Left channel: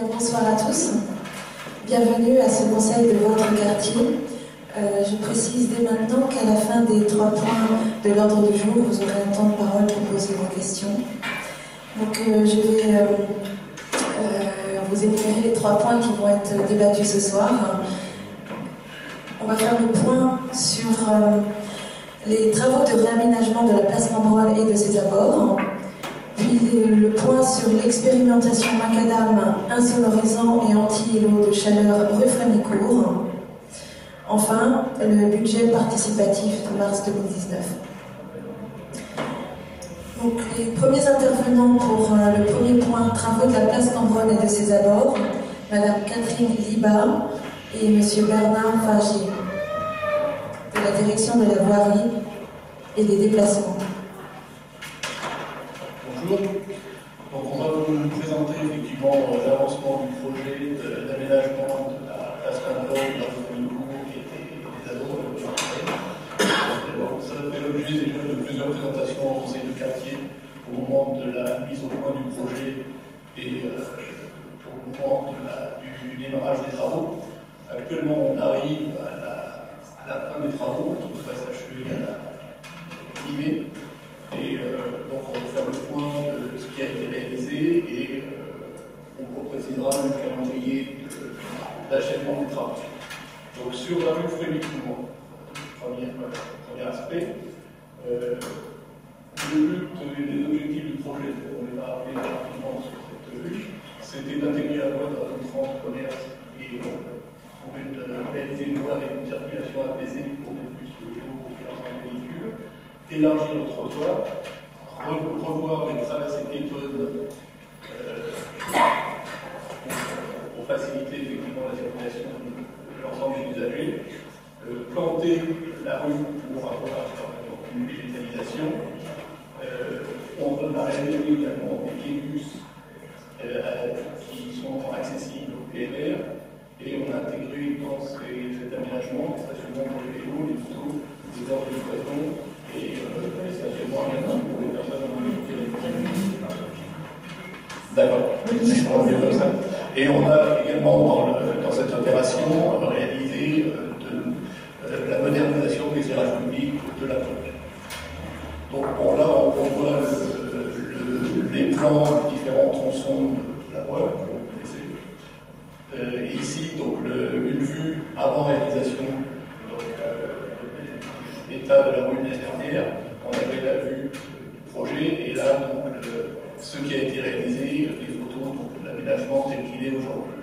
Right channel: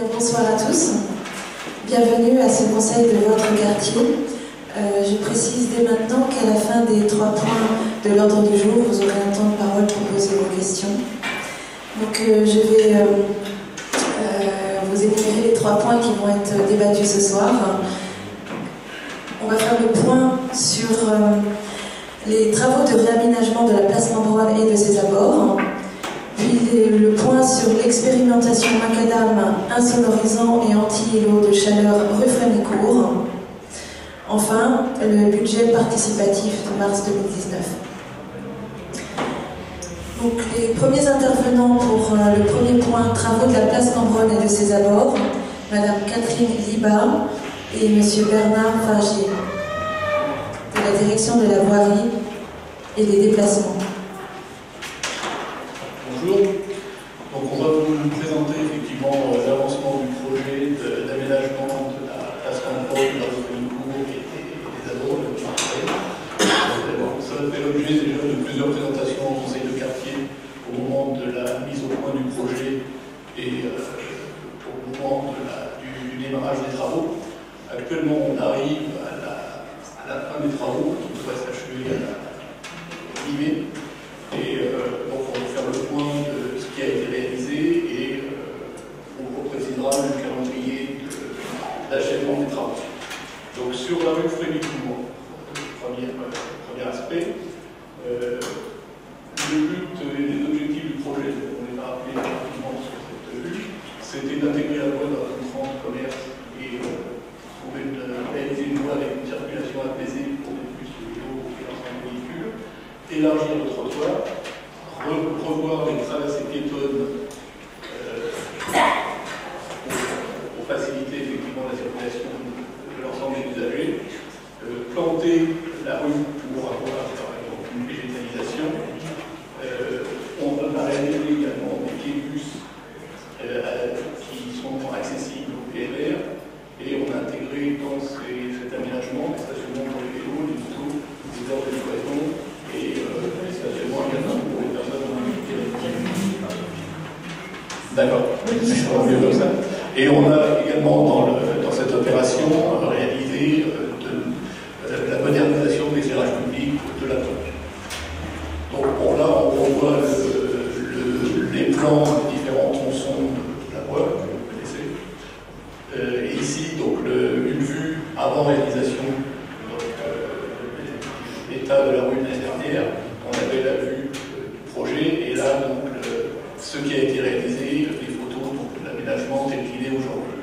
Bien, bonsoir à tous. Bienvenue à ce conseil de votre quartier. Je précise dès maintenant qu'à la fin des 3 points de l'ordre du jour, vous aurez un temps de parole pour poser vos questions. Donc je vais vous énumérer les 3 points qui vont être débattus ce soir. On va faire le point sur les travaux de réaménagement de la place Cambronne et de ses abords. Puis le point sur l'expérimentation macadam insonorisant et anti-îlot de chaleur rue Frémécourt. Enfin, le budget participatif de mars 2019. Donc, les premiers intervenants pour le premier point, travaux de la place Cambronne et de ses abords, Madame Catherine Liba et Monsieur Bernard Fagier, de la direction de la voirie et des déplacements. Bonjour. Donc on va vous présenter effectivement l'avancement du projet d'aménagement de la place Cambronne, de la rue Frémécourt et des abords. Ça fait l'objet déjà de plusieurs présentations au conseil de quartier au moment de la mise au point du projet et au moment du démarrage des travaux. Actuellement on arrive à la fin des travaux qui devrait s'achever à la mi-mai. Et donc on va faire le point de ce qui a été réalisé et on vous précisera le calendrier d'achèvement des travaux. Donc sur la rue Frémécourt, premier aspect, le but et les objectifs du projet, on les a rappelés rapidement sur cette vue, c'était d'intégrer la voie dans une grande commerce et réaliser une voie avec une circulation apaisée pour les bus, les vélos et l'ensemble des véhicules, élargir le trottoir, revoir les traversées piétonnes pour faciliter effectivement la circulation de l'ensemble des usagers, planter la rue pour avoir une végétalisation. On a réalisé également des quais bus qui sont accessibles au PLR et on a intégré dans cet aménagement des stationnements pour les vélos, les motos, des heures de livraison et des stationnements également pour les personnes en mobilité réduite. D'accord. Et on a également dans cette opération réalisé la modernisation de l'éclairage public de la commune. Donc bon, là on revoit les plans des différents tronçons de la voie, que vous connaissez. Et ici, donc une vue avant réalisation, l'état de la rue de l'année dernière, on avait la vue du projet, et là, donc, ce qui a été réalisé, les photos, donc l'aménagement tel qu'il est aujourd'hui.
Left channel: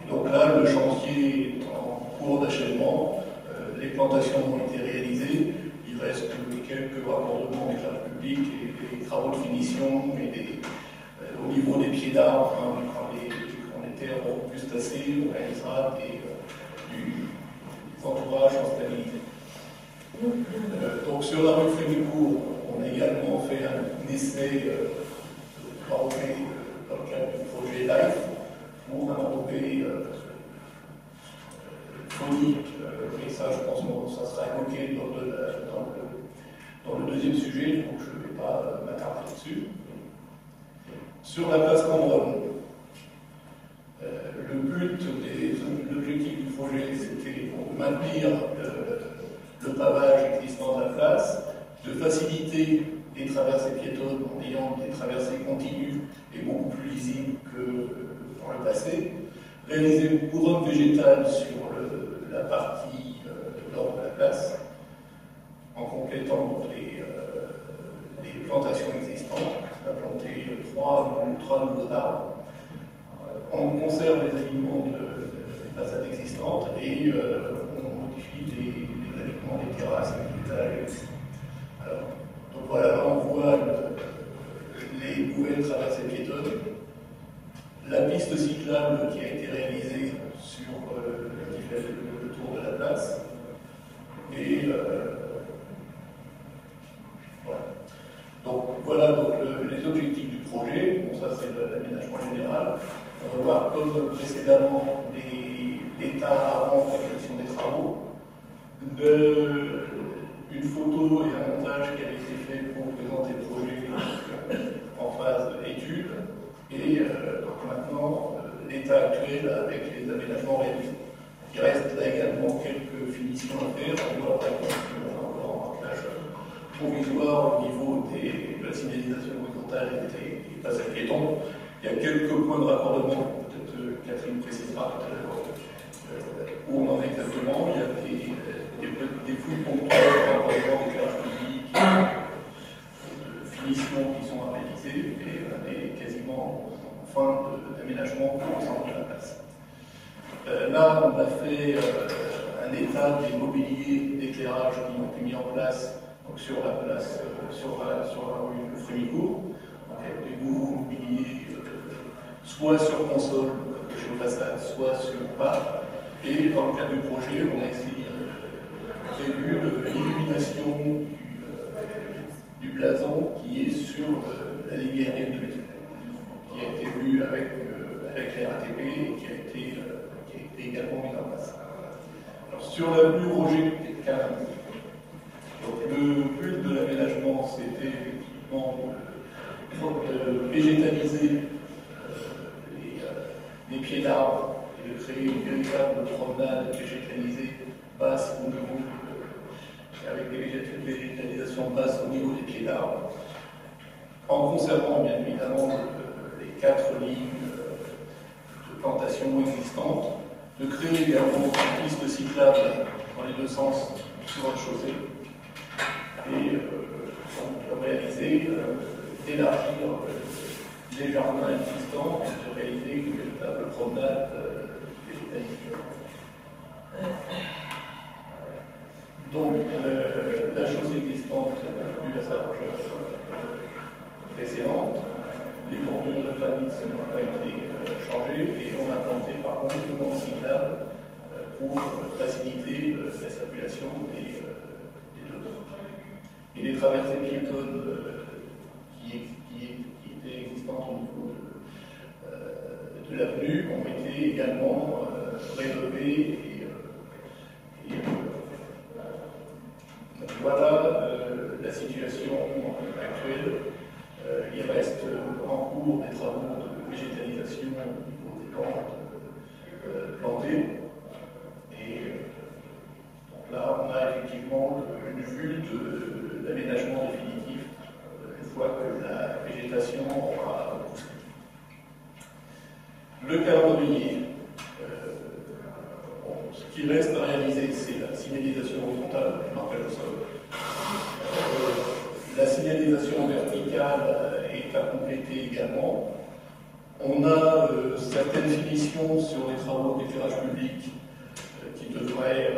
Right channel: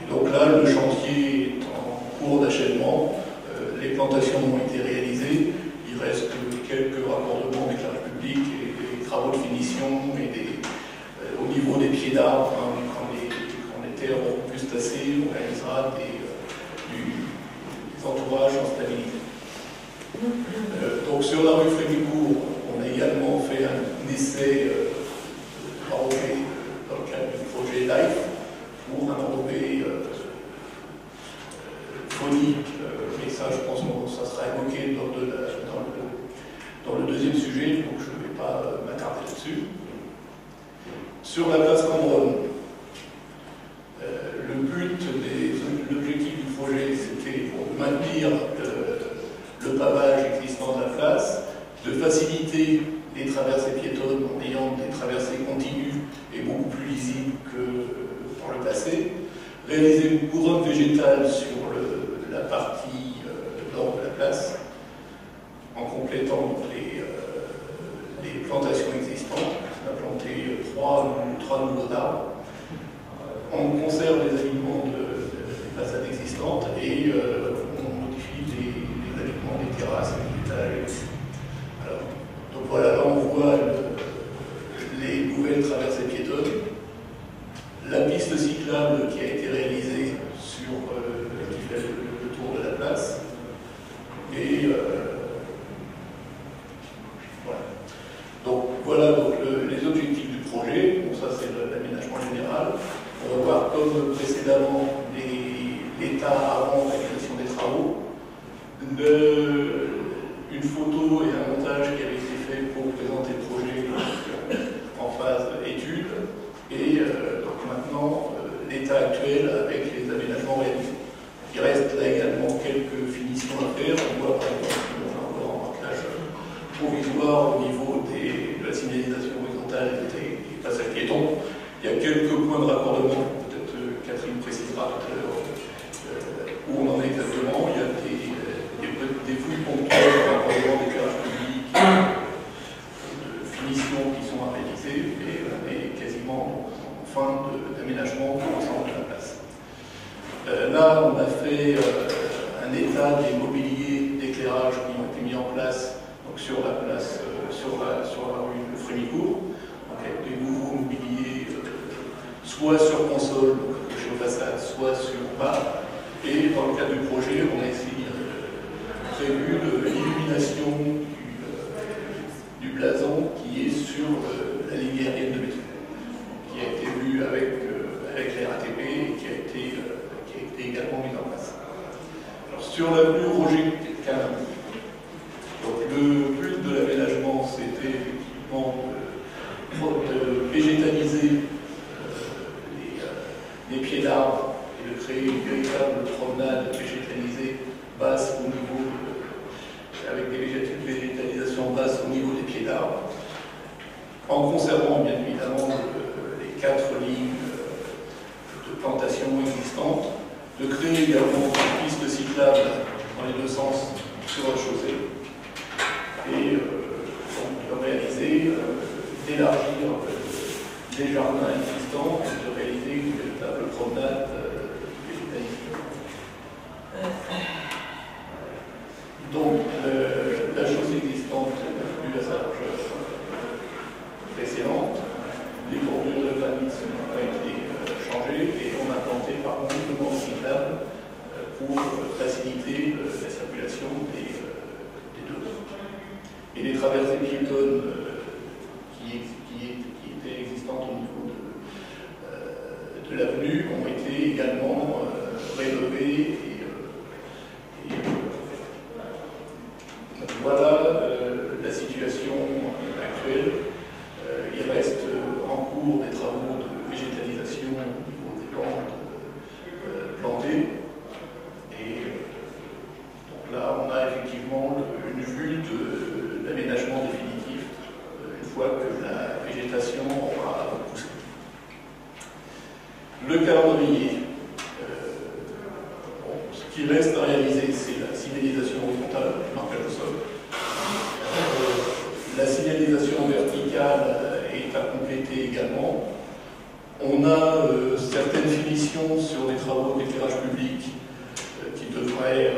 Et donc là, le chantier est en cours d'achèvement, les plantations ont été réalisées, il reste quelques raccordements d'éclairage public et des travaux de finition et au niveau des pieds d'arbres, quand les terres auront pu se tasser, on réalisera des entourages en stabilité. Donc sur la rue Frémécourt, on a également fait un essai enrobé dans le cadre du projet LIFE pour un enrobé phonique, mais ça je pense que ça sera évoqué dans le deuxième sujet, donc je ne vais pas m'attarder là-dessus. Sur la place Cambronne, le but l'objectif du projet, c'était pour maintenir le pavage existant de la place, de faciliter les traversées piétonnes en ayant des traversées continues et beaucoup plus lisibles que dans le passé, réaliser une couronne végétale sur la partie nord de la place, en complétant les plantations existantes. On a planté 3 nouveaux arbres. On conserve les alignements des façades existantes et on modifie les alignements des terrasses, des étages. Donc voilà, là on voit les nouvelles traversées piétonnes, la piste cyclable qui a été réalisée sur qui fait le tour de la place. Et voilà. Donc voilà donc, les objectifs du projet. Bon, ça c'est l'aménagement général. On va voir comme précédemment l'état avant la réalisation des travaux. Une photo et un montage qui avait été fait pour présenter le projet en phase étude. Et donc maintenant, Il y a quelques points de raccordement, peut-être Catherine précisera tout à l'heure où on en est exactement. Il y a des fouilles ponctuelles de raccordement d'éclairage public, de finition qui sont à réaliser, et on est quasiment en fin d'aménagement de l'ensemble de la place. Là, on a fait un état des mobiliers d'éclairage qui ont été mis en place donc sur la place, sur la rue de Frémicourt, donc avec des nouveaux mobiliers, soit sur console, donc accrochés aux façades, soit sur bas. Et dans le cadre du projet, on a essayé prévu l'illumination du blason qui est sur la ligne aérienne de métro, qui a été vue avec les RATP et qui a été également mise en place. Alors, sur l'avenue Roger Calin, le but de l'aménagement, c'était effectivement de végétaliser les pieds d'arbres et de créer une véritable promenade végétalisée basse au niveau, avec des végétalisations basses au niveau des pieds d'arbres, en conservant bien évidemment les 4 lignes de plantation existantes, de créer également une piste cyclable dans les 2 sens sur la chaussée, et donc de réaliser, d'élargir les jardins existants et de réaliser une véritable promenade végétalisée. Donc, la chaussée existante n'a plus à sa largeur précédente, les bordures de granit n'ont pas été changées et on a planté par contre le banc cyclable pour faciliter la circulation des deux. Et les traversées piétonnes qui étaient existantes au niveau de l'avenue ont été également rénovées donc voilà la situation actuelle. Il reste en cours des travaux de végétalisation au niveau des bandes plantées. Et donc là, on a effectivement une vue de l'aménagement définitif une fois que la végétation aura poussé. Le calendrier. Ce qui reste à réaliser, c'est la signalisation horizontale du marquage au sol. La signalisation verticale est à compléter également. On a certaines finitions sur les travaux d'éclairage public qui devraient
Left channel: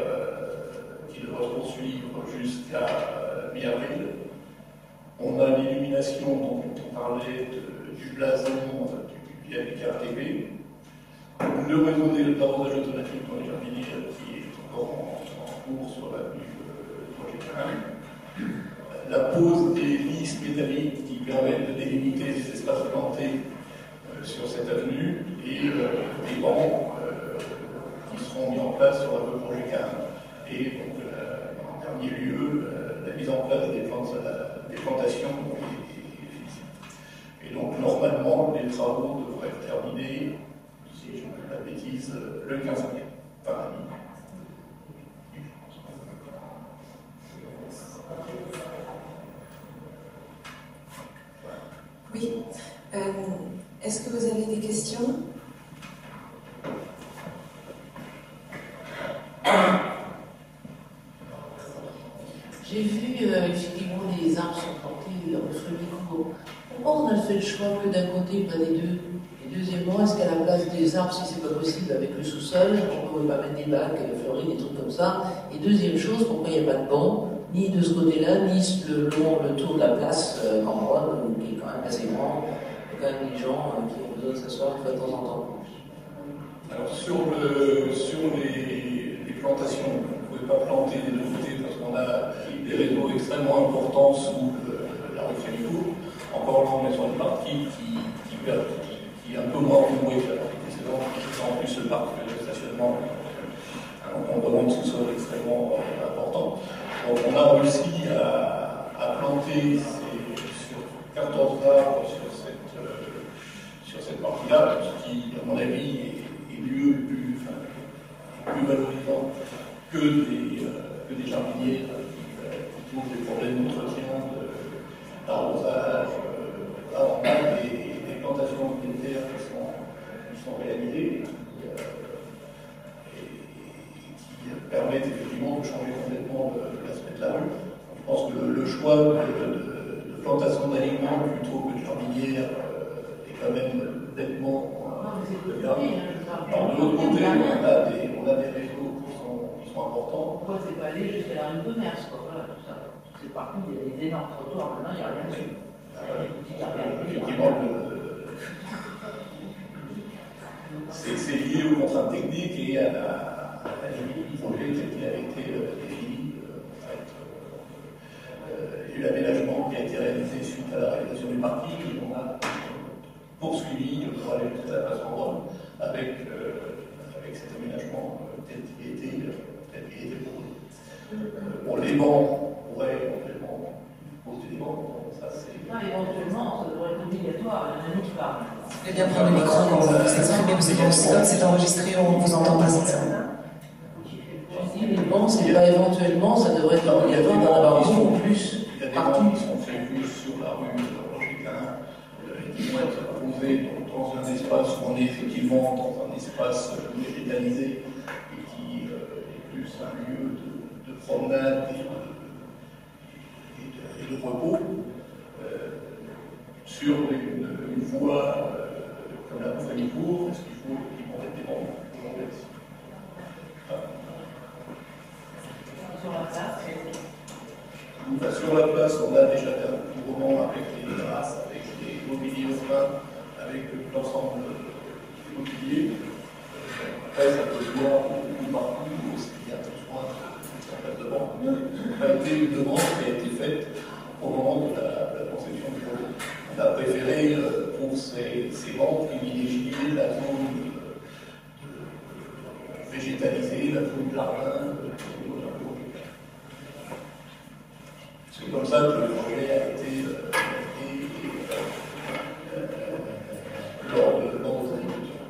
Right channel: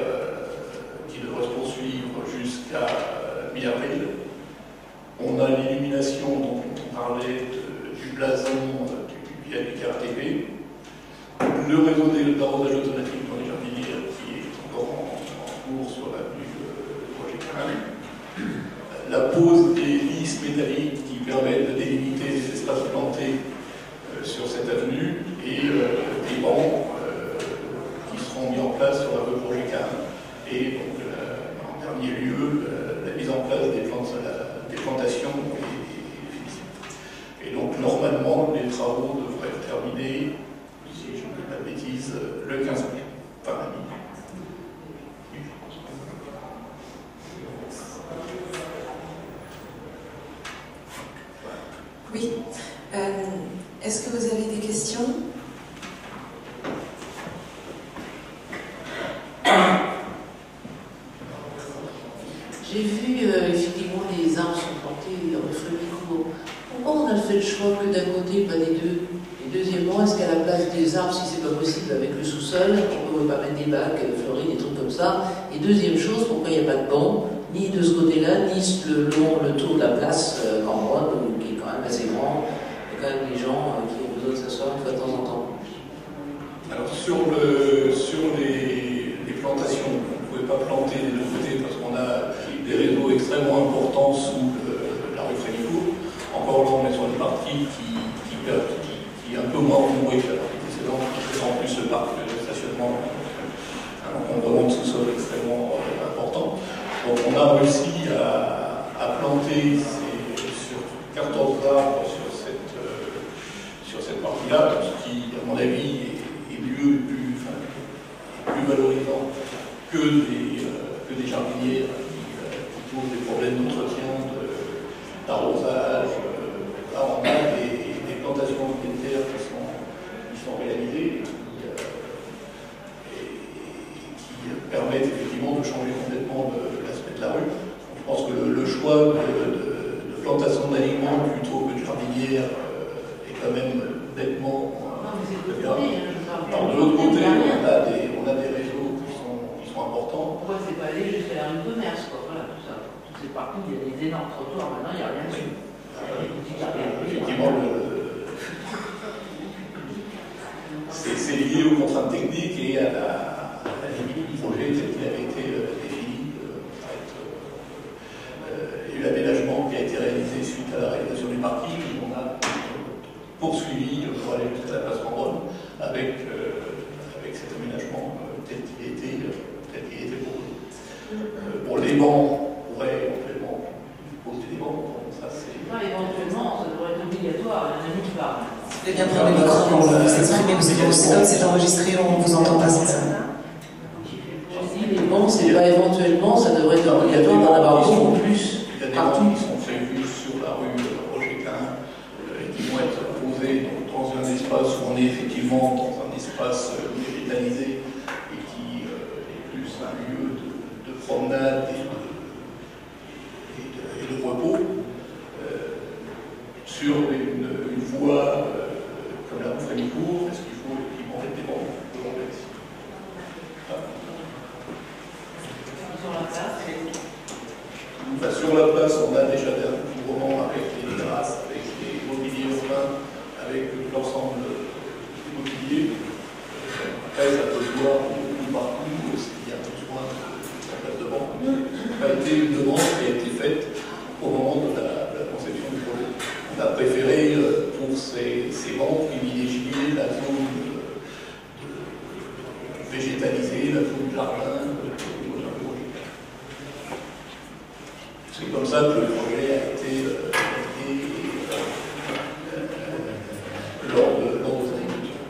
se poursuivre jusqu'à mi-avril. On a l'illumination dont on parlait du blason du viaduc RATP. Le réseau d'arrosage automatique dans les jardinières qui est encore en cours sur l'avenue de Roger Calin. La pose des lisses métalliques qui permettent de délimiter les espaces plantés sur cette avenue et des bancs qui seront mis en place sur la rue Roger Calin. Et donc, en dernier lieu, la mise en place des plantations et donc, normalement, les travaux devraient être terminés, si je ne dis pas de bêtises, le 15 mai, par la nuit. Oui. Est-ce que vous avez des questions? J'ai vu effectivement les arbres sont plantés dans le Frémicourt. Pourquoi on a fait le choix que d'un côté, pas des deux? Et deuxièmement, est-ce qu'à la place des arbres, si c'est pas possible avec le sous-sol, on ne pourrait pas mettre des bacs fleuris, des trucs comme ça? Et deuxième chose, pourquoi il n'y a pas de banc, ni de ce côté-là, ni le tour de la place Cambronne, qui est quand même assez grand. Il y a quand même des gens qui ont besoin de s'asseoir de temps en temps. Alors sur les plantations, on ne pouvait pas planter des deux côtés parce qu'on a des réseaux extrêmement importants sous la rue Frémicourt. Encore là, on est sur une partie qui est un peu moins encombrée que la partie précédente, qui en plus le parc de stationnement, un encombrement de sous-sol extrêmement important. Donc on a réussi à planter sur 14 arbres sur cette partie-là, ce qui, à mon avis, est mieux, plus valorisant que des jardiniers qui posent des problèmes d'entretien, d'arrosage. Là, on a des plantations militaires sont réalisés et qui permettent effectivement de changer complètement l'aspect de la rue. Je pense que le choix de plantation d'aliments plutôt que de jardinière est quand même nettement bien. Alors, de l'autre côté, on a des réseaux qui sont importants. Pourquoi c'est pas aller jusqu'à la rue de commerce, quoi, voilà, tout ça. Toutes ces parties, il y a des énormes trottoirs, maintenant il n'y a rien dessus. Effectivement, c'est lié aux contraintes techniques et à la limite du projet tel qu'il avait été défini. Il y a eu l'aménagement qui a été réalisé suite à la réalisation du parking. On a poursuivi pour aller jusqu'à la place Cambronne avec cet aménagement tel qu'il était proposé. Pour les bancs, on pourrait éventuellement poser des bancs. Ça, éventuellement, ça devrait être obligatoire, il y en a qui parlent. Vous voulez bien prendre le micro quand vous vous exprimez, parce que c'est enregistré, on ne vous entend pas sans ça. Je dis, les bancs, c'est pas éventuellement, ça devrait être obligatoire d'en avoir beaucoup plus. Il y a des bancs qui sont prévus sur la rue Roger-Quin et qui vont être posés dans un espace où on est effectivement dans un espace végétalisé et qui est plus un lieu de promenade et de repos. Sur une voie comme la rue Frémicourt, est-ce qu'il faut effectivement mettre des bancs? Sur la place, on a déjà des recouvrements avec les terrasses, avec les mobiliers urbains, avec l'ensemble du mobilier. Après, ça peut se voir beaucoup partout s'il y a besoin de place de banque. Ça a été une demande qui a été faite au moment de la conception du projet. On a préféré, pour ces bancs, privilégier la zone végétalisée, la zone jardin. C'est comme ça que le projet a été lors de sa évolution.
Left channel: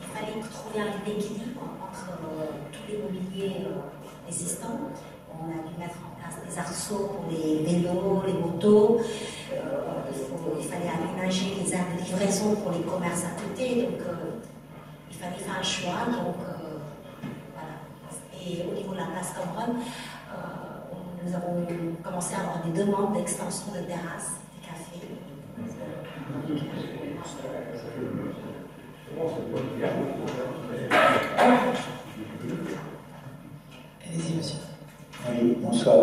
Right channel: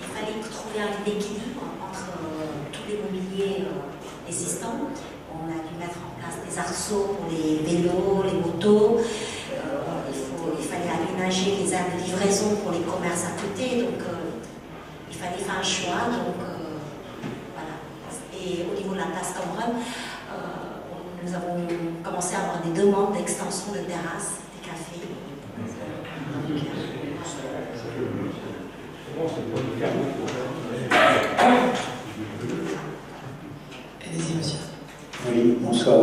Il fallait trouver un équilibre entre tous les mobiliers existants. On a dû mettre en place des arceaux pour les vélos, les motos. Il fallait aménager les aires de livraison pour les commerces à côté. Donc, il fallait faire un choix. Donc, voilà. Et au niveau de la place Cambronne, nous avons commencé à avoir des demandes d'extension de terrasses, des cafés. Allez-y, monsieur. Oui, bonsoir.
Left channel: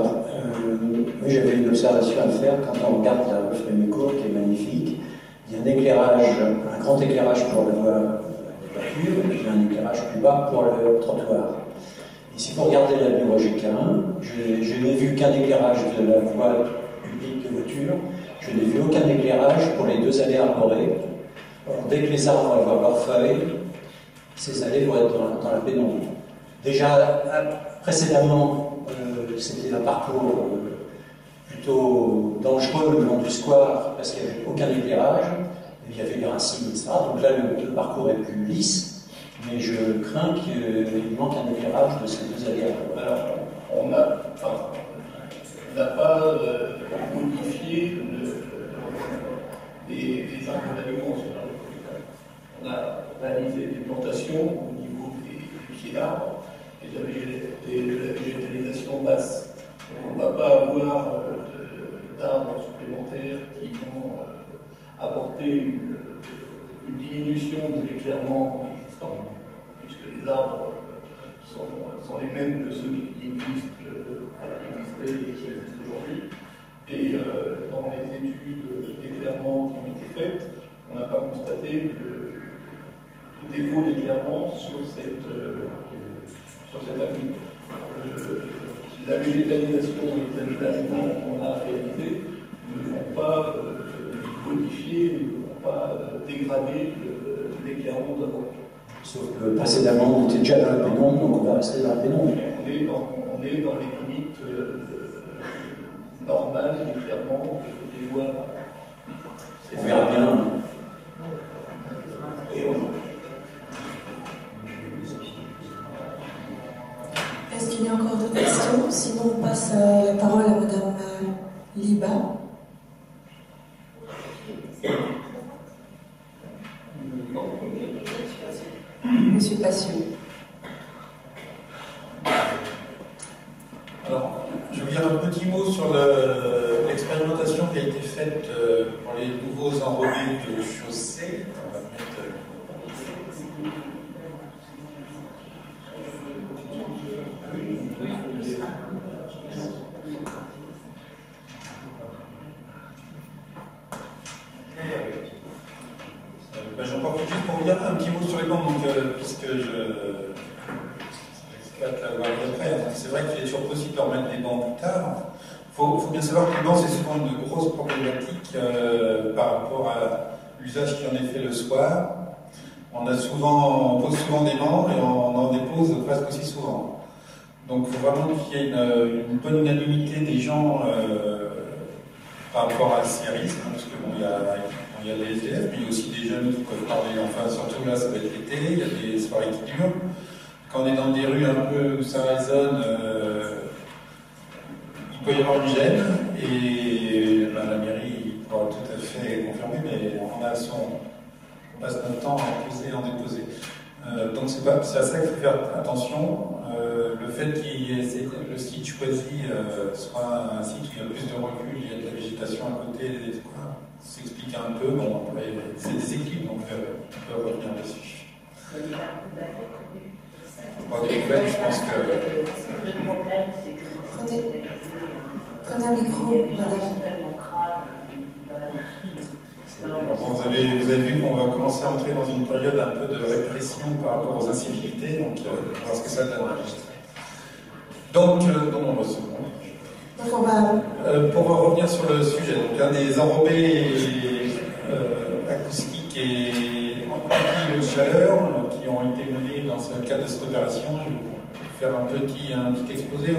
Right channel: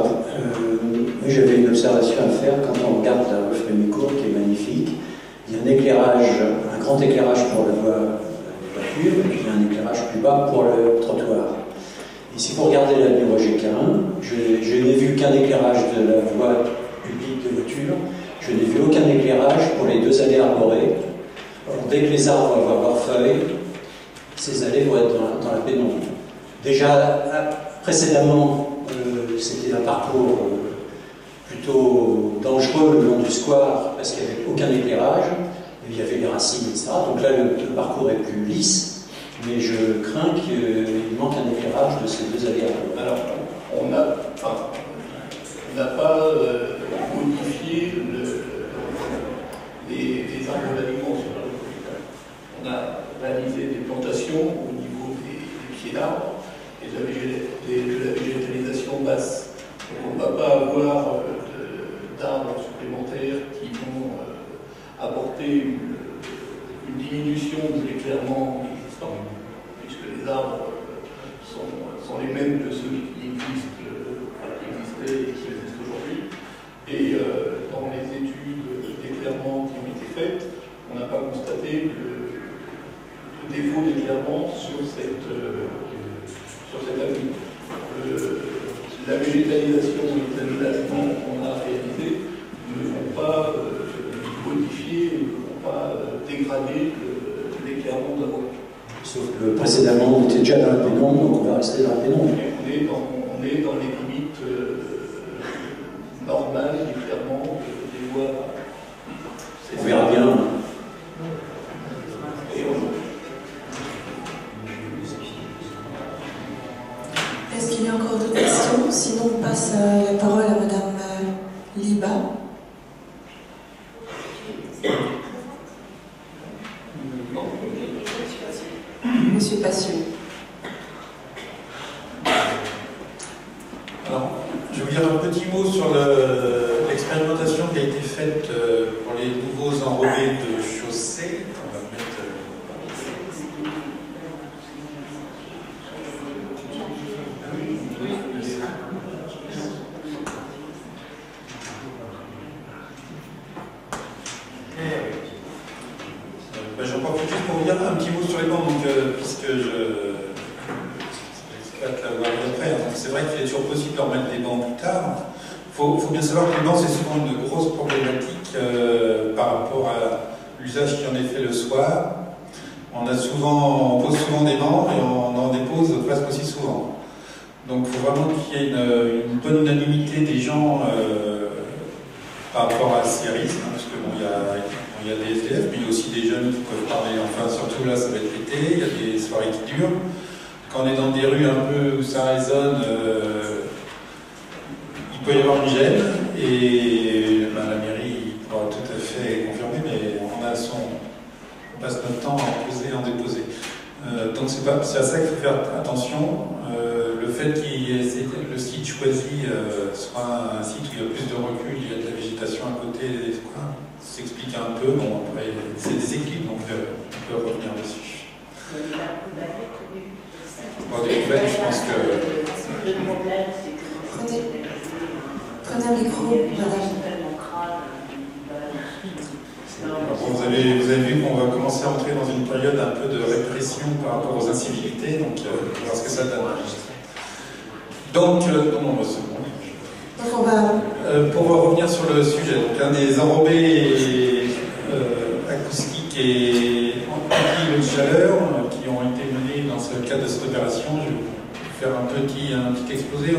J'avais une observation à faire quand on regarde la rue Frémicourt, qui est magnifique. Il y a un éclairage, un grand éclairage pour la voie de voiture, et il y a un éclairage plus bas pour le trottoir. Et si vous regardez l'avenue Roger-Quin, je n'ai vu qu'un éclairage de la voie publique de voiture, je n'ai vu aucun éclairage pour les deux allées arborées. Alors, dès que les arbres vont avoir leurs feuilles, ces allées vont être dans la pénombre. Déjà, précédemment, c'était un parcours plutôt dangereux le long du square parce qu'il n'y avait aucun éclairage, il y avait les racines, etc. Donc là, le parcours est plus lisse, mais je crains qu'il manque un éclairage de ces deux allées. Alors, on n'a pas modifié les arbres d'alignement sur la rue. On a réalisé des plantations au niveau des pieds d'arbres et de la végétalisation basse. Donc on ne va pas avoir d'arbres supplémentaires qui vont apporter une diminution de l'éclairement existant, puisque les arbres sont les mêmes que ceux qui existaient et qui existent aujourd'hui. Et dans les études d'éclairement qui ont été faites, on n'a pas constaté de défaut d'éclairement sur cette avenue. La végétalisation et l'aménagement qu'on a réalisé ne vont pas modifier, ne vont pas dégrader l'éclairement de la voie. Sauf que précédemment, on était déjà dans la pénombre, donc on va rester dans la pénombre. On est dans les limites normales d'éclairement des voies. On verra bien. Est-ce qu'il y a encore d'autres questions? Sinon, on passe la parole à Madame Liba. Je vais vous dire un petit mot sur l'expérimentation qui a été faite pour les nouveaux enrobés de chaussée. On va mettre, j'en profite juste pour vous dire un petit mot sur les bancs, donc, puisque c'est vrai qu'il est toujours possible de remettre des bancs plus tard. Il faut bien savoir que les bancs, c'est souvent une grosse problématique par rapport à l'usage qui en est fait le soir. On pose souvent des bancs et on en dépose presque aussi souvent. Donc il faut vraiment qu'il y ait une bonne unanimité des gens par rapport à ces risques, hein, parce que bon, il y a des SDF, mais il y a aussi des jeunes qui peuvent parler, enfin surtout là ça va être l'été, il y a des soirées qui durent. Quand on est dans des rues un peu où ça résonne, il peut y avoir une gêne, et la mairie pourra tout à fait confirmer, mais on passe notre temps à en poser et en déposer. Donc c'est à ça qu'il faut faire attention. Le fait que le site choisi soit un site où il y a plus de recul, il y a de la végétation à côté, s'explique un peu. Bon, après, c'est des équipes, donc on peut revenir dessus. Bon, des nouvelles, je pense que... Prenez un micro, madame. Vous avez vu qu'on va commencer à entrer dans une période un peu de répression par rapport aux incivilités, donc on va voir ce que ça donne. Donc, non, c'est bon. Donc on va... pour revenir sur le sujet, donc un des enrobés acoustiques et anti-chaleur qui ont été menés dans ce cadre de cette opération, je vais vous faire un petit exposé.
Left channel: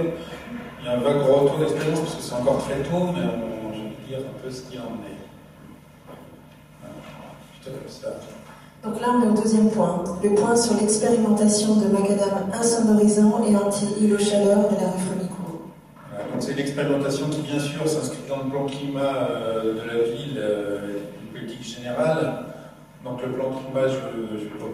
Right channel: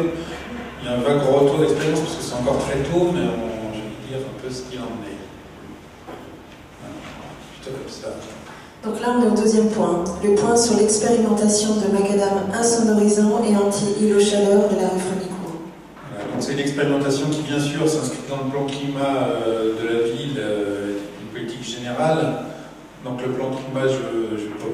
Il y a un vague retour d'expérience parce que c'est encore très tôt, mais je vais dire un peu ce qu'il en est. Plutôt comme ça. Donc là, on est au deuxième point. Le point sur l'expérimentation de macadam insonorisant et anti-îlot-chaleur de la rue Frémicourt. Voilà, donc c'est une expérimentation qui, bien sûr, s'inscrit dans le plan climat de la ville, une politique générale. Donc le plan climat, je ne vais pas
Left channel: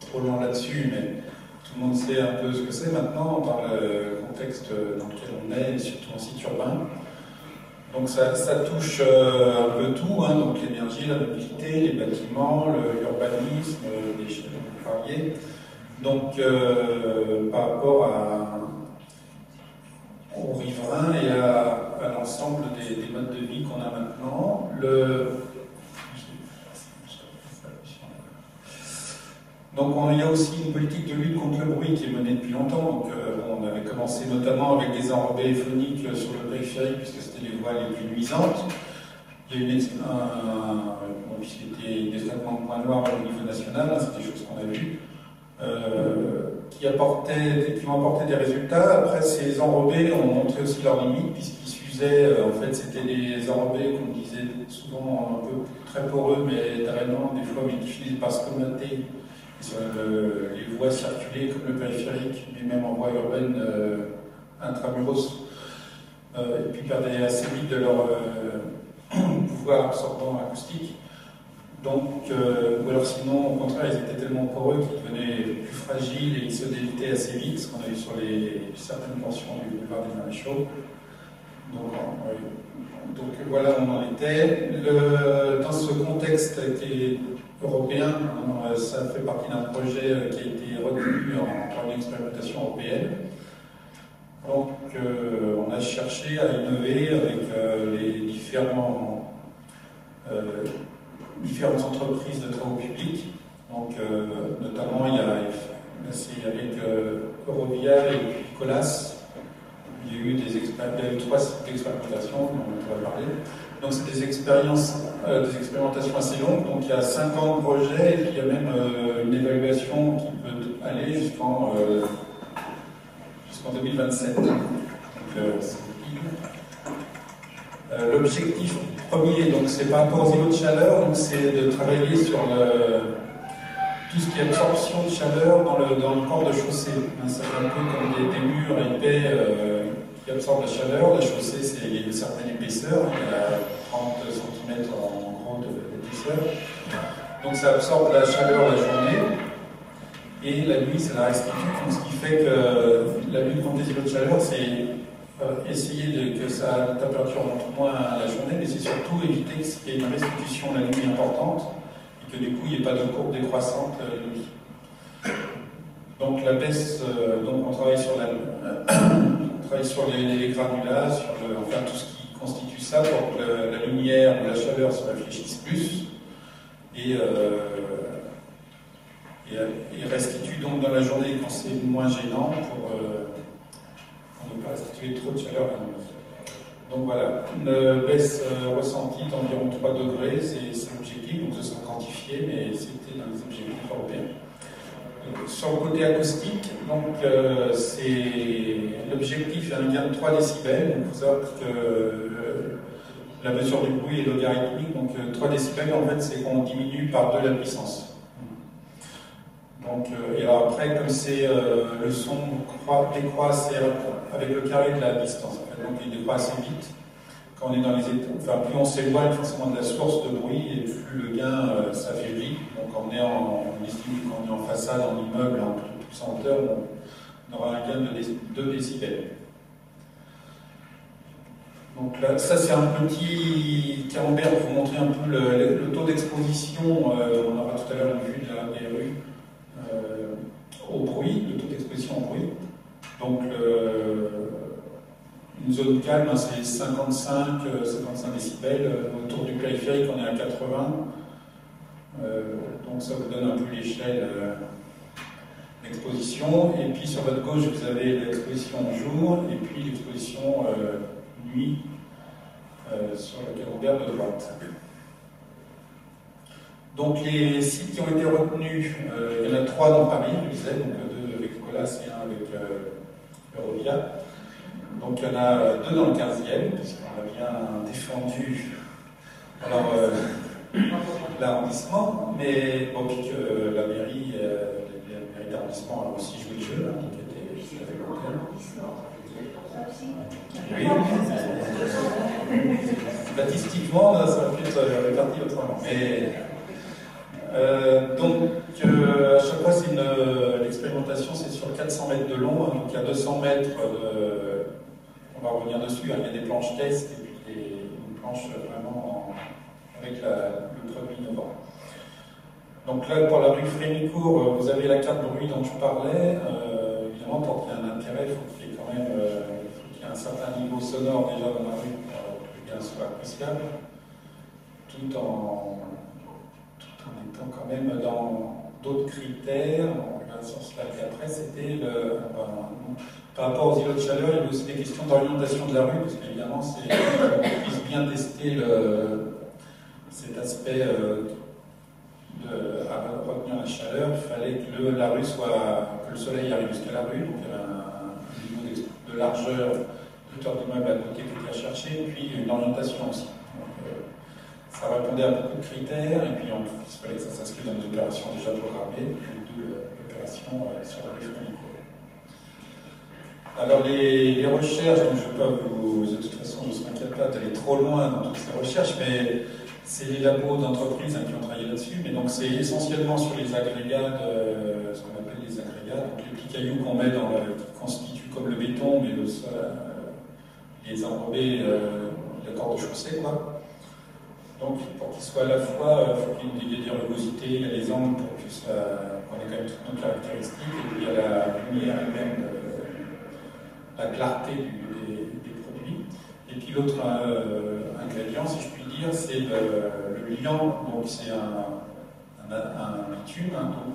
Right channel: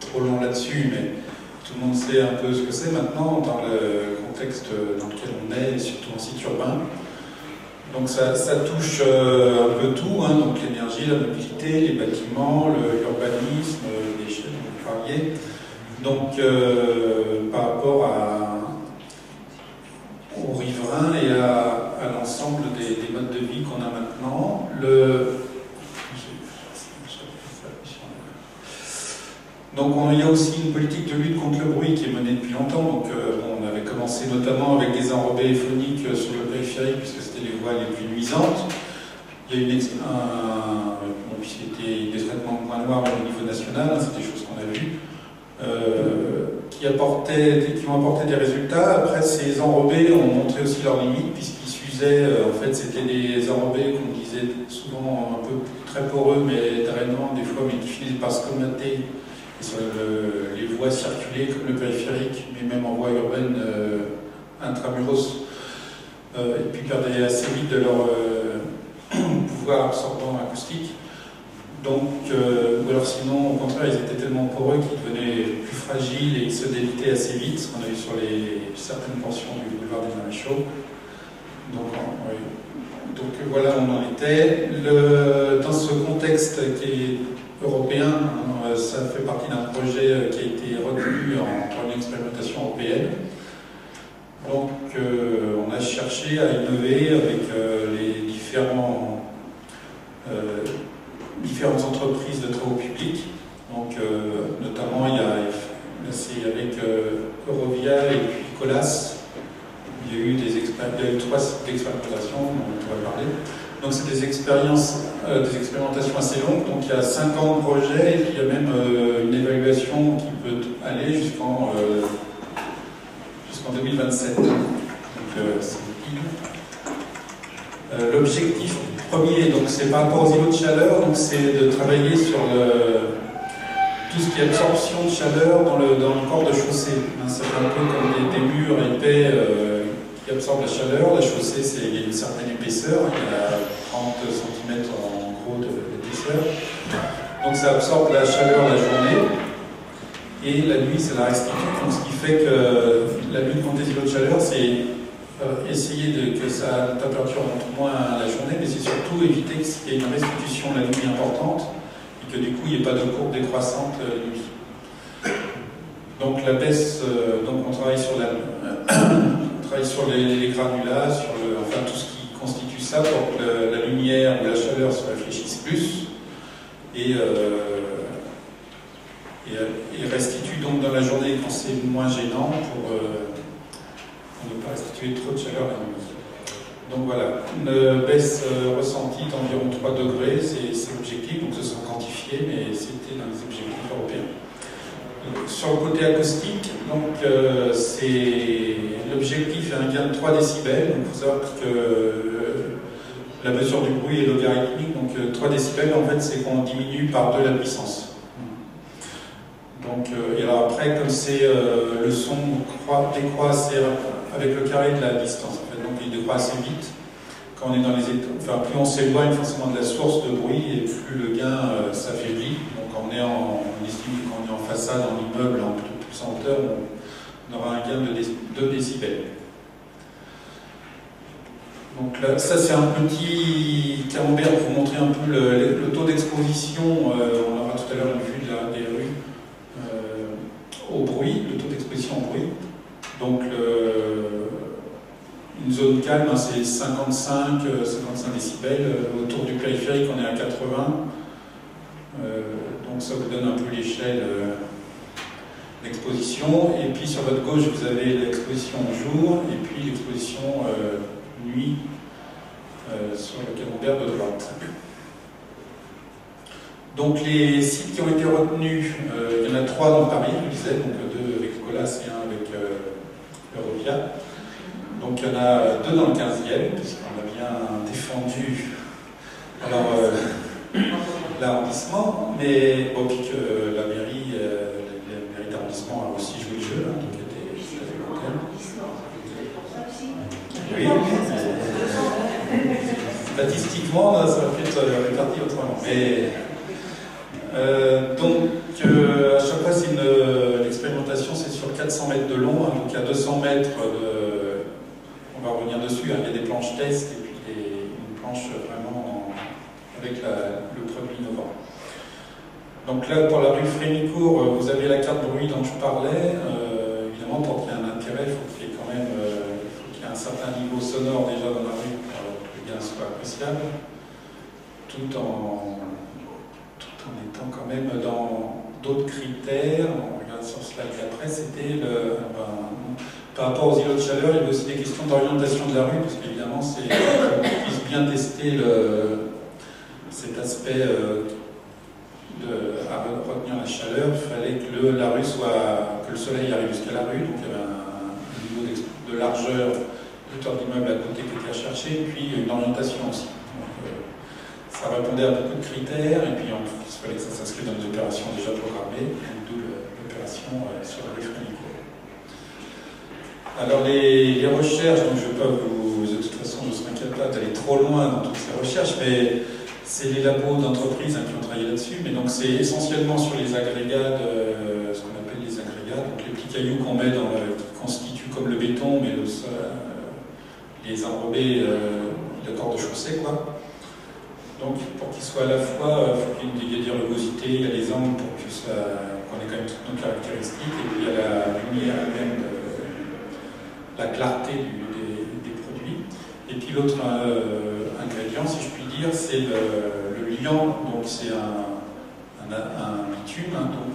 trop long là-dessus, mais tout le monde sait un peu ce que c'est maintenant dans le contexte dans lequel on est, et surtout en site urbain. Donc ça touche un peu tout, hein, donc l'énergie, la mobilité, les bâtiments, l'urbanisme, les déchets, dont vous parliez. Donc par rapport aux riverains et à l'ensemble des modes de vie qu'on a maintenant, donc il y a aussi une politique de lutte contre le bruit qui est menée depuis longtemps. Donc on avait commencé notamment avec des enrobés phoniques sur le périphérique puisque c'était les voies les plus nuisantes. Il y a c'était des traitements de points noirs au niveau national, hein, c'est des choses qu'on a vues, qui ont apporté des résultats. Après, ces enrobés ont montré aussi leurs limites puisqu'ils s'usaient, en fait c'était des enrobés qu'on disait souvent un peu très poreux mais drainants des fois, mais qui finissaient par se colmater sur les voies circulées comme le périphérique, mais même en voie urbaine intramuros, et puis perdaient assez vite de leur pouvoir absorbant acoustique. Donc, ou alors sinon, au contraire, ils étaient tellement poreux qu'ils devenaient plus fragiles et ils se délitaient assez vite, ce qu'on a vu sur certaines portions du boulevard des Maréchaux. Donc voilà où on en était. Dans ce contexte qui est européen, ça fait partie d'un projet qui a été retenu en une expérimentation européenne. Donc on a cherché à innover avec les différentes entreprises de travaux publics. Donc notamment c'est avec Eurovia et puis Colas. Il y a eu 3 sites d'expérimentation dont on va parler. Donc c'est des expérimentations assez longues, donc il y a 5 ans de projet et il y a même une évaluation qui peut aller jusqu'en 2027. Donc c'est l'objectif premier, donc c'est par rapport aux îlots de chaleur, donc c'est de travailler sur tout ce qui est absorption de chaleur dans le corps de chaussée. C'est un peu comme des murs épais qui absorbent la chaleur. La chaussée, il y a une certaine épaisseur, il y a 30 cm en gros d'épaisseur. Donc ça absorbe la chaleur la journée, et la nuit, c'est la restitue. Donc ce qui fait que la lutte contre les îlots de chaleur, c'est essayer que sa température monte moins la journée, mais c'est surtout éviter qu'il y ait une restitution la nuit importante et que du coup il n'y ait pas de courbe décroissante la nuit. Donc la baisse, donc on travaille sur les granulats, enfin tout ce qui constitue ça pour que la lumière ou la chaleur se réfléchisse plus et restitue donc dans la journée quand c'est moins gênant pour ne pas restituer trop de chaleur la nuit. Donc voilà, une baisse ressentie d'environ 3 degrés, c'est l'objectif, donc ce sera quantifié, mais c'était dans les objectifs européens. Sur le côté acoustique, donc l'objectif est un gain de 3 décibels. Donc il faut savoir que la mesure du bruit est logarithmique, donc 3 décibels en fait c'est qu'on diminue par 2 la puissance. Donc, et alors après, comme c'est le son décroît avec le carré de la distance, en fait, donc il décroît assez vite. Quand on est dans les enfin, plus on s'éloigne forcément de la source de bruit et plus le gain s'affaiblit. Donc on estime que quand on est en façade, en immeuble, en plus en hauteur, on aura un gain de 2 décibels. Donc là, ça c'est un petit camembert pour vous montrer un peu le taux d'exposition. On aura tout à l'heure une vue des rues au bruit, le taux d'exposition au bruit. Donc une zone calme, hein, c'est 55 décibels. Autour du périphérique, on est à 80. Donc ça vous donne un peu l'échelle d'exposition. Et puis sur votre gauche, vous avez l'exposition jour et puis l'exposition nuit sur le camembert de droite. Donc les sites qui ont été retenus, il y en a 3 dans Paris, je disais, donc 2 avec Colas et 1 avec Eurovia. Donc il y en a 2 dans le 15e, puisqu'on a bien défendu l'arrondissement, mais bon, puis que la mairie d'arrondissement a aussi joué le jeu, hein, donc était tout à fait contente. Oui, statistiquement, ça va peut-être réparti autrement. Mais donc à chaque fois, l'expérimentation, c'est sur 400 mètres de long, hein, donc il y a 200 mètres on va revenir dessus, hein, il y a des planches test et puis une planche vraiment avec le produit innovant. Donc là, pour la rue Frémicourt, vous avez la carte bruit dont je parlais. Évidemment, pour qu'il y ait un intérêt, il faut qu'il y ait quand même un certain niveau sonore déjà dans la rue pour que le gain soit appréciable, tout en étant quand même dans d'autres critères. On regarde sur ce slide après, c'était par rapport aux îlots de chaleur, il y avait aussi des questions d'orientation de la rue, parce qu'évidemment, c'est qu'on puisse bien tester cet aspect à retenir la chaleur. Il fallait que la rue que le soleil arrive jusqu'à la rue, donc il y avait un niveau de largeur, hauteur d'immeuble à côté qui était à chercher, et puis une orientation aussi. Donc, ça répondait à beaucoup de critères, et puis il fallait que ça s'inscrive dans des opérations déjà programmées, d'où l'opération sur la rue Frémicourt. Alors les recherches, donc je ne vais pas de toute façon je ne m'inquiète pas d'aller trop loin dans toutes ces recherches, mais c'est les labos d'entreprises qui ont travaillé là-dessus, mais donc c'est essentiellement sur les agrégats, ce qu'on appelle les agrégats, donc les petits cailloux qu'on met qui constituent comme le béton, mais les enrobés de corde de chaussée, quoi. Donc pour qu'ils soient à la fois, il faut qu'il y ait des rugosités, il y a les angles pour qu'on ait quand même toutes nos caractéristiques, et puis il y a la lumière elle-même, la clarté des produits. Et puis l'autre ingrédient, si je puis dire, c'est le liant. Donc c'est un bitume, hein, donc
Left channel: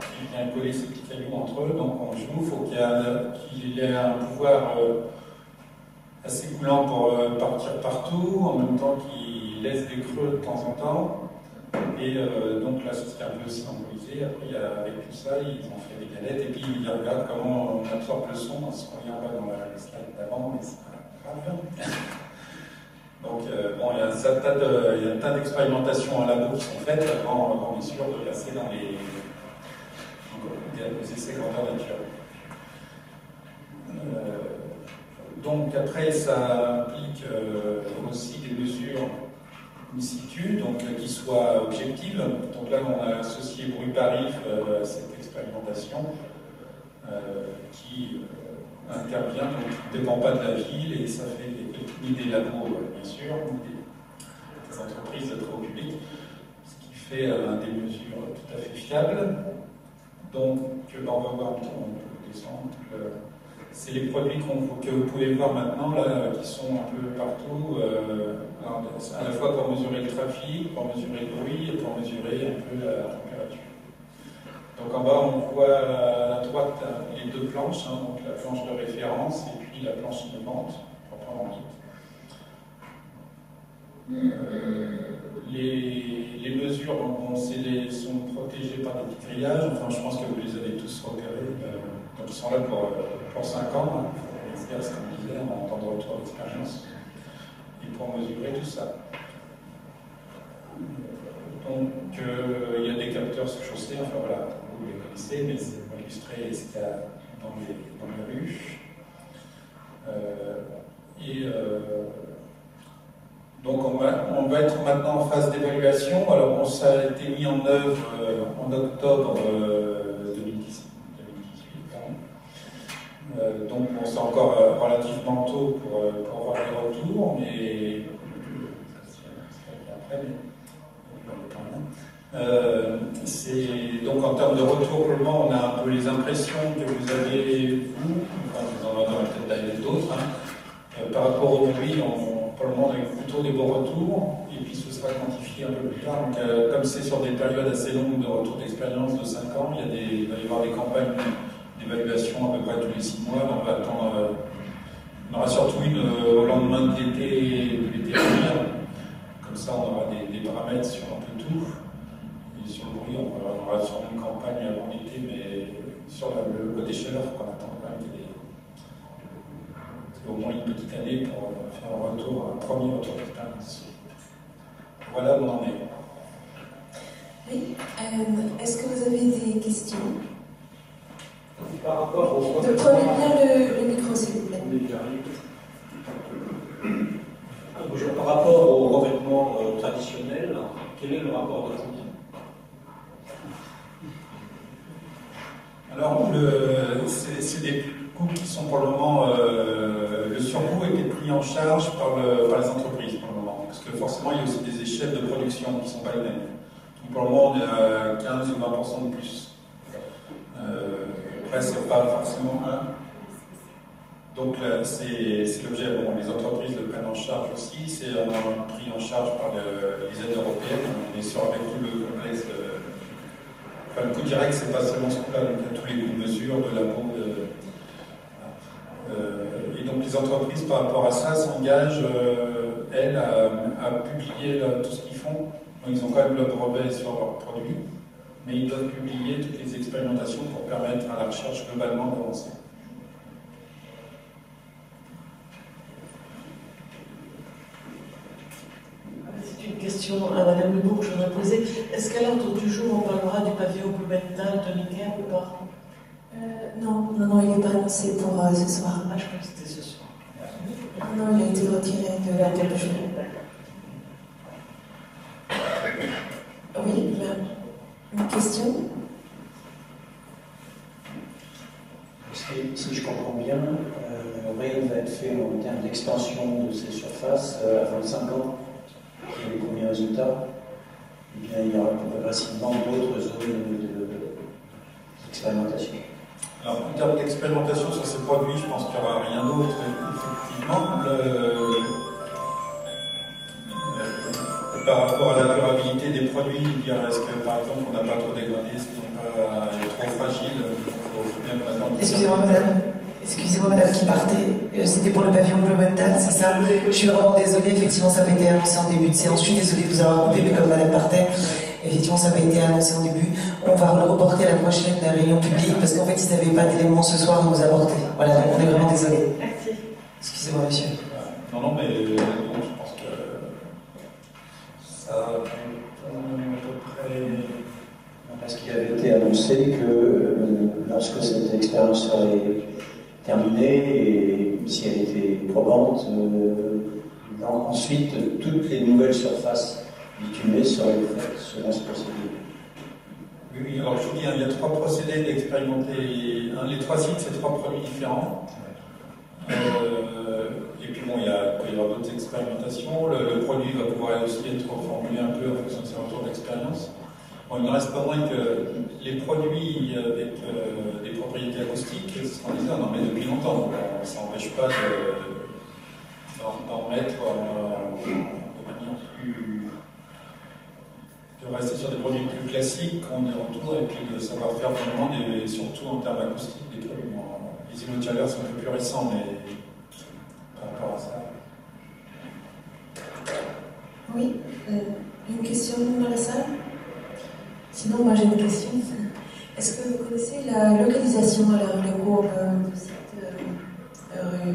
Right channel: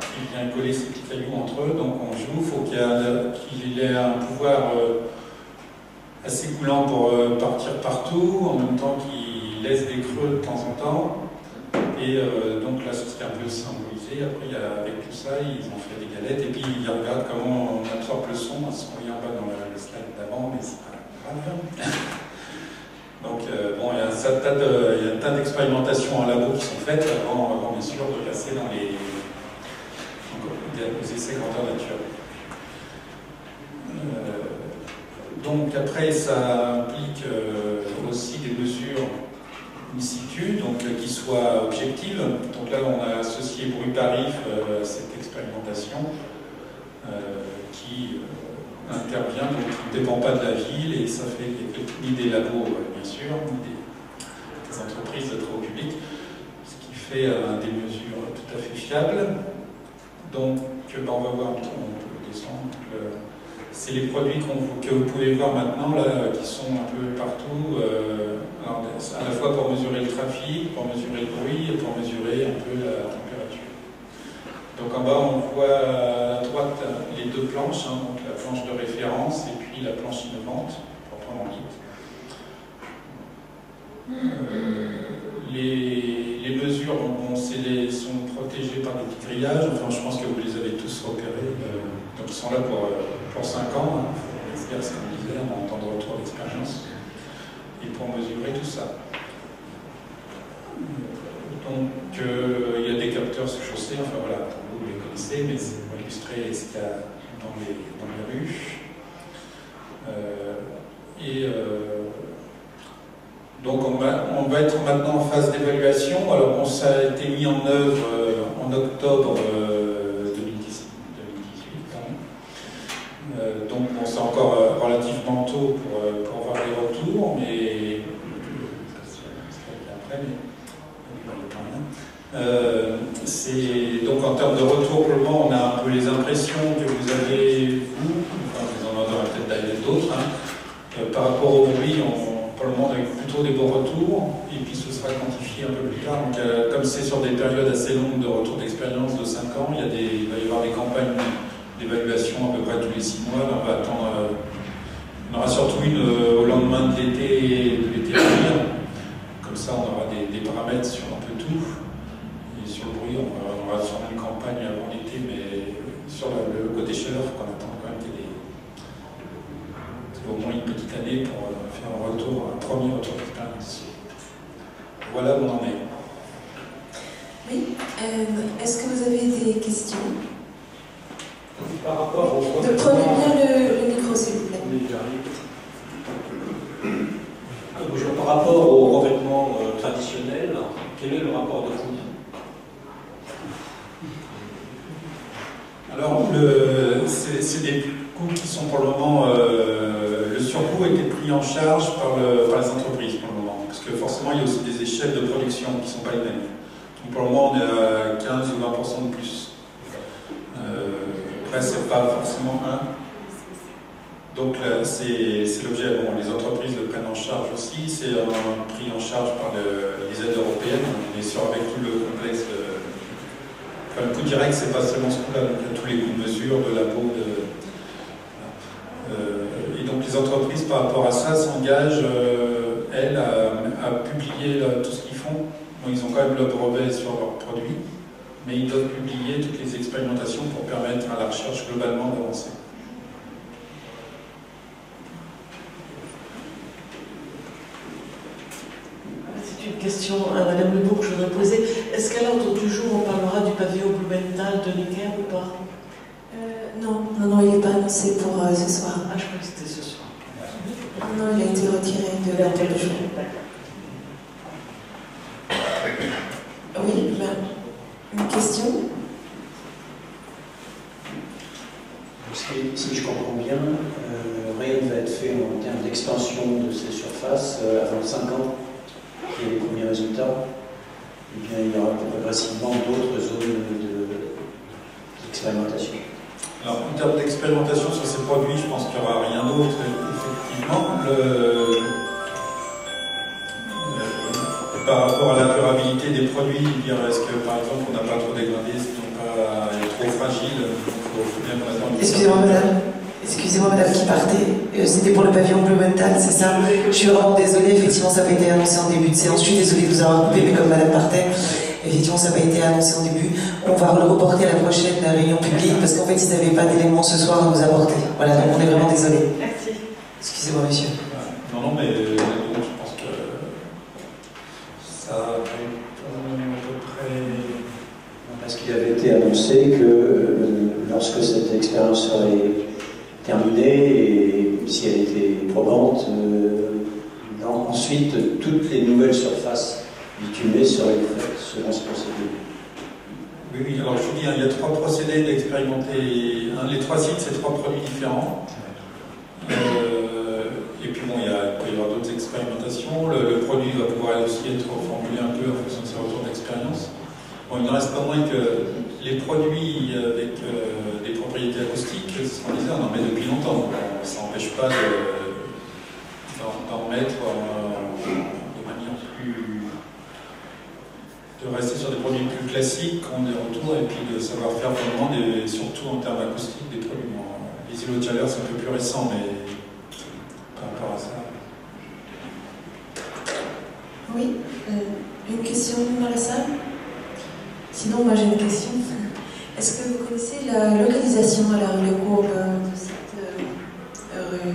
qui vient coller ces petits cailloux entre eux. Donc on joue, il faut qu'il ait un pouvoir assez coulant pour partir partout, en même temps qu'il laisse des creux de temps en temps. Et donc là, c'est ce qui est un peu symbolisé. Après, avec tout ça, ils ont fait des galettes et puis ils regardent comment on absorbe le son. Ce qu'on vient en bas dans le slide d'avant, mais c'est pas grave. Donc, bon, il y a un tas d'expérimentations en labo qui sont faites avant bien sûr, de passer dans les essais grandeur nature. Donc, après, ça implique aussi des mesures in situ, donc qui soient objectives. Donc là, on a associé Bruit Paris à cette expérimentation qui intervient, donc il ne dépend pas de la ville, et ça fait ni des labos, bien sûr, ni des entreprises de travaux publics, ce qui fait des mesures tout à fait fiables. Donc, on va voir, on peut descendre. C'est les produits que vous pouvez voir maintenant, là, qui sont un peu partout, alors, à la fois pour mesurer le trafic, pour mesurer le bruit, et pour mesurer un peu la température. Donc en bas, on voit à droite les deux planches, donc la planche de référence et puis la planche innovante, proprement dite. Les mesures sont protégées par des petits grillages, enfin je pense que vous les avez tous repérés, donc ils sont là pour 5 ans, il faut faire ce qu'on disait, en temps de retour d'expérience, et pour mesurer tout ça. Donc il y a des capteurs sous chaussée, enfin voilà, vous les connaissez, mais c'est pour illustrer ce qu'il y a dans les rues. Donc on va être maintenant en phase d'évaluation. Alors bon, ça a été mis en œuvre en octobre 2018. Donc bon, c'est encore relativement tôt pour avoir les retours, mais donc en termes de retour, pour le moment, on a un peu les impressions que vous avez, vous, enfin vous en aurez peut-être d'autres, par rapport au bruit, pour le moment, on a eu plutôt des bons retours, et puis ce sera quantifié un peu plus tard. Donc, comme c'est sur des périodes assez longues de retour d'expérience de 5 ans, il va y avoir des campagnes d'évaluation à peu près tous les 6 mois. Là, on va attendre, on aura surtout une au lendemain de l'été à venir. Comme ça, on aura des paramètres sur un peu tout. Et sur le bruit, on aura sûrement une campagne avant l'été, mais sur le côté chaleur, qu'on attend quand même qu'il y ait au moins une petite année pour faire un premier retour d'expérience. Voilà où on en est. Oui. Est-ce que vous avez des questions? Par rapport au... Prenez bien le micro, s'il vous plaît. Bonjour. Par rapport au revêtement traditionnel, quel est le rapport de coût? Alors, c'est des coûts qui sont pour le moment... le surcoût a été pris en charge par les entreprises pour le moment. Parce que forcément, il y a aussi des échelles de production qui ne sont pas les mêmes. Donc pour le moment, on est à 15 ou 20% de plus. Après, ce n'est pas forcément un. Donc c'est l'objet. Bon, les entreprises le prennent en charge aussi. C'est pris en charge par les aides européennes. On est sur avec tout le complexe. Enfin, le coût direct, c'est pas seulement ce coût-là. Donc il y a tous les coûts de mesure, de labo, et donc les entreprises, par rapport à ça, s'engagent, elles, à publier tout ce qu'ils font. Donc, ils ont quand même le brevet sur leurs produits, mais ils doivent publier toutes les expérimentations pour permettre à la recherche globalement d'avancer. C'est une question à Madame Lebourg que je voudrais poser. Est-ce qu'à l'ordre du jour, on parlera du pavillon Blumenthal de Necker ou pas? Non, il n'est pas annoncé pour ce soir. Ah, je crois que c'était ce soir. Non, il a été retiré de l'ordre du jour. Oui, une question? Si je comprends bien, rien ne va être fait en termes d'extension de ces surfaces avant 5 ans, qui est les premiers résultats. Et bien, il y aura progressivement d'autres zones d'expérimentation. Alors, en termes d'expérimentation sur ces produits, je pense qu'il n'y aura rien d'autre, effectivement. Par rapport à la durabilité des produits, est-ce que, par exemple, on n'a pas trop dégradé, est-ce qu'ils n'ont pas est trop fragile, il faut bien qu'on attende. Excusez-moi madame qui partait, c'était pour le pavillon Blumenthal, c'est ça? Je suis vraiment désolée, effectivement ça n'a pas été annoncé en début de séance, je suis désolée de vous avoir coupé, mais comme madame partait, effectivement ça n'a pas été annoncé en début. On va le reporter à la prochaine réunion publique, parce qu'en fait ils n'avaient pas d'éléments ce soir à nous apporter. Voilà, donc on est vraiment désolé. Merci. Excusez-moi monsieur. Non, mais donc, je pense que ça va être à peu près... Parce qu'il avait été annoncé que lorsque cette expérience serait terminée, et si elle était probante, ensuite toutes les nouvelles surfaces bitumées seraient faites selon ce procédé. Oui, alors je vous dis, il y a 3 procédés d'expérimenter. Les 3 sites, c'est 3 produits différents. Et puis bon, il peut y avoir d'autres expérimentations. Le produit va pouvoir aussi être formulé un peu en fonction de ses retours d'expérience. Bon, il n'en reste pas moins que les produits avec des propriétés acoustiques, c'est ce qu'on disait, on en met depuis longtemps. Ça n'empêche pas d'en mettre de manière plus... de rester sur des produits plus classiques, qui ont des retours, et puis de savoir faire vraiment, surtout en termes acoustiques, des produits. Les îlots de chaleur, c'est un peu plus récent, mais par rapport à ça... Oui, une question dans la salle? Sinon, moi j'ai une question. Est-ce que vous connaissez la localisation à la rue Le Courbe de cette rue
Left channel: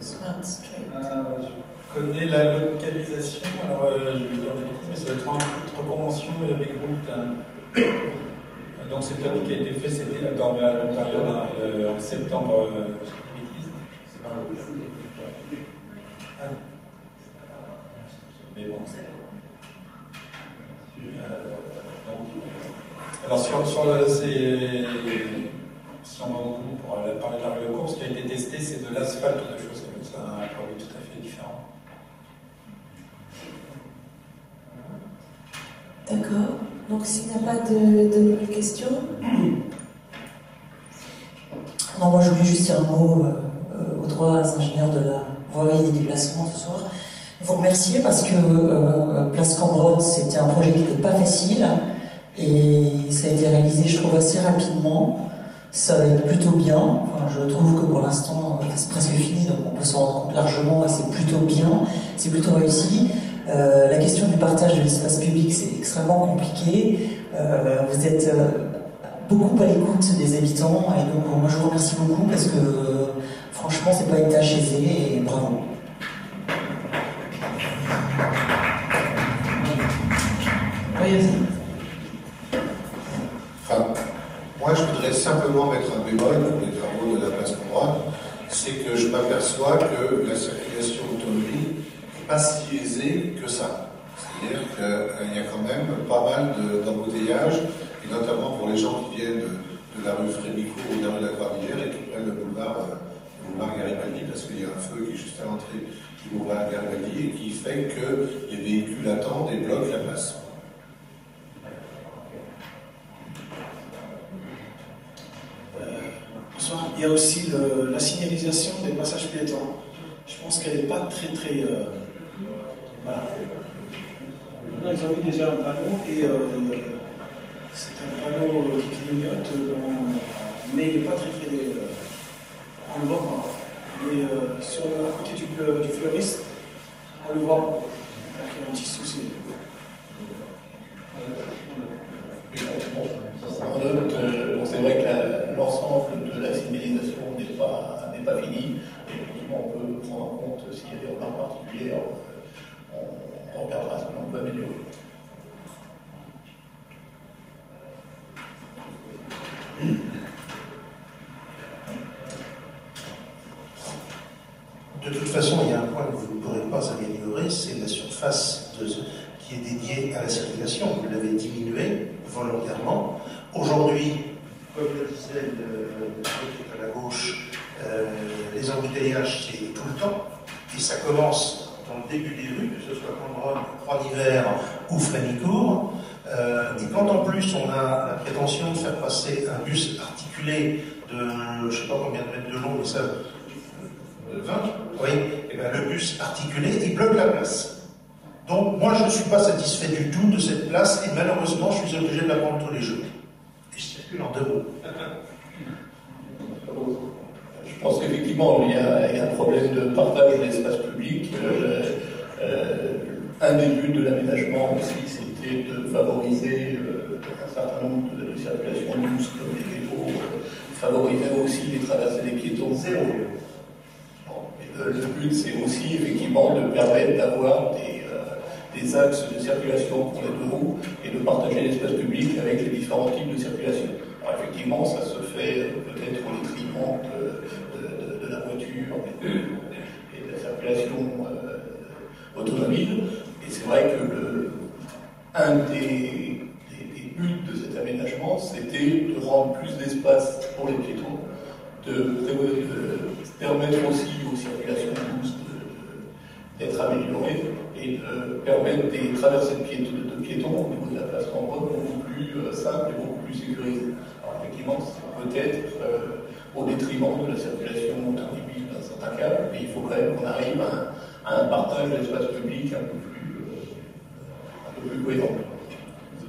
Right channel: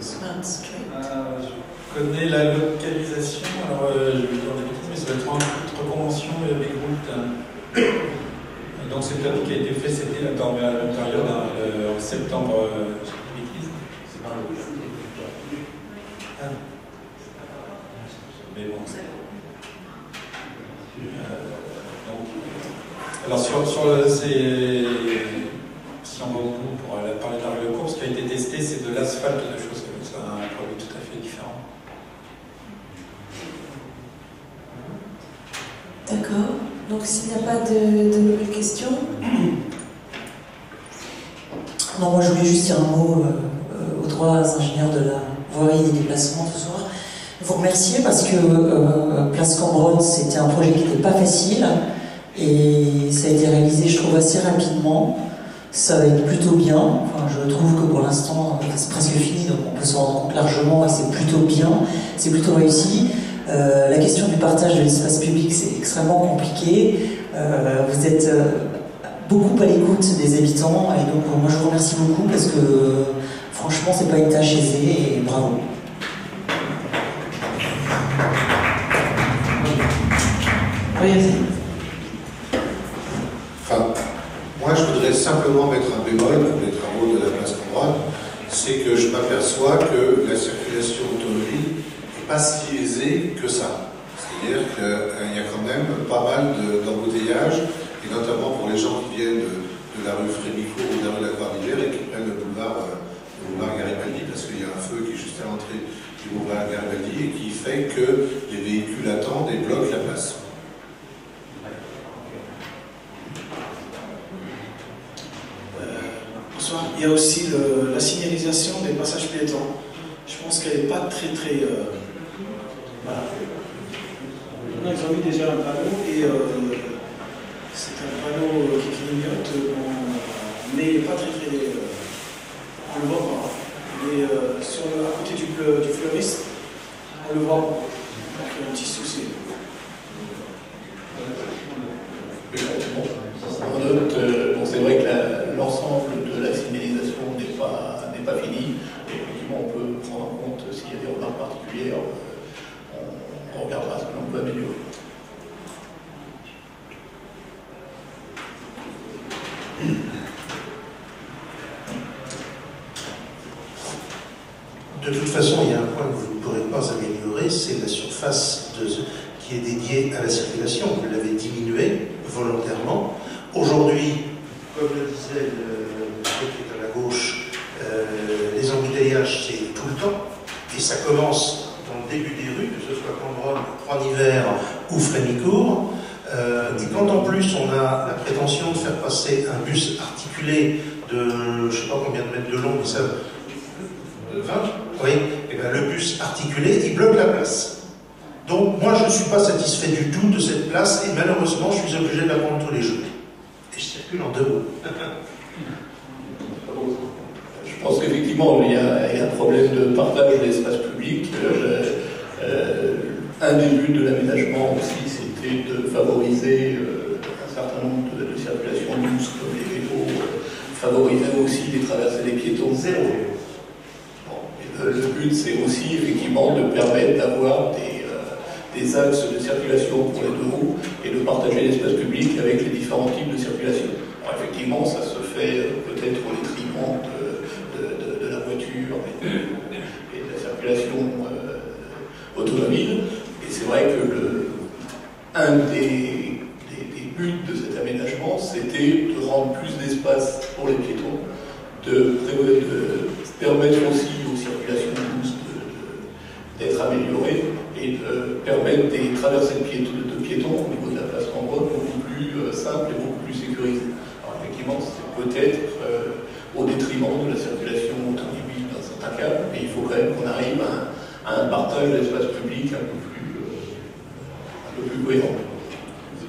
Smart Street? Je connais la localisation, alors je vais dire des bêtises, mais ça va être entre convention et avec route. Donc c'est un qui a été fait, c'était à l'intérieur en septembre. Je sais pas de bêtises. C'est pas le mais bon, alors si on va au bout pour parler de la rue de course, ce qui a été testé, c'est de l'asphalte, la chose comme ça, un produit tout à fait différent. D'accord. Donc s'il n'y a pas de nouvelles questions. Non, moi je voulais juste dire un mot aux trois ingénieurs de la voirie et des déplacements ce soir. Vous remercier parce que Place Cambronne, c'était un projet qui n'était pas facile et ça a été réalisé, je trouve, assez rapidement. Ça va être plutôt bien. Enfin, je trouve que pour l'instant, c'est presque fini, donc on peut s'en rendre compte largement et c'est plutôt bien, c'est plutôt réussi. La question du partage de l'espace public, c'est extrêmement compliqué. Vous êtes beaucoup à l'écoute des habitants et donc moi je vous remercie beaucoup parce que franchement, c'est pas une tâche aisée et bravo. Oui, enfin, moi, je voudrais simplement mettre un bémol pour les travaux de la place Cambronne, c'est que je m'aperçois que la circulation automobile n'est pas si aisée que ça. C'est-à-dire qu'il y a quand même pas mal d'embouteillages, et notamment pour les gens qui viennent de la rue Frémicourt ou de la rue de la Croix-d'Hiver et qui prennent le boulevard Garibaldi, parce qu'il y a un feu qui est juste à l'entrée du boulevard Garibaldi et qui fait que les véhicules attendent et bloquent la place. Il y a aussi la signalisation des passages piétons. Je pense qu'elle n'est pas très... Voilà. Ils ont mis déjà un panneau et c'est un panneau qui clignote, mais il n'est pas très... on le voit pas. Mais à côté du fleuriste, on le voit pas. Donc il y a un petit souci. On note, c'est vrai que l'ensemble de la signalisation n'est pas fini. Et effectivement, on peut prendre en compte s'il y a des remarques particulières, on regardera ce que l'on peut améliorer. De toute façon, il y a un point que vous ne pourrez pas améliorer, c'est la surface qui est dédiée à la circulation. Vous l'avez diminuée volontairement. Aujourd'hui, comme le disait le qui est à la gauche, les embouteillages, c'est tout le temps. Et ça commence dans le début des rues, que ce soit Cambronne, Croix-d'Hiver ou Frémicourt. Et quand en plus on a la prétention de faire passer un bus articulé de, je ne sais pas combien de mètres de long, mais ça... 20 ? Oui, et bien le bus articulé, il bloque la place. Donc moi je ne suis pas satisfait du tout de cette place et malheureusement je suis obligé de la prendre tous les jours. Et je circule en 2 roues. Je pense qu'effectivement il y a un problème de partage de l'espace public. Un des buts de l'aménagement aussi c'était de favoriser un certain nombre de circulations douces comme les vélos, favoriser aussi les traversées des piétons. Zéro. Le but, c'est aussi effectivement de permettre d'avoir des axes de circulation pour les 2 roues et de partager l'espace public avec les différents types de circulation. Alors effectivement, ça se fait peut-être au détriment de la voiture et de la circulation automobile. Et c'est vrai que un des buts de cet aménagement, c'était de rendre plus d'espace pour les piétons, de permettre aussi aux circulations douces d'être améliorées et de permettre des traversées de piétons au niveau de la place Cambronne beaucoup plus simples et beaucoup plus sécurisées. Alors effectivement, c'est peut-être au détriment de la circulation automobile dans certains cas, mais il faut quand même qu'on arrive à un partage de l'espace public un peu plus cohérent.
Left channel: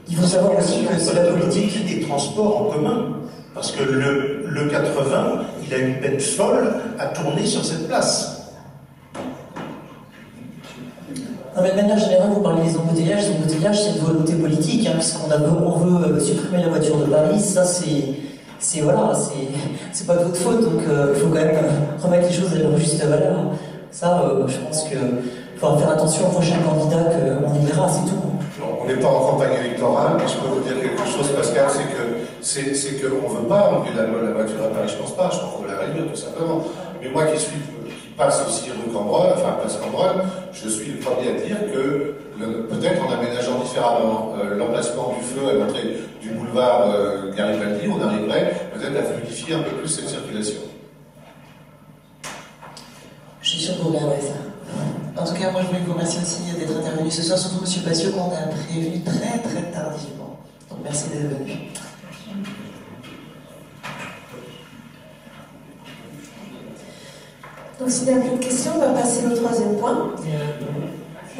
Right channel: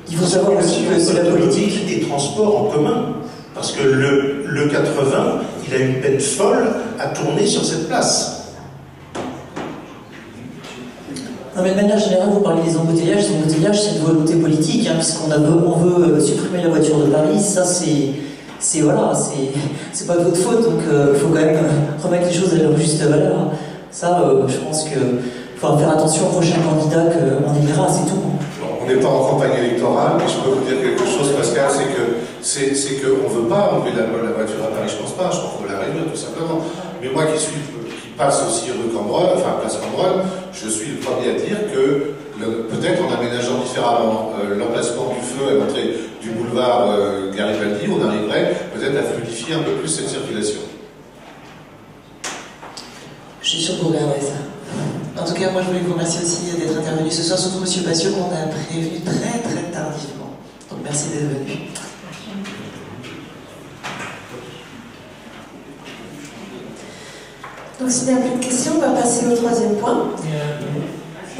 Il faut savoir aussi que c'est la politique des transports en commun. Parce que le 80, il a une peine folle à tourner sur cette place. Non, mais de manière générale, vous parlez des embouteillages. Les embouteillages, c'est une volonté politique, hein, puisqu'on veut supprimer la voiture de Paris. Ça, c'est voilà, c'est pas de votre faute. Donc, il faut quand même remettre les choses à leur juste valeur. Ça, je pense qu'il faut faire attention aux prochains candidats qu'on élira, c'est tout. On n'est pas en campagne électorale, mais je peux vous dire quelque chose, Pascal, c'est qu'on ne veut pas enlever la voiture à Paris, je pense pas, je pense qu'on veut la réduire tout simplement. Mais moi qui passe aussi rue Cambronne, enfin place Cambronne, je suis le premier à dire que peut-être en aménageant différemment l'emplacement du feu à l'entrée du boulevard Garibaldi, on arriverait peut-être à fluidifier un peu plus cette circulation. Je suis sûr que vous regarderez ça. En tout cas, moi je voulais vous remercier aussi d'être intervenu ce soir, surtout M. Passiot qu'on a prévenu très très tardivement. Donc merci d'être venu. Donc s'il n'y a plus de questions, on va passer au troisième point.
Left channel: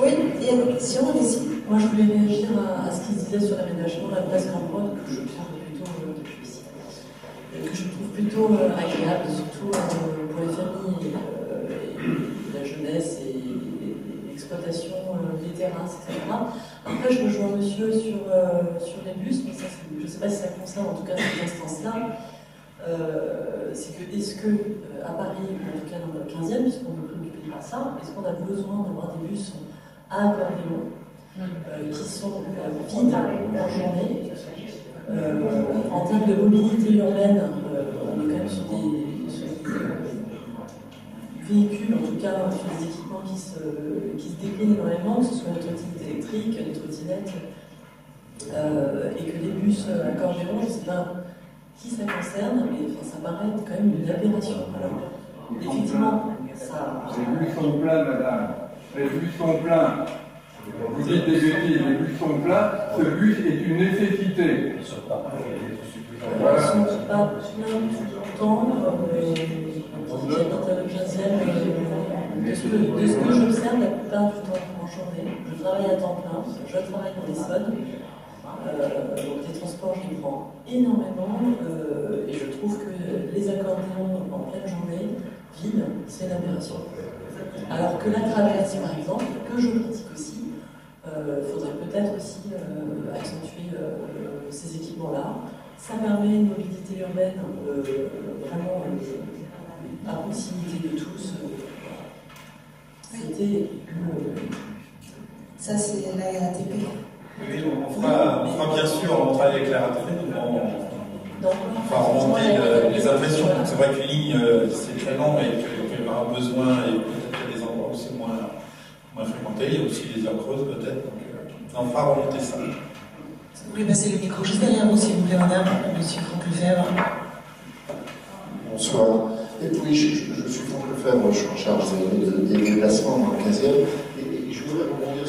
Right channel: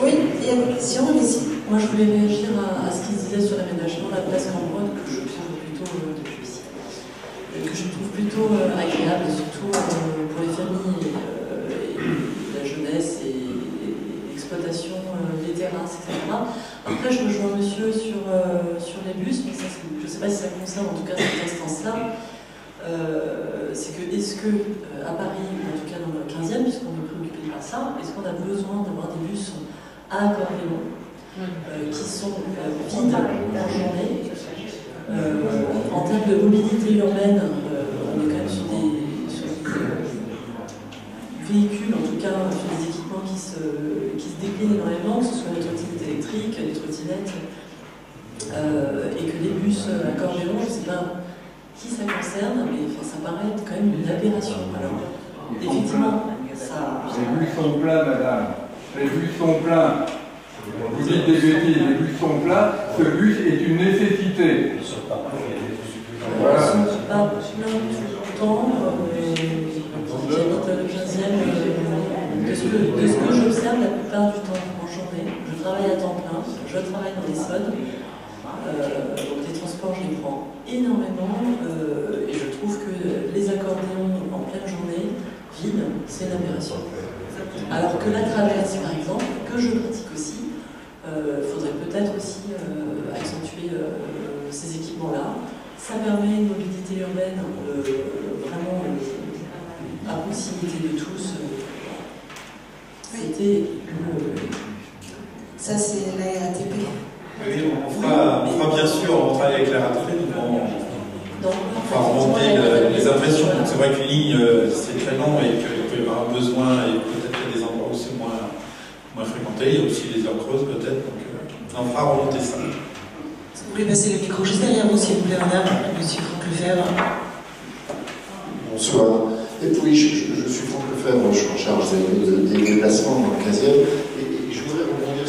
Oui, il y a une question, allez-y. Moi je voulais réagir à ce qu'il disait sur l'aménagement de la place Cambronne, que je trouve plutôt agréable, et surtout pour les familles et la jeunesse et l'exploitation des terrasses, etc. Après, je rejoins monsieur sur les bus, mais ça, je ne sais pas si ça concerne en tout cas cette instance-là. C'est que, est-ce que à Paris, en tout cas dans le 15e, puisqu'on est préoccupé par ça, est-ce qu'on a besoin d'avoir des bus à accordéon qui sont vides en journée? En termes de mobilité urbaine, on est quand même sur des véhicules, en tout cas sur des équipements qui se déclinent énormément, que ce soit les trottinettes électriques, les trottinettes, et que les bus accordéon, je ne sais pas qui ça concerne, mais enfin, ça paraît quand même une aberration. Alors, effectivement, ça... Les bus sont pleins, madame. Les bus sont pleins. Vous dites des bêtises, les bus sont pleins. Ce bus est une nécessité. Voilà. Pas plein tout le temps. J'habite le 15e. De ce que j'observe la plupart du temps en journée, je travaille à temps plein, je travaille dans l'Essonne. Donc les transports, je les prends énormément et je trouve que les accordéons en pleine journée, vides, c'est une aberration. Alors que la traverse, par exemple, que je pratique aussi, faudrait peut-être aussi accentuer ces équipements-là. Ça permet une mobilité urbaine vraiment à proximité de tous. C'était Ça, c'est la RATP. Oui, on fera bien sûr, on travaille avec la RATP, on fera remonter les impressions. C'est vrai qu'une ligne, c'est très long et qu'il peut y avoir un besoin, et peut-être qu'il y a des endroits où c'est moins fréquenté, il y a aussi les heures creuses peut-être, donc on fera remonter ça. Vous voulez passer le micro juste derrière vous, s'il vous plaît, madame, monsieur Franck Lefebvre. Bonsoir. Et puis, je suis Franck Lefebvre, je suis en charge des déplacements dans le 15e. Et je voudrais rebondir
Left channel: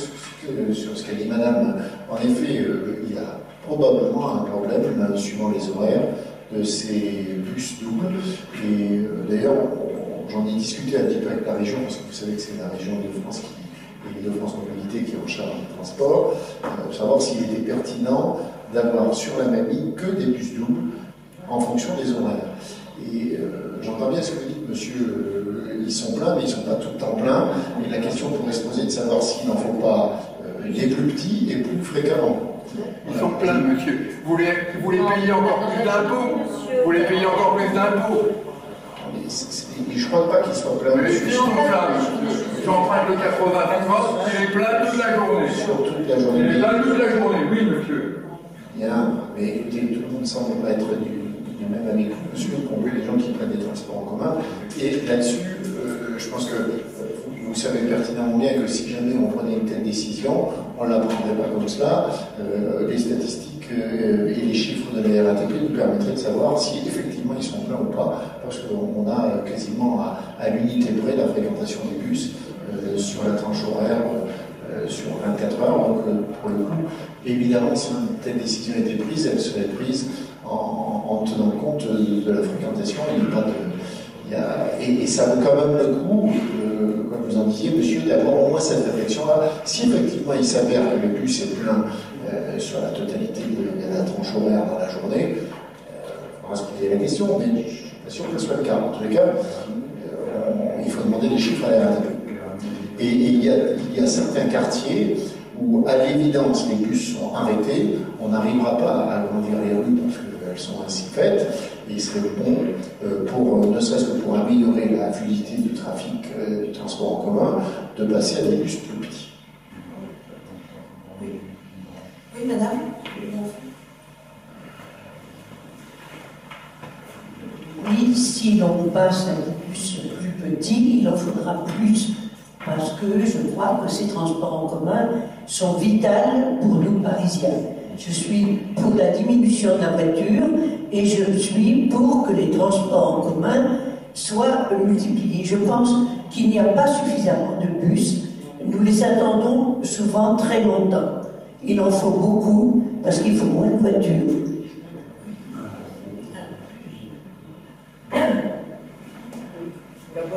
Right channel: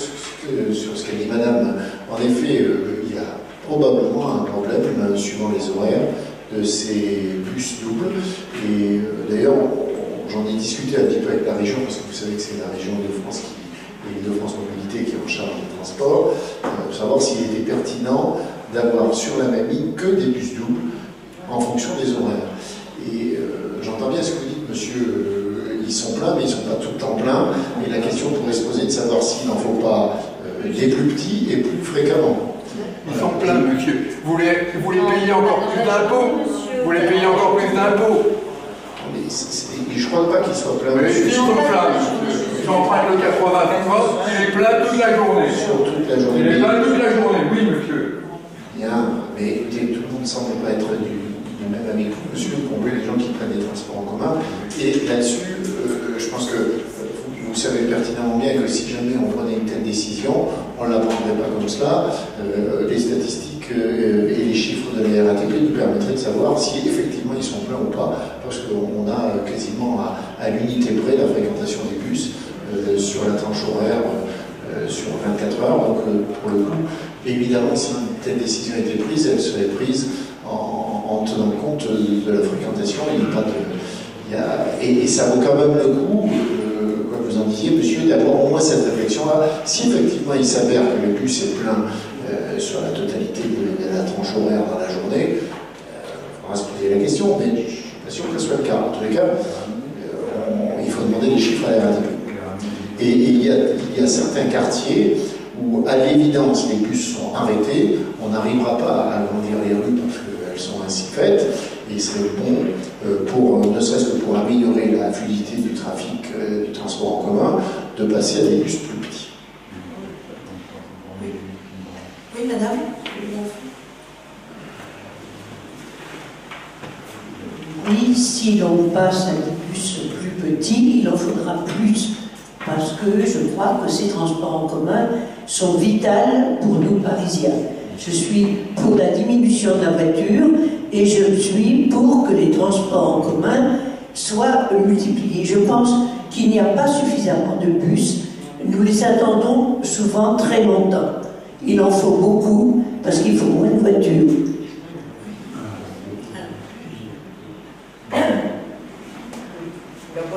sur ce qu'a dit madame. En effet, il y a probablement un problème, suivant les horaires, de ces bus doubles. Et d'ailleurs, j'en ai discuté un petit peu avec la région, parce que vous savez que c'est la région Île-de-France l'Île-de-France Mobilité qui est en charge des transports, pour savoir s'il était pertinent d'avoir sur la même ligne que des bus doubles en fonction des horaires. Et j'entends bien ce que vous dites, monsieur, ils sont pleins, mais ils ne sont pas tout le temps pleins. Et la question pourrait se poser de savoir s'il n'en faut pas des plus petits et plus fréquemment. Ils sont pleins, monsieur. Vous les payez encore plus d'impôts. Vous les payez encore plus d'impôts. Mais je ne crois pas qu'ils soient pleins. Mais si, ils sont pleins. J'emprunte le 83, il est plein toute la journée. Sur toute la journée. Il est plein toute la journée, oui, monsieur. Bien, mais écoutez, tout le monde ne semble pas être du même avec vous, monsieur, y compris les gens qui prennent des transports en commun. Et là-dessus, je pense que vous savez pertinemment bien que si jamais on prenait une telle décision, on ne la prendrait pas comme cela. Les statistiques et les chiffres de la RATP nous permettraient de savoir si effectivement ils sont pleins ou pas, parce qu'on a quasiment à l'unité près la fréquentation des bus sur la tranche horaire sur 24 heures. Donc pour le coup, évidemment, si une telle décision était prise, elle serait prise en tenant compte de la fréquentation. Et ça vaut quand même le coup, comme vous en disiez, monsieur, d'avoir au moins cette réflexion-là. Si effectivement il s'avère que le bus est plein sur la totalité de la tranche horaire dans la journée, il faudra se poser la question, mais je ne suis pas sûr que ce soit le cas. En tous les cas, il faut demander les chiffres à la RATP. Et il y a certains quartiers où, à l'évidence, les bus sont arrêtés, on n'arrivera pas à agrandir les rues parce qu'elles sont ainsi faites, et il serait bon, ne serait-ce que pour améliorer la fluidité du trafic, du transport en commun, de passer à des bus plus petits. Oui, madame. Oui, si l'on passe à des bus plus petits, il en faudra plus. Parce que je crois que ces transports en commun sont vitaux pour nous Parisiens. Je suis pour la diminution de la voiture et je suis pour que les transports en commun soient multipliés. Je pense qu'il n'y a pas suffisamment de bus. Nous les attendons souvent très longtemps. Il en faut beaucoup parce qu'il faut moins de voitures.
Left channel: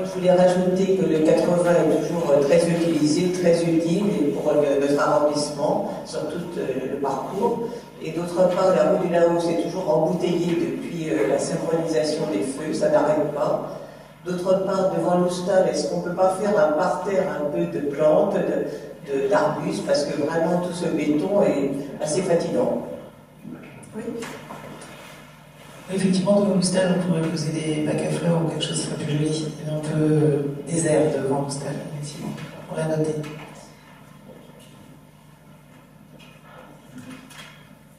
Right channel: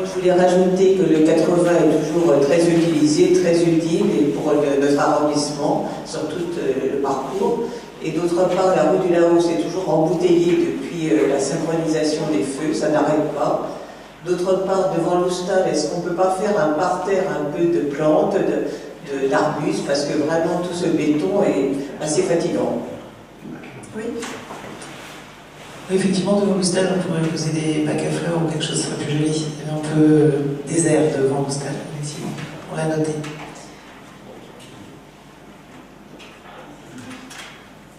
Je voulais rajouter que le 80 est toujours très utilisé, très utile et pour notre arrondissement sur tout le parcours. Et d'autre part, la rue du Laos est toujours embouteillée depuis la synchronisation des feux, ça n'arrête pas. D'autre part, devant l'hostal, est-ce qu'on ne peut pas faire un parterre un peu de plantes, d'arbustes, parce que vraiment tout ce béton est assez fatigant. Oui. Oui, effectivement, devant l'hostal, on pourrait poser des bacs à fleurs ou quelque chose de plus joli. Il y avait un peu désert devant l'hostal, effectivement. On l'a noté.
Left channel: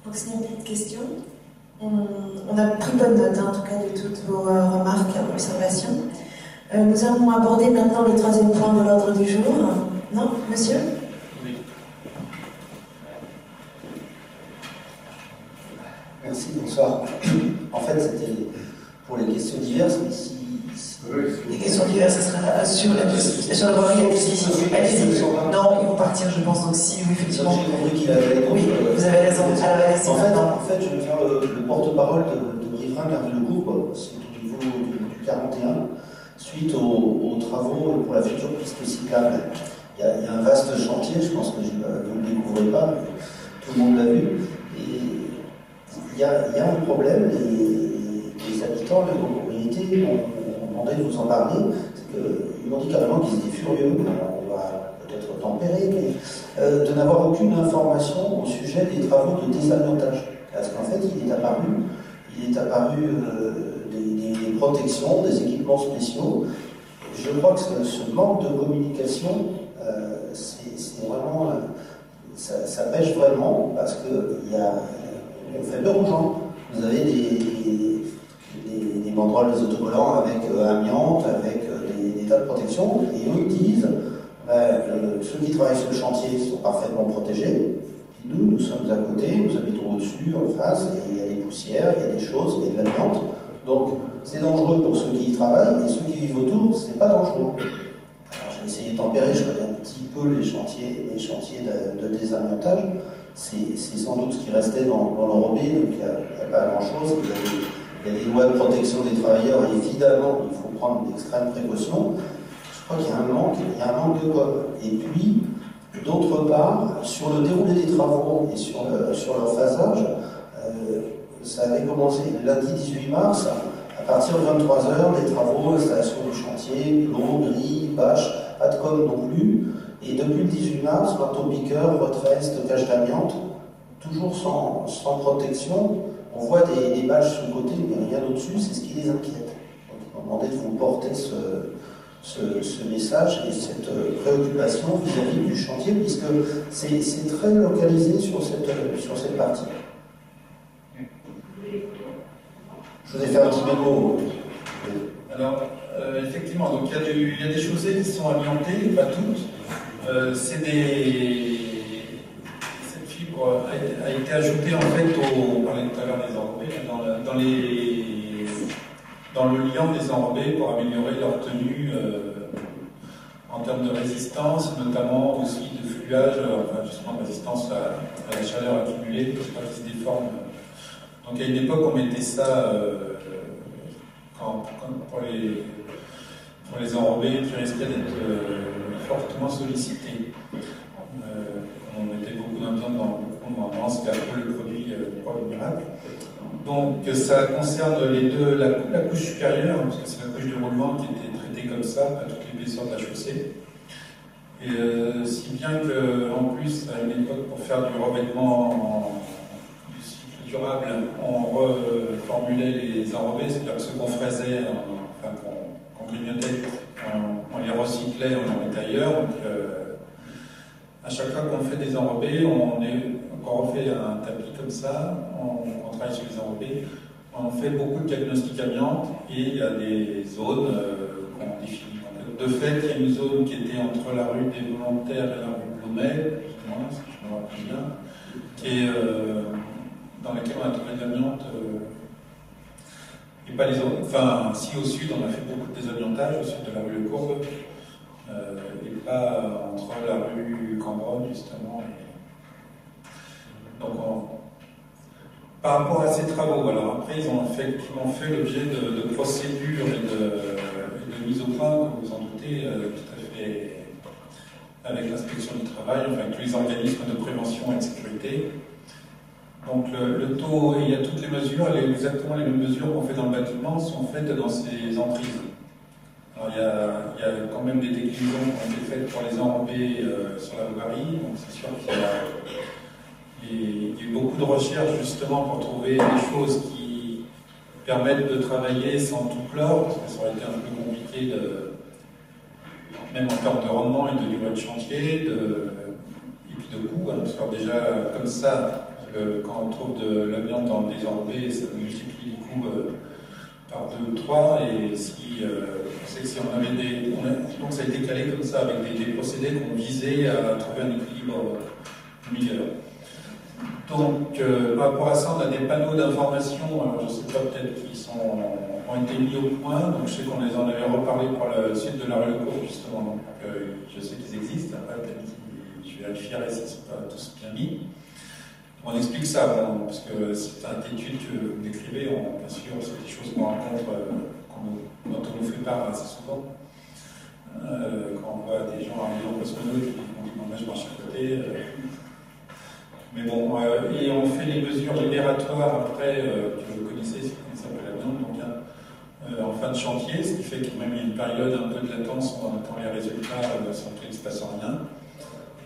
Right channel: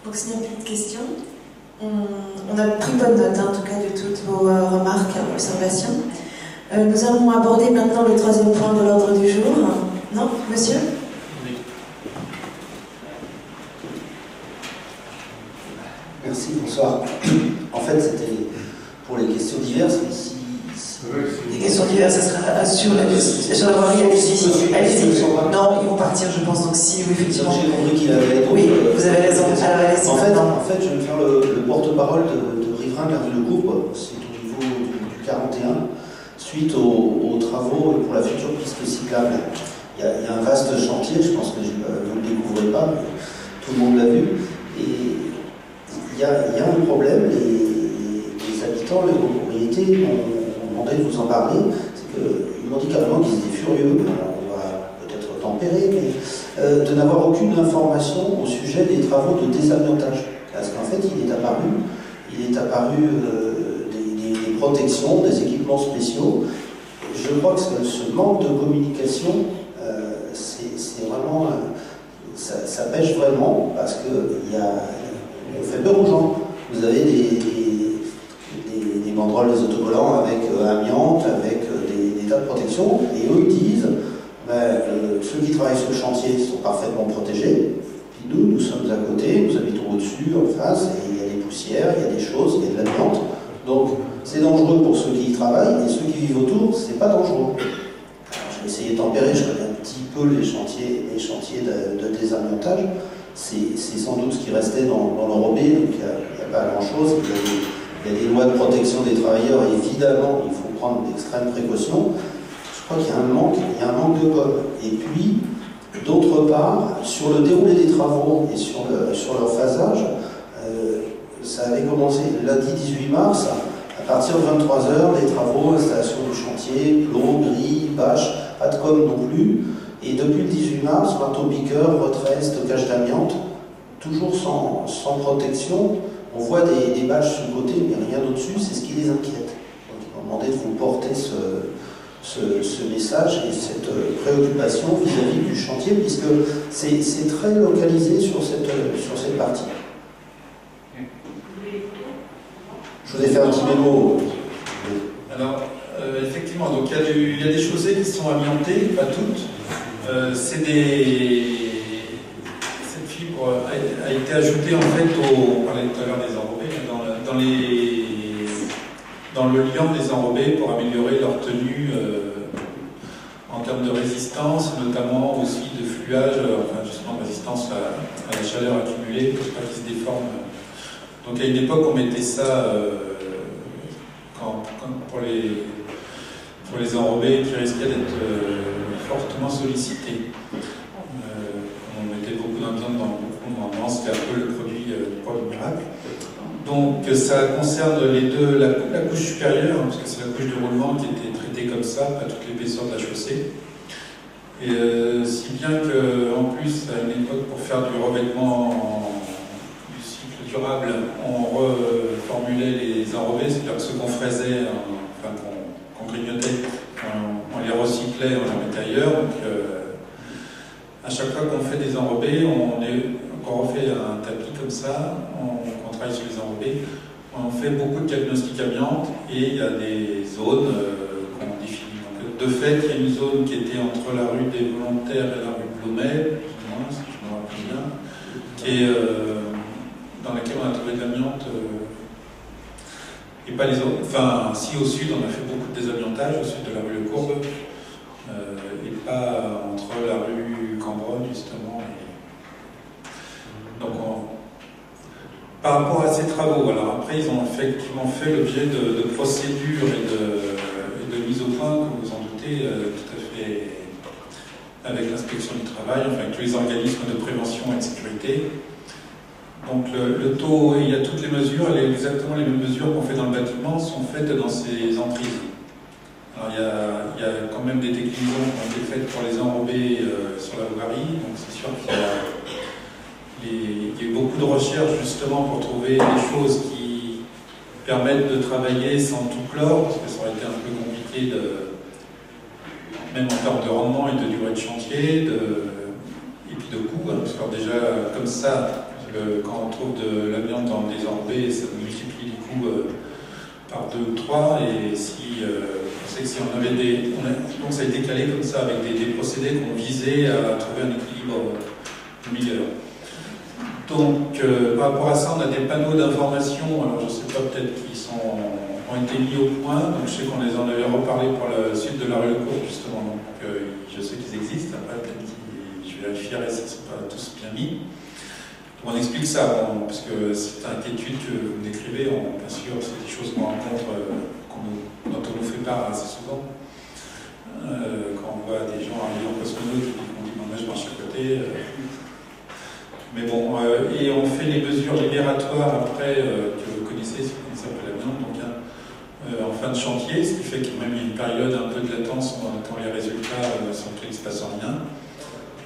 Donc, s'il n'y a plus de questions, on a pris bonne note, en tout cas, de toutes vos remarques et observations. Nous allons aborder maintenant le troisième point de l'ordre du jour. Non, monsieur ? Merci, bonsoir. En fait, c'était pour les questions diverses, mais si... Les questions diverses, ça sera sur la voirie, allez-y. Allez-y. Non, ils vont partir, je pense, donc si, oui, effectivement. J'ai compris qu'il avait... Oui, vous avez raison. Alors, allez-y. En fait, je vais faire le porte-parole de Riverains Gare de Lecourbe, c'est au niveau du 41, suite aux travaux pour la future piste cyclable. Il y a un vaste chantier, je pense que vous ne le découvrez pas, mais tout le monde l'a vu. Et il y a un problème, les habitants, les propriétés m'ont demandé de vous en parler, c'est qu'ils m'ont dit carrément qu'ils étaient furieux, on va peut-être tempérer, mais de n'avoir aucune information au sujet des travaux de désamiantage. Parce qu'en fait, il est apparu des protections, des équipements spéciaux. Je crois que ce manque de communication, c'est vraiment... ça pêche vraiment, parce qu'on fait peur aux gens. Vous avez des banderoles, des autocollants avec amiante, avec des tas de protections, et eux ils disent ceux qui travaillent sur le chantier sont parfaitement protégés, puis nous sommes à côté, nous habitons au-dessus, en face, et il y a des poussières, il y a des choses, il y a de l'amiante. Donc c'est dangereux pour ceux qui y travaillent, et ceux qui vivent autour, c'est pas dangereux. Alors, je vais essayer de tempérer, je connais un petit peu les chantiers de désamiantage. C'est sans doute ce qui restait dans l'Europé, donc il n'y a pas grand-chose. Il y a des lois de protection des travailleurs, évidemment, il faut prendre d'extrêmes précautions. Je crois qu'il y a un manque de com. Et puis, d'autre part, sur le déroulé des travaux et sur leur phasage, ça avait commencé lundi 18 mars, à partir de 23h, les travaux, installation du chantier, plomb, grille, bâche, pas de com non plus. Et depuis le 18 mars, marteau-piqueur, retrait, stockage d'amiante, toujours sans protection. On voit des bâches sur le côté, mais rien au-dessus, c'est ce qui les inquiète. Donc ils m'ont demandé de vous porter ce message et cette préoccupation vis-à-vis du chantier, puisque c'est très localisé sur cette partie. Je vous ai fait un petit mémo. Alors, effectivement, donc il y a des chaussées qui sont amiantées, pas toutes. Cette fibre a été ajoutée en fait on parlait tout à l'heure des enrobés, dans le liant des enrobés pour améliorer leur tenue en termes de résistance, notamment aussi de fluage, enfin justement de résistance à la chaleur accumulée pour pas qu'ils se déforment. Donc à une époque on mettait ça pour les enrobés qui risquaient d'être fortement sollicités. On mettait beaucoup d'ambiance dans le commandement, c'était un peu le produit miracle. Donc ça concerne la couche supérieure, parce que c'est la couche de roulement qui était traitée comme ça, à toute l'épaisseur de la chaussée. Et si bien qu'en plus, à une époque, pour faire du revêtement du cycle durable, on reformulait les enrobés, c'est-à-dire que ceux qu'on fraisait, enfin qu'on grignotait, on les recyclait, on les mettait ailleurs. Donc à chaque fois qu'on fait des enrobés, qu'on refait un tapis comme ça, qu'on travaille sur les enrobés, on fait beaucoup de diagnostics amiante et il y a des zones qu'on définit. Donc, de fait, il y a une zone qui était entre la rue des Volontaires et la rue Blomet, si je me rappelle bien, qui est, dans laquelle on a trouvé de l'amiante. Et pas les autres. Enfin, si au sud, on a fait beaucoup de désamiantage, au sud de la rue Le Courbe, et pas entre la rue Cambronne, justement. Donc, par rapport à ces travaux, alors après, ils ont effectivement fait l'objet de procédures et de mise au point, comme vous en doutez, tout à fait avec l'inspection du travail, enfin avec tous les organismes de prévention et de sécurité. Donc le taux, il y a toutes les mesures, exactement les mêmes mesures qu'on fait dans le bâtiment sont faites dans ces emprises. Alors il y a quand même des déclinaisons qui ont été faites pour les enrobés sur la voirie, donc c'est sûr qu'il y a beaucoup de recherches justement pour trouver des choses qui permettent de travailler sans tout chlore, parce que ça aurait été un peu compliqué, même en termes de rendement et de durée de chantier, et puis de coût, hein, parce que déjà comme ça, quand on trouve de l'amiante dans des enrobés, ça multiplie les coûts par 2 ou 3, et si on sait que si on avait donc ça a été calé comme ça, avec des procédés qu'on visait à trouver un équilibre meilleur. Donc, par rapport à ça, on a des panneaux d'information, alors je ne sais pas, peut-être qu'ils ont été mis au point, donc je sais qu'on en avait reparlé pour le sud de la rue Le Courbe, justement, donc je sais qu'ils existent, après peut-être je vérifierai si ce ne sont pas tous bien mis. On explique ça, parce que cette inquiétude que vous décrivez, bien sûr, c'est des choses qu'on rencontre, dont on nous fait part assez souvent. Quand on voit des gens arriver en cosmonaute qui font du manège marche à côté. Mais bon, et on fait les mesures libératoires après, que vous connaissez, ce qu'on s'appelle l'amiante, donc en fin de chantier, ce qui fait qu'il y a même une période un peu de latence où on attend les résultats sans qu'il ne se passe rien.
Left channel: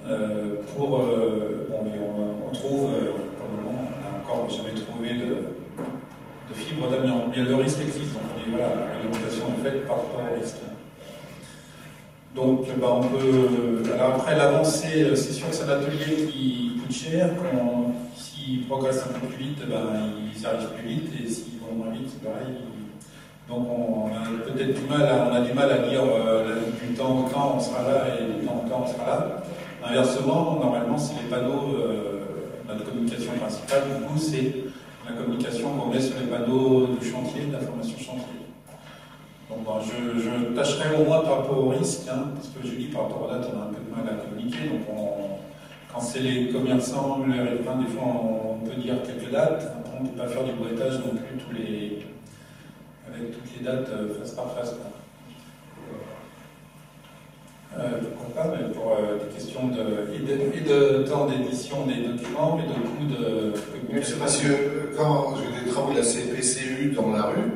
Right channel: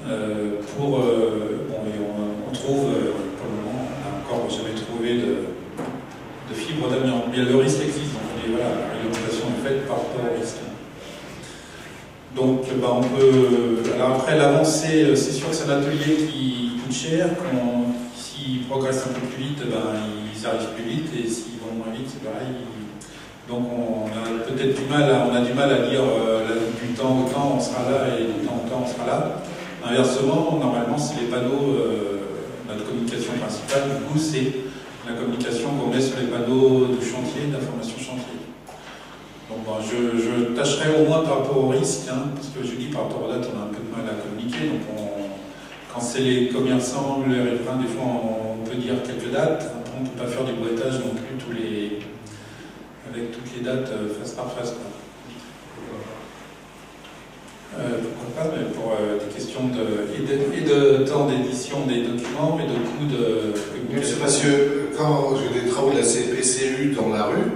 On trouve, pour le moment, on n'a encore jamais trouvé de fibre d'amiante. Mais le risque existe, donc voilà, la réglementation est faite par rapport au risque. Donc, on peut. Alors après, l'avancée, c'est sûr que c'est un atelier qui coûte cher. S'ils progressent un peu plus vite, ils arrivent plus vite, et s'ils vont moins vite, c'est pareil. Donc on a peut-être du mal à lire du temps au temps on sera là et du temps au temps on sera là. Inversement, normalement, c'est les panneaux, notre communication principale, du coup, c'est la communication qu'on met sur les panneaux de chantier, d'information chantier. Donc je tâcherai au moins par rapport au risque, hein, parce que je dis par rapport aux dates, on a un peu de mal à communiquer. Donc quand c'est les commerçants, les riverains, des fois on peut dire quelques dates. Après, on ne peut pas faire du boîtage non plus avec toutes les dates face par face. Pourquoi pas, mais pour des questions de temps d'édition des documents et de coûts de... Monsieur Massieu, quand j'ai des travaux de la CPCU dans la rue,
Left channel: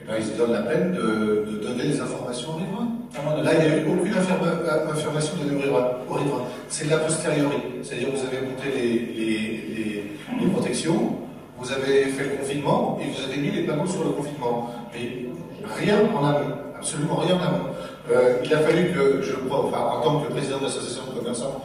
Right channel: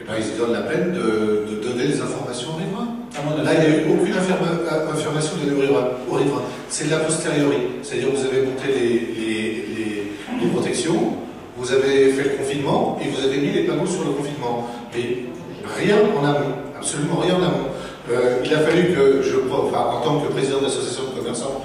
ils se donnent la peine de donner les informations aux riverains. Là, il n'y a eu aucune information donnée aux riverains. C'est de la posteriori. C'est-à-dire que vous avez monté les protections, vous avez fait le confinement et vous avez mis les panneaux sur le confinement. Mais rien en amont, absolument rien en amont. Il a fallu que en tant que président de l'association de commerçants,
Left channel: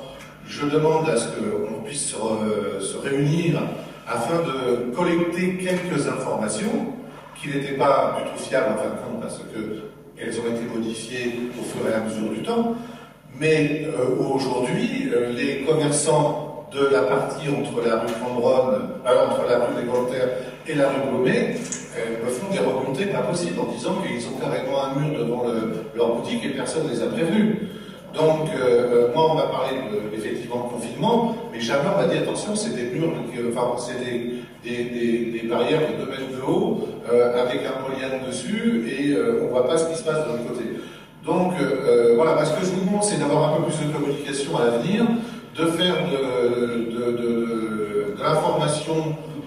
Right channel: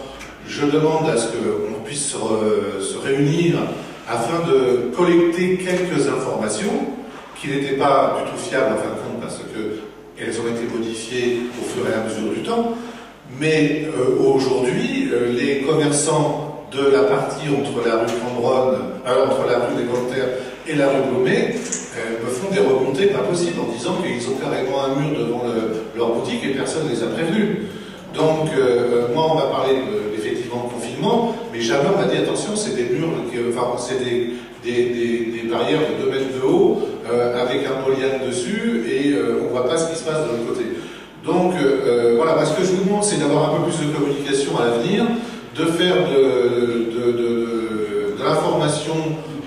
je demande à ce qu'on puisse se réunir afin de collecter quelques informations qui n'étaient pas du tout fiables en fin de compte parce qu'elles ont été modifiées au fur et à mesure du temps. Mais aujourd'hui, les commerçants de la partie entre la rue Cambronne, entre la rue des Volontaires et la rue Blomet, me font des remontées pas possibles en disant qu'ils ont carrément un mur devant leur boutique et personne ne les a prévenus. Donc, moi, on m'a parlé effectivement de confinement, mais jamais on m'a dit attention, c'est des murs, enfin, c'est des barrières de 2 mètres de haut avec un polyane dessus et on ne voit pas ce qui se passe de l'autre côté. Donc, voilà, ce que je vous demande, c'est d'avoir un peu plus de communication à l'avenir, de faire de l'information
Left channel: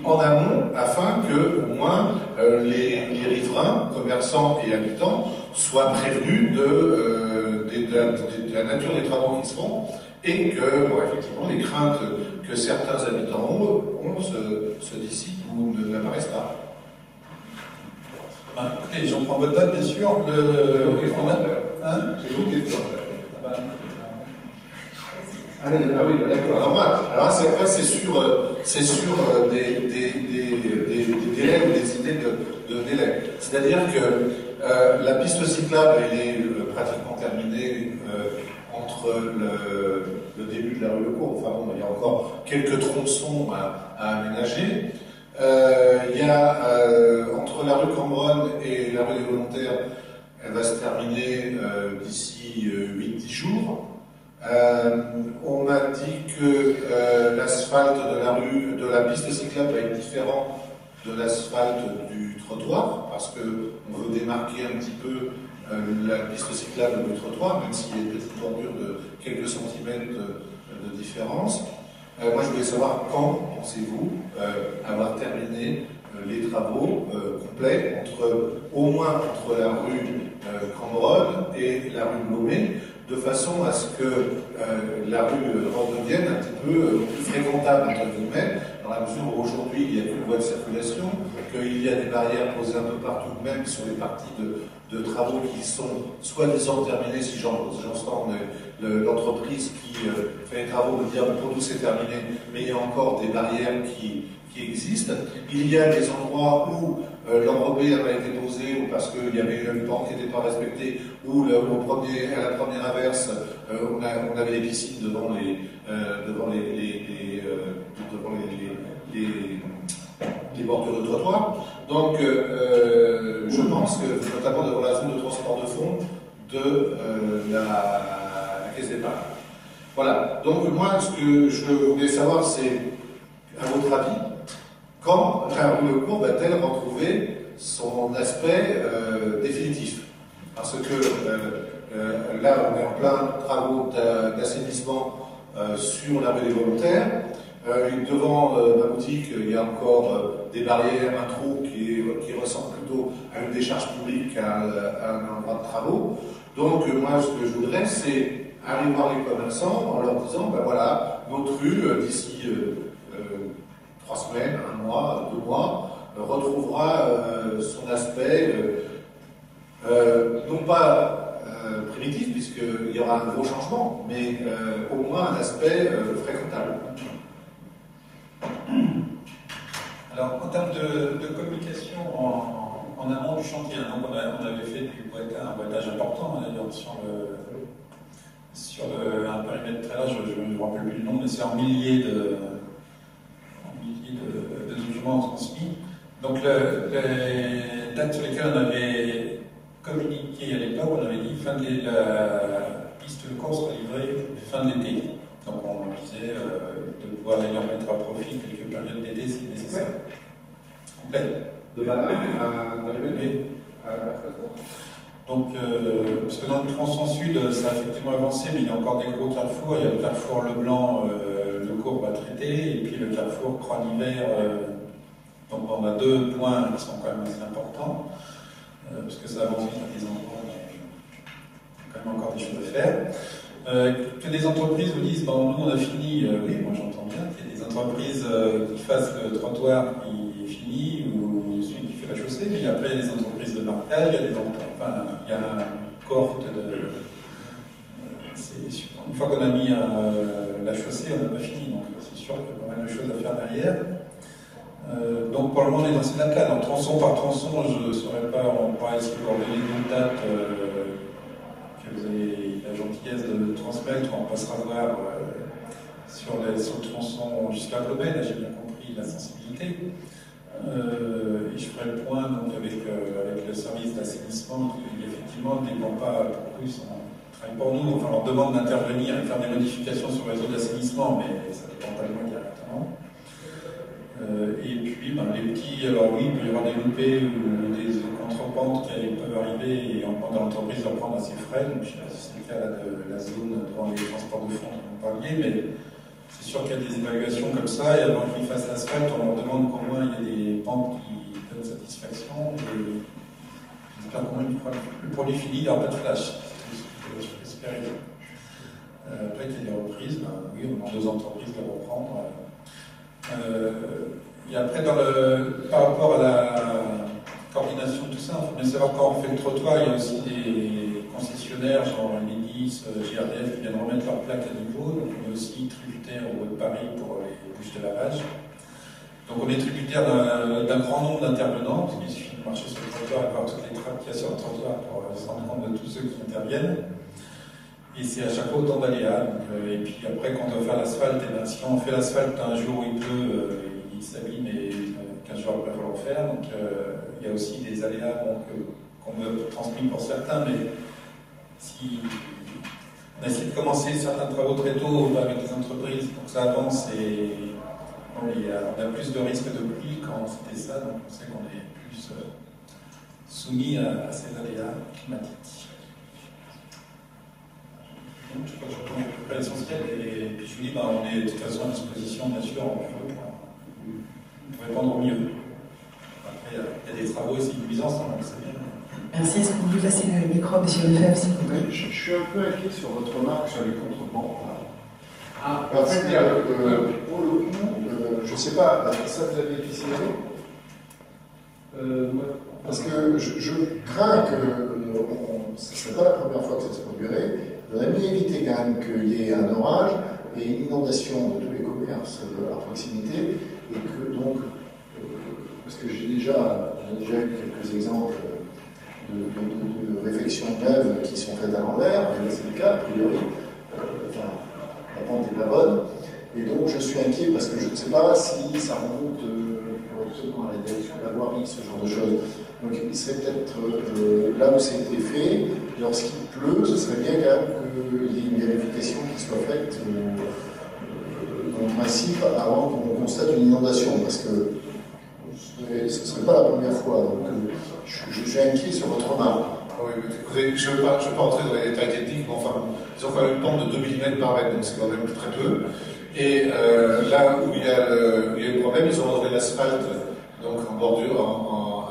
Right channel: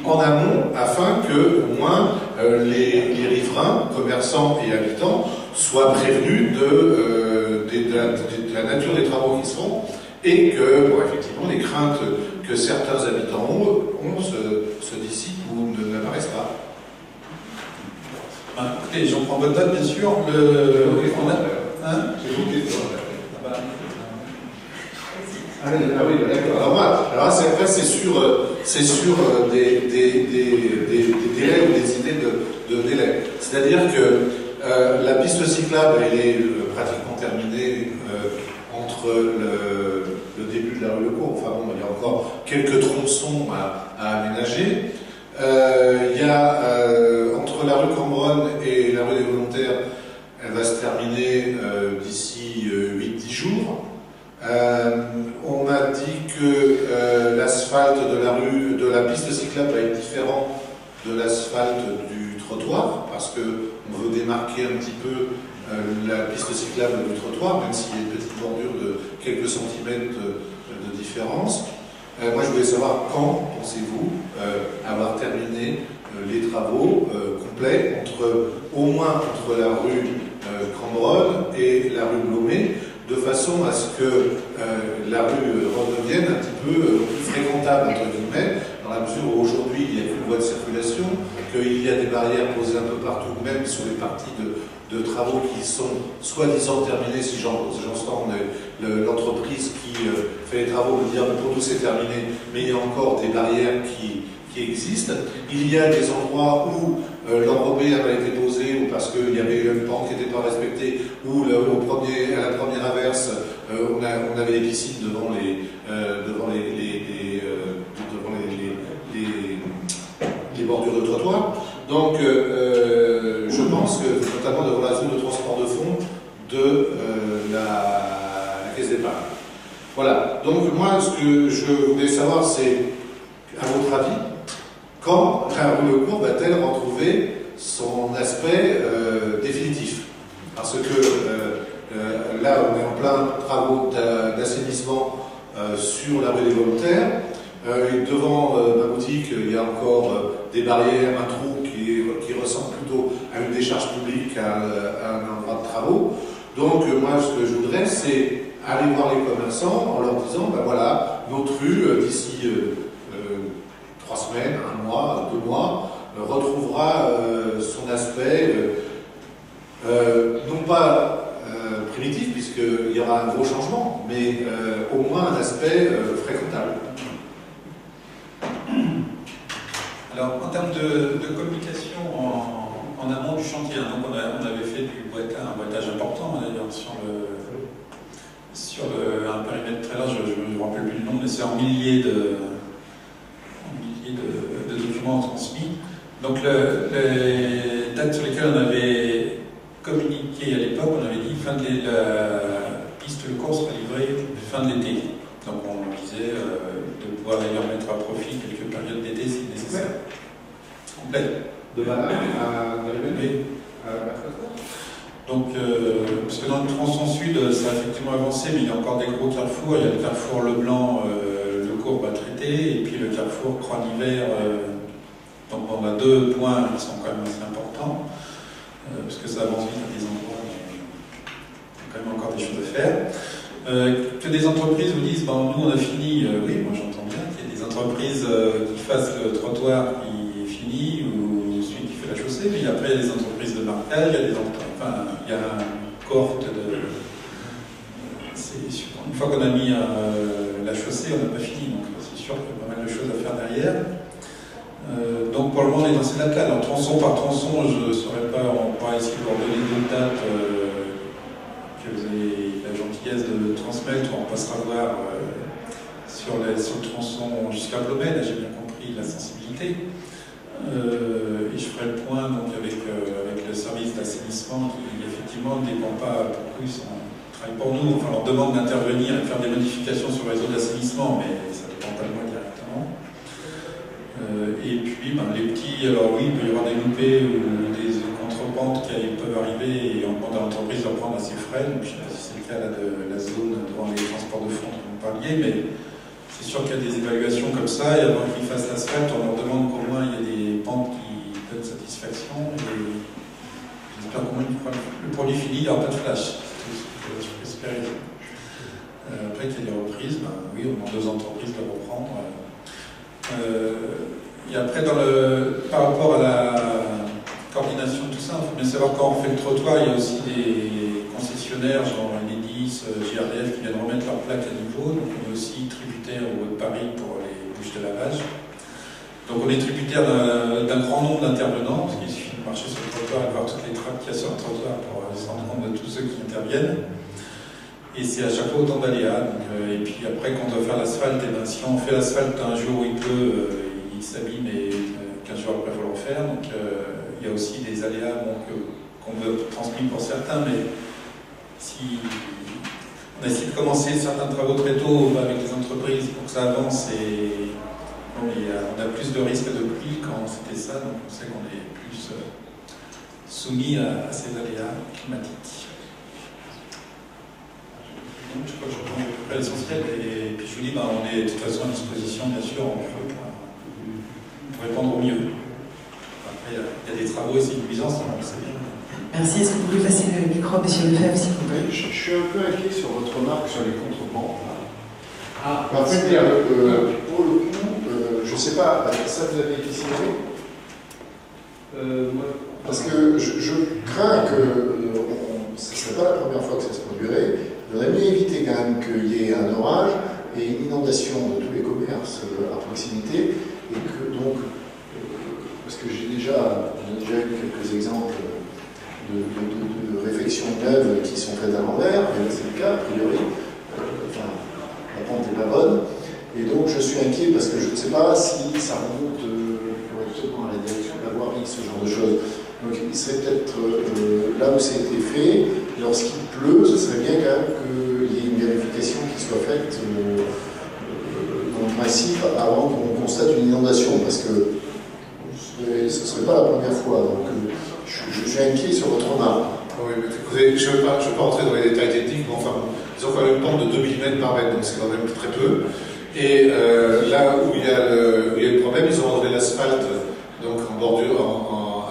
en amont afin que, au moins, les riverains, commerçants et habitants soient prévenus de la nature des travaux qui se font et que, bon, effectivement, les craintes que certains habitants ont se dissipent ou n'apparaissent pas. Écoutez, j'en prends votre note, bien sûr. C'est une question. Ah oui, d'accord. Alors après, c'est sur des délais ou des idées de délai. C'est-à-dire que la piste cyclable, elle est pratiquement terminée entre le début de la rue Le Cours. Enfin bon, il y a encore quelques tronçons à aménager. Il y a entre la rue Cambronne et la rue des Volontaires, elle va se terminer d'ici 8-10 jours. On a dit que l'asphalte de la piste cyclable va être différent de l'asphalte du trottoir, parce qu'on veut démarquer un petit peu la piste cyclable du trottoir, même s'il y a une petite bordure de quelques centimètres de différence. Moi, je voulais savoir quand pensez-vous avoir terminé les travaux complets, au moins entre la rue Cambronne et la rue Blomet, de façon à ce que la rue redevienne un petit peu plus fréquentable, entre guillemets, dans la mesure où aujourd'hui il n'y a qu'une voie de circulation, qu'il y a des barrières posées un peu partout, même sur les parties de travaux qui sont soi-disant terminés, si j'entends l'entreprise qui fait les travaux me dire pour nous c'est terminé, mais il y a encore des barrières qui existent. Il y a des endroits où l'enrobé n'a pas été posé, ou parce qu'il y avait une pente qui n'était pas respectée, ou à la première averse, on avait des piscines devant les bordures de trottoir. Donc, je pense que, notamment devant la zone de transport de fond de la caisse d'épargne. Voilà. Donc, moi, ce que je voulais savoir, c'est, à votre avis, quand la rue Le Cours va-t-elle retrouver son aspect définitif? Parce que là, on est en plein travaux d'assainissement sur la rue des Volontaires. Devant ma boutique, il y a encore des barrières, un trou qui ressemble plutôt à une décharge publique qu'à un endroit de travaux. Donc, moi, ce que je voudrais, c'est aller voir les commerçants en leur disant, ben voilà, notre rue, d'ici 3 semaines, 1 mois, 2 mois, retrouvera son aspect, non pas primitif, puisqu'il y aura un gros changement, mais au moins un aspect fréquentable. Alors, en termes de communication en amont du chantier, donc on avait fait un boitage important, d'ailleurs, sur un périmètre très large, je ne me rappelle plus le nom, mais c'est en milliers de documents transmis. Donc les dates sur lesquelles on avait communiqué à l'époque, on avait dit la piste Le Cours sera livrée fin de l'été. Donc on disait de pouvoir d'ailleurs mettre à profit quelques périodes d'été si nécessaire. Complet. De Valais à oui. Donc, parce que dans le tronçon sud, ça a effectivement avancé, mais il y a encore des gros carrefours. Il y a le carrefour Leblanc, Le Cours va traiter, et puis le carrefour Croix-Nivert. Donc on a 2 points qui sont quand même assez importants, parce que ça avance vite à des endroits, mais il y a quand même encore des choses à faire. Que des entreprises vous disent, bon, nous on a fini, oui, moi j'entends bien qu'il y a des entreprises qui fassent le trottoir qui est fini, ou celui qui fait la chaussée, puis après il y a des entreprises de marquage, il y a il y a une cohorte de... une fois qu'on a mis la chaussée, on n'a pas fini, donc c'est sûr qu'il y a pas mal de choses à faire derrière. Donc pour le moment on est dans ces dates-là. Alors tronçon par tronçon, je ne saurais pas, on pourra essayer de leur donner d'autres dates que vous avez la gentillesse de transmettre, on passera voir sur le tronçon jusqu'à Blomet, là j'ai bien compris la sensibilité. Et je ferai le point donc, avec le service d'assainissement qui effectivement ne dépend pas beaucoup, ils travaillent pour nous, enfin on leur demande d'intervenir et de faire des modifications sur le réseau d'assainissement, mais ça ne dépend pas de moi directement. Et puis les petits, alors oui, il peut y avoir des loupés ou des contrepentes qui peuvent arriver et on demande à l'entreprise de reprendre à ses frais. Donc, je ne sais pas si c'est le cas là, de la zone devant les transports de fonds dont vous parliez, mais c'est sûr qu'il y a des évaluations comme ça et avant qu'ils fassent l'asphalte, on leur demande qu'au moins il y a des pentes qui donnent satisfaction. Et j'espère qu'au moins le produit fini, il n'y aura pas de flash. C'est ce que je peux espérer. Après qu'il y ait des reprises, oui, on demande aux entreprises de reprendre. Et après, par rapport à la coordination de tout ça, il faut bien savoir quand on fait le trottoir, il y a aussi des concessionnaires, genre Enedis, GRDF, qui viennent remettre leurs plaques à niveau. Donc on est aussi tributaire au Haut de Paris pour les bouches de lavage. Donc on est tributaire d'un grand nombre d'intervenants, parce qu'il suffit de marcher sur le trottoir et de voir toutes les trappes qu'il y a sur le trottoir pour se rendre compte de tous ceux qui interviennent. Et c'est à chaque fois autant d'aléas. Et puis après, quand on doit faire l'asphalte, si on fait l'asphalte un jour où il pleut, il s'abîme et 15 jours après, il faut le refaire. Donc il y a aussi des aléas qu'on veut transmettre pour certains, mais si on essaie de commencer certains travaux très tôt avec les entreprises pour que ça avance, et on a plus de risques de pluie quand c'était ça, donc on sait qu'on est plus soumis à ces aléas climatiques. Je crois que je prends à peu près l'essentiel et puis je vous dis, on est de toute façon à disposition, bien sûr, pour répondre au mieux. Après, il y a des travaux et c'est une nuisance, on le sait bien. Merci. Est-ce que vous voulez passer le micro à M. Lefebvre, s'il vous plaît? Je suis un peu inquiet sur votre remarque sur les contrebancs. En fait, pour le coup, je ne sais pas, ça vous avez été signalé parce que je crains que ce ne serait pas la première fois que ça se produirait. Il faudrait mieux éviter quand même qu'il y ait un orage et une inondation de tous les commerces à proximité, et que donc, parce que j'ai déjà eu quelques exemples de réfections d'œuvres qui sont faites à l'envers, et là c'est le cas, a priori, la pente n'est pas bonne, et donc je suis inquiet parce que je ne sais pas si ça remonte correctement à la direction de la voirie, ce genre de choses. Donc il serait peut-être là où ça a été fait, lorsqu'il pleut, ce serait bien quand même qu'il y ait une vérification qui soit faite en principe avant qu'on constate une inondation, parce que ce ne serait pas la première fois. Donc je suis inquiet sur votre remarque. Oui, mais je ne veux pas rentrer dans les détails techniques, mais enfin, ils ont quand même une pente de 2 mm par mètre, donc c'est quand même très peu. Et là où il y a le problème, ils ont enlevé l'asphalte donc en bordure,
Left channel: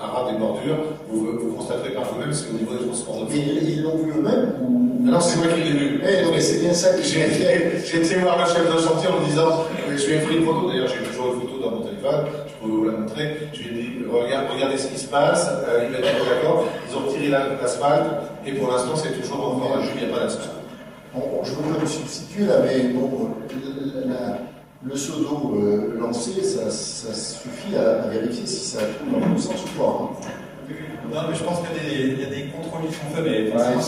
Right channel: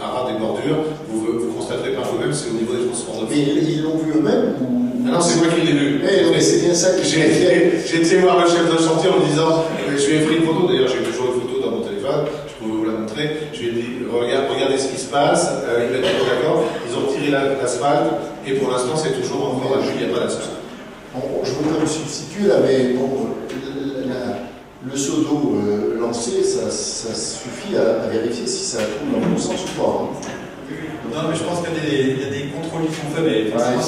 à ras des bordures. Vous constaterez par vous-même, c'est au niveau des transports de fonds. Mais ils l'ont vu eux-mêmes ou... Ah non, c'est moi qui l'ai vu. Mais c'est bien ça que j'ai été voir le chef de chantier en lui disant, je lui ai pris une photo, d'ailleurs j'ai toujours une photo dans mon téléphone, je peux vous la montrer. Je lui ai dit, regardez ce qui se passe, il m'a dit d'accord, ils ont retiré l'asphalte, et pour l'instant c'est toujours encore à Jules, il n'y a pas d'asphalte. Je ne veux pas me substituer là, mais bon, le seau d'eau lancé, ça suffit à vérifier si ça coule dans le bon sens ou pas. Non, mais je pense qu'il y a des contrôles qui sont faits, mais forcément,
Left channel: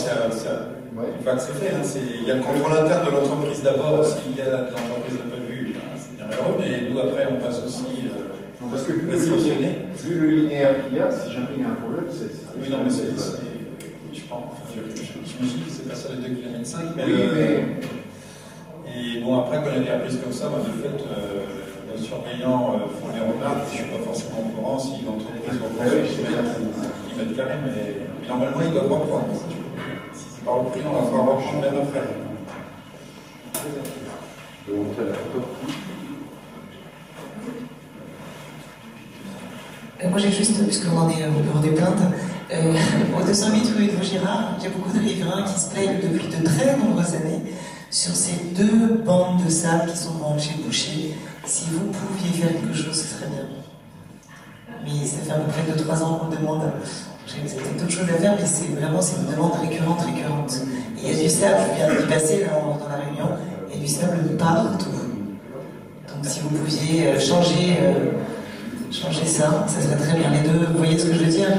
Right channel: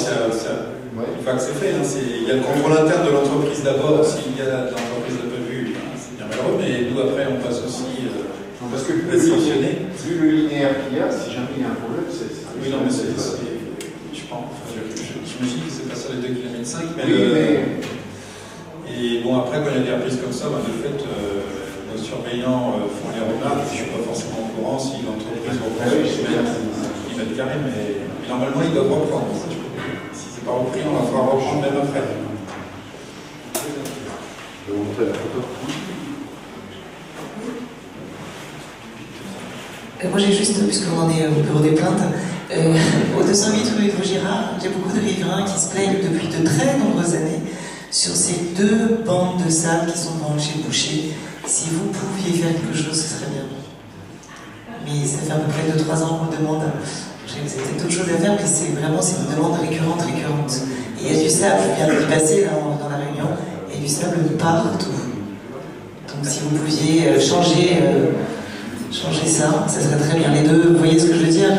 une fois que c'est fait, il y a le contrôle interne de l'entreprise d'abord. S'il y a de l'entreprise de prévu, c'est bien malheureux, mais nous après on passe aussi parce que sanctionner. Vu le linéaire qu'il y a, si jamais il y a un problème, c'est... Oui, non, mais je pense, j'imagine que c'est pas ça les 2,5 km, mais... Et bon, après, quand il y a des reprises comme ça, de fait, nos surveillants font les remarques. Je ne suis pas forcément au courant si l'entreprise reprend sur 10 mètres carrés, mais normalement, ils doivent reprendre. Si ce n'est pas repris, on va falloir reprendre même après. Je vais vous montrer la photo. Moi, j'ai juste, puisqu'on en est au bureau des plaintes, au 208 rue de Vaugirard, j'ai beaucoup de riverains qui se plaignent depuis de très nombreuses années sur ces 2 bandes de sable qui sont devant chez Boucher. Si vous pouviez faire quelque chose, ce serait bien. Mais ça fait à peu près 2-3 ans qu'on demande. J'ai peut-être d'autres choses à faire, mais c'est une demande récurrente. Et il y a du sable, je viens d'y passer là, dans la réunion, et du sable partout. Donc si vous pouviez changer ça, ça serait très bien. Les 2, vous voyez ce que je veux dire?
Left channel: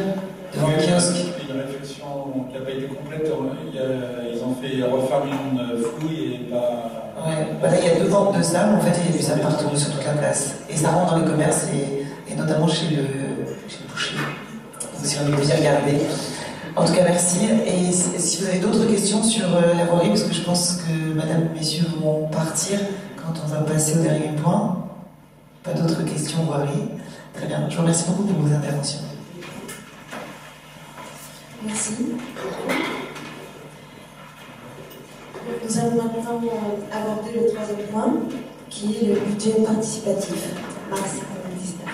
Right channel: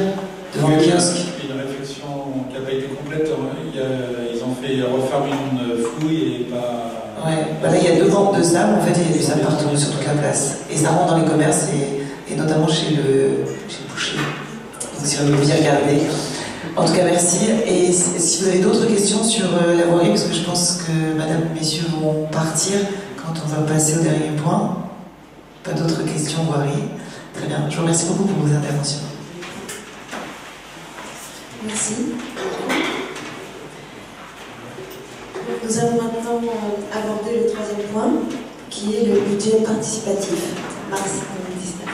Devant le kiosque. Une réflexion qui n'a pas été complète, ils ont fait refaire une fouille et pas... Ouais, là il y a 2 exemple de ça, en fait, il y a du sable partout sur toute la place. Et ça rentre dans les commerces, et notamment chez le boucher. Donc si on veut bien regarder. En tout cas, merci. Et si vous avez d'autres questions sur la voirie, parce que je pense que madame, messieurs vont partir quand on va passer au dernier point. Pas d'autres questions voirie. Très bien. Je vous remercie beaucoup pour vos interventions. Merci. Nous allons maintenant aborder le troisième point, qui est le budget participatif. Mars 2019.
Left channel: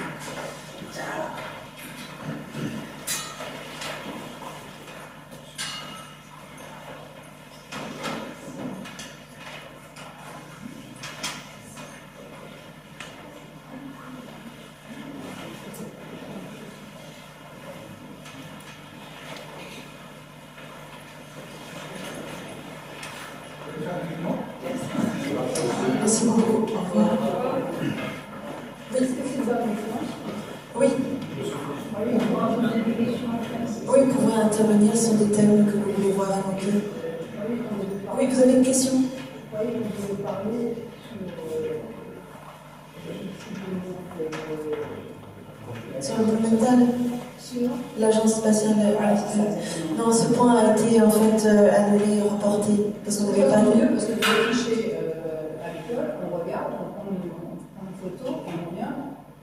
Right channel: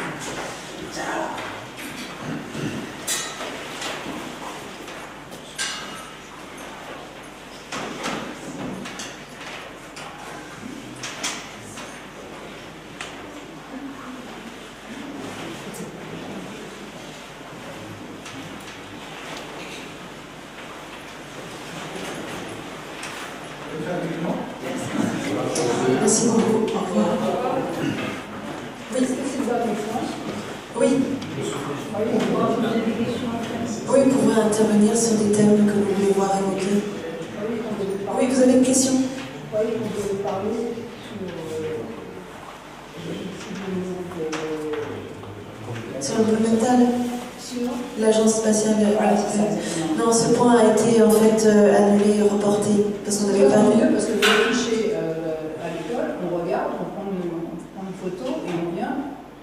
Merci beaucoup. Au revoir. Oui. Oui. Oui, vous pouvez intervenir sur des thèmes que vous voulez voir évoqués. Oui, vous avez une question? Oui, on devait parler sur l'environnemental. L'agence spatiale. Non, ce point a été en fait annulé, reporté, parce qu'on n'avait pas mieux, parce que vous affichez à l'école, on regarde, on prend une photo et on vient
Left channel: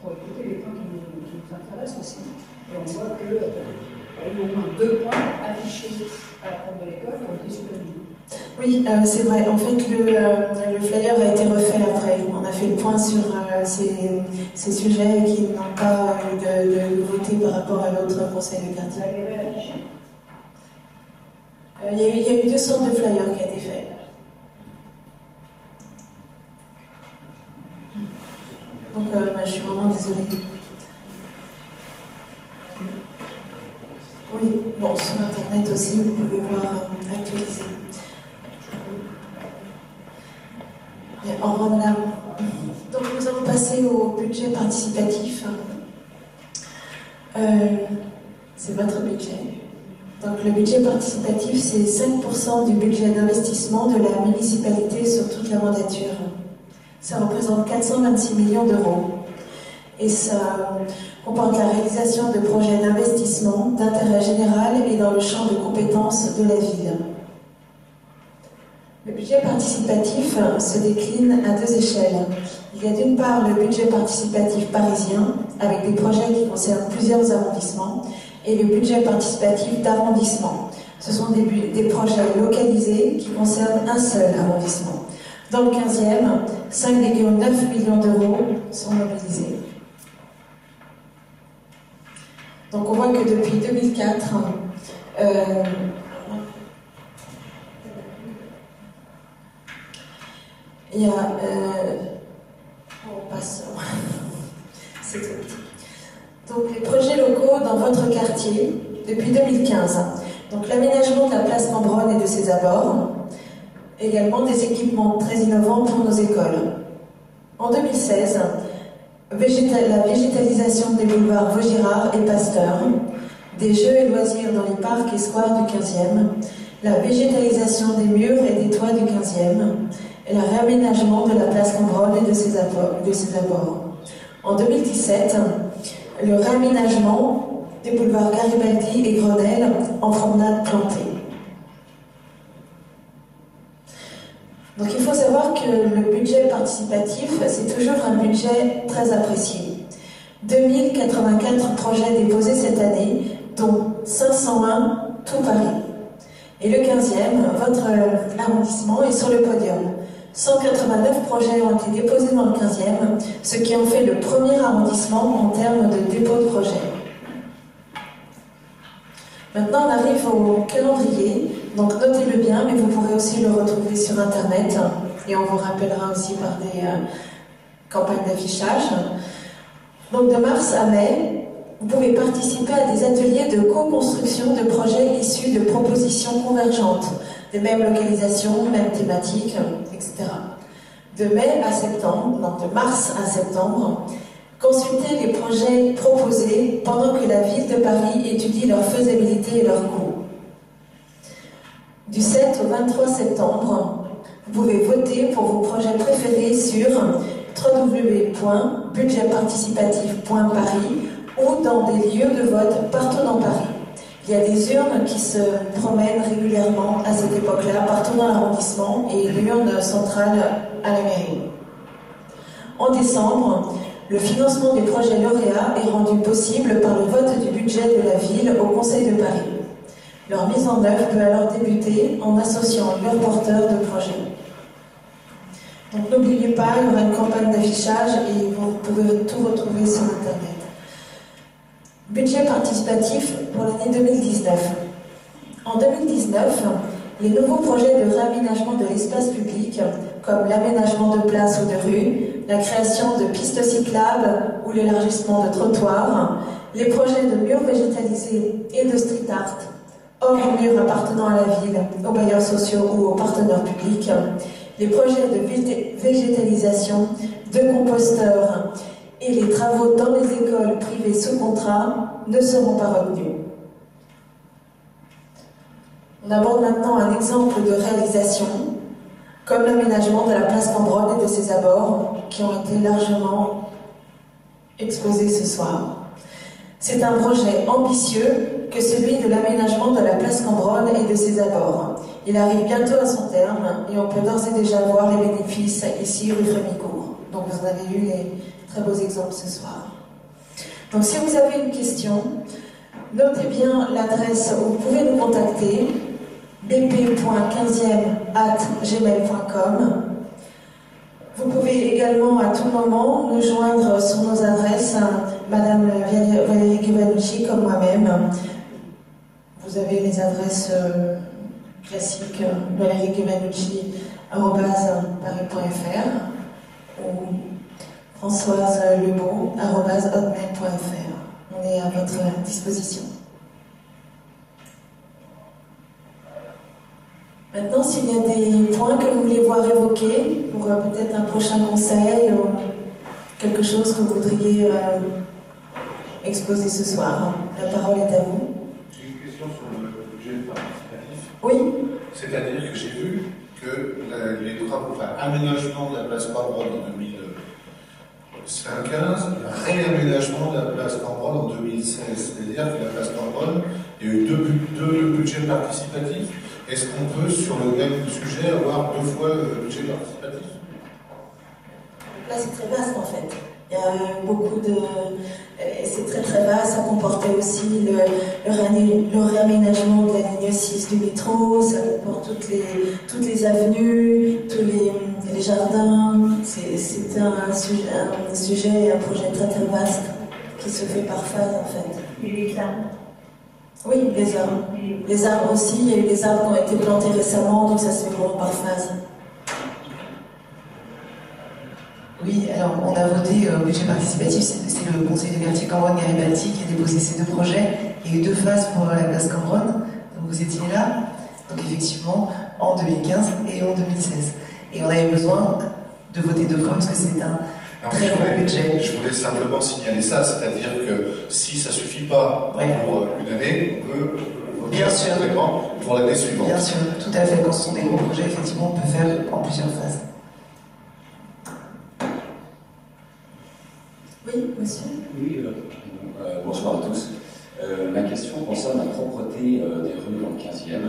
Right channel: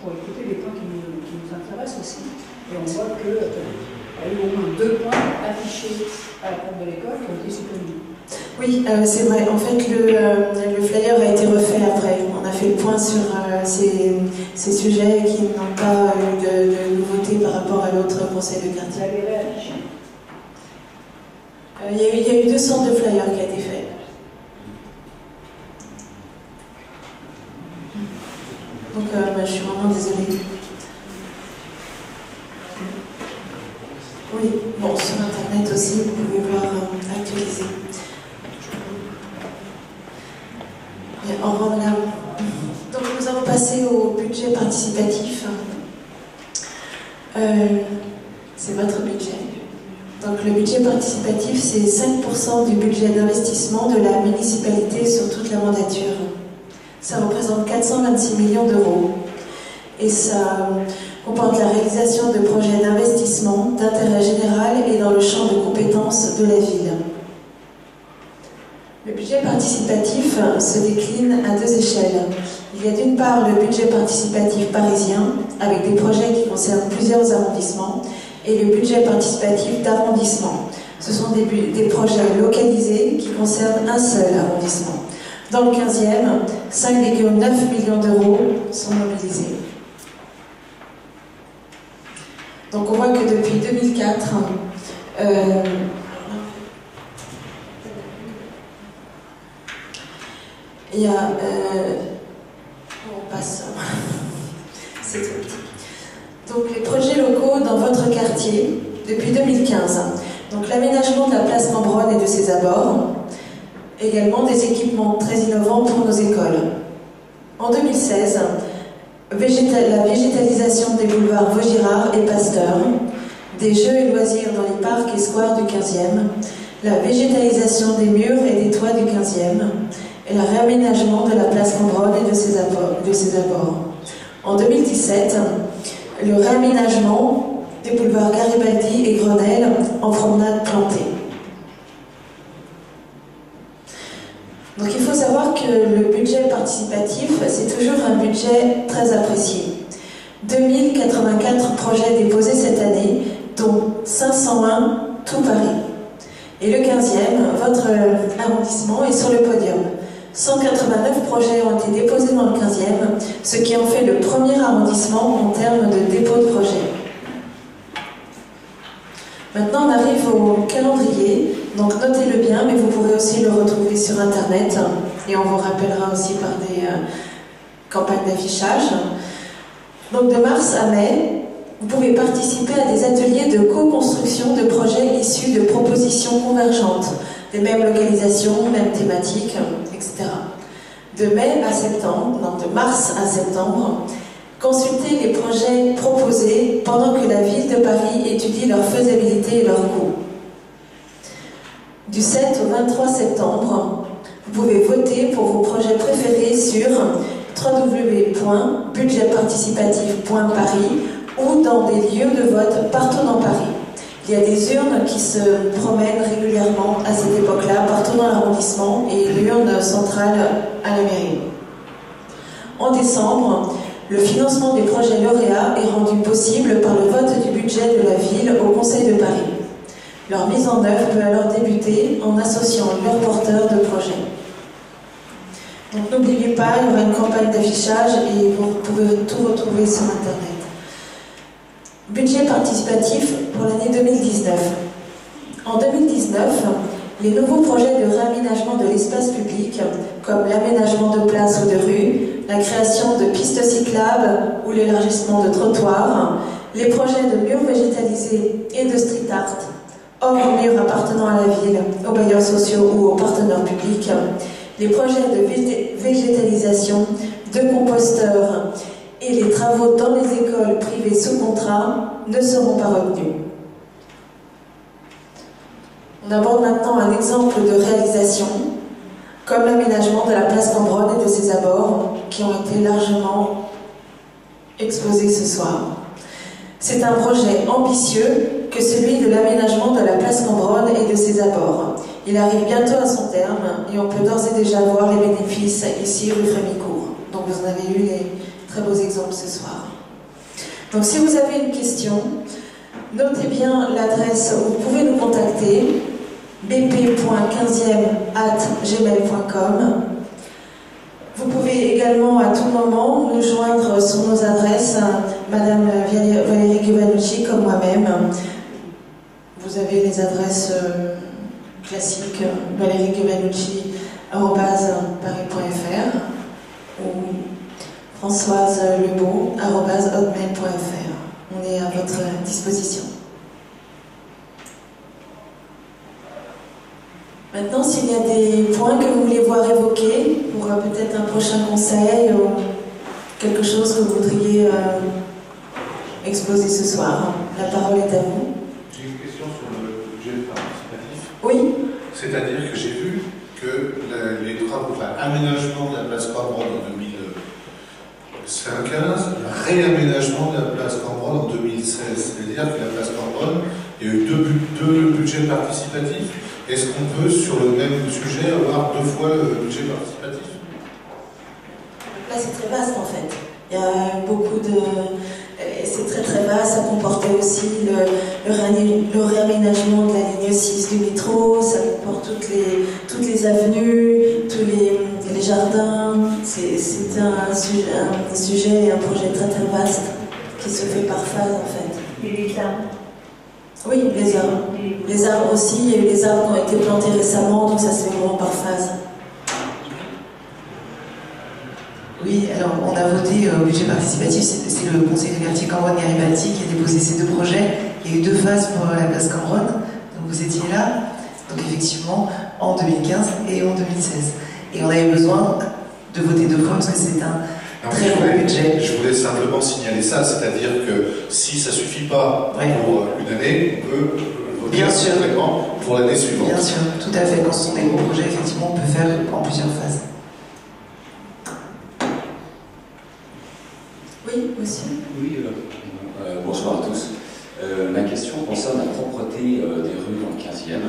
pour écouter les points qui nous intéressent aussi. Et on voit qu'il y a eu au moins 2 points affichés à la porte de l'école qui ont été supprimés. Oui, c'est vrai. En fait, le flyer a été refait après. On a fait le point sur ces sujets qui n'ont pas eu de nouveauté par rapport à l'autre conseil de quartier. Vous allez réafficher? Il y a eu 2 sortes de flyers qui ont été faits. Donc, je suis vraiment désolée. Oui, bon, sur Internet aussi, vous pouvez voir actualiser. En rendre là. Donc nous allons passer au budget participatif. C'est votre budget. Donc le budget participatif, c'est 5% du budget d'investissement de la municipalité sur toute la mandature. Ça représente 426 millions d'euros. Et ça comporte la réalisation de projets d'investissement d'intérêt général et dans le champ de compétences de la ville. Le budget participatif se décline à 2 échelles. Il y a d'une part le budget participatif parisien, avec des projets qui concernent plusieurs arrondissements, et le budget participatif d'arrondissement. Ce sont des projets localisés qui concernent un seul arrondissement. Dans le 15e, 5,9 millions d'euros sont mobilisés. Donc on voit que depuis 2004, il y a... on passe... C'est tout. Donc les projets locaux dans votre quartier, depuis 2015. Donc l'aménagement de la place Cambronne et de ses abords. Également des équipements très innovants pour nos écoles. En 2016, la végétalisation des boulevards Vaugirard et Pasteur, des jeux et loisirs dans les parcs et squares du 15e, la végétalisation des murs et des toits du 15e, et le réaménagement de la place Cambronne et de ses abords. En 2017, le réaménagement des boulevards Garibaldi et Grenelle en promenade plantée. Donc il faut savoir que le budget participatif, c'est toujours un budget très apprécié. 2084 projets déposés cette année, dont 501 tout Paris. Et le 15e, votre arrondissement, est sur le podium. 189 projets ont été déposés dans le 15e, ce qui en fait le premier arrondissement en termes de dépôt de projets. Maintenant, on arrive au calendrier, donc notez-le bien, mais vous pourrez aussi le retrouver sur Internet, et on vous rappellera aussi par des campagnes d'affichage. Donc de mars à mai, vous pouvez participer à des ateliers de co-construction de projets issus de propositions convergentes, des mêmes localisations, mêmes thématiques, etc. De mai à septembre, donc de mars à septembre, consultez les projets proposés pendant que la ville de Paris étudie leur faisabilité et leur coût. Du 7 au 23 septembre, vous Vous pouvez voter pour vos projets préférés sur www.budgetparticipatif.paris ou dans des lieux de vote partout dans Paris. Il y a des urnes qui se promènent régulièrement à cette époque-là, partout dans l'arrondissement, et l'urne centrale à la mairie. En décembre, le financement des projets lauréats est rendu possible par le vote du budget de la ville au Conseil de Paris. Leur mise en œuvre peut alors débuter en associant leurs porteurs de projets. Donc n'oubliez pas, il y aura une campagne d'affichage et vous pouvez tout retrouver sur Internet. Budget participatif pour l'année 2019. En 2019, les nouveaux projets de réaménagement de l'espace public, comme l'aménagement de places ou de rues, la création de pistes cyclables ou l'élargissement de trottoirs, les projets de murs végétalisés et de street art, hors murs appartenant à la ville, aux bailleurs sociaux ou aux partenaires publics, les projets de végétalisation, de composteurs et les travaux dans les écoles privées sous contrat ne seront pas retenus. On aborde maintenant un exemple de réalisation, comme l'aménagement de la place Cambronne et de ses abords, qui ont été largement exposés ce soir. C'est un projet ambitieux que celui de l'aménagement de la place Cambronne et de ses abords. Il arrive bientôt à son terme et on peut d'ores et déjà voir les bénéfices ici rue Frémicourt. Donc vous en avez eu les très beaux exemples ce soir. Donc si vous avez une question, notez bien l'adresse où vous pouvez nous contacter, bp.15e@gmail.com. Vous pouvez également à tout moment nous joindre sur nos adresses, Madame Valérie Giovannucci comme moi-même. Vous avez les adresses classiques, valériegiovannucci@paris.fr ou françoiselebeau@hotmail.fr. On est à votre disposition. Maintenant, s'il y a des points que vous voulez voir évoqués pour peut-être un prochain conseil ou quelque chose que vous voudriez exposer ce soir, la parole est à vous. J'ai une question sur le budget participatif. Oui. C'est-à-dire que j'ai vu que les travaux, aménagement de la place Cambronne en 2015, réaménagement de la place Cambronne en 2016. C'est-à-dire que la place Cambronne, il y a eu deux budgets participatifs. Est-ce qu'on peut, sur le même sujet, avoir deux fois le budget participatif? Là, c'est très vaste en fait. Il y a beaucoup de... C'est très très vaste, ça comportait aussi le réaménagement de la ligne 6 du métro, ça comporte toutes les avenues, tous les jardins. C'est un sujet et un projet très très vaste qui se fait par phase en fait. Et les arbres? Oui, les arbres. Les arbres aussi, il y a eu des arbres qui ont été plantés récemment, donc ça se fait vraiment par phase. Oui, alors on a voté au budget participatif, c'est le conseil de quartier Cambronne-Garibaldi qui a déposé ces deux projets. Il y a eu deux phases pour la place Cambronne, donc vous étiez là, donc effectivement en 2015 et en 2016. Et on avait besoin de voter deux fois parce que c'est un très gros budget. Je voulais simplement signaler ça, c'est-à-dire que si ça ne suffit pas pour une année, on peut voter simplement pour l'année suivante. Bien sûr, tout à fait. Quand ce sont des gros projets, effectivement, on peut faire en plusieurs phases. Oui, monsieur. Oui, bonsoir à tous. Ma question concerne la propreté des rues dans le 15e.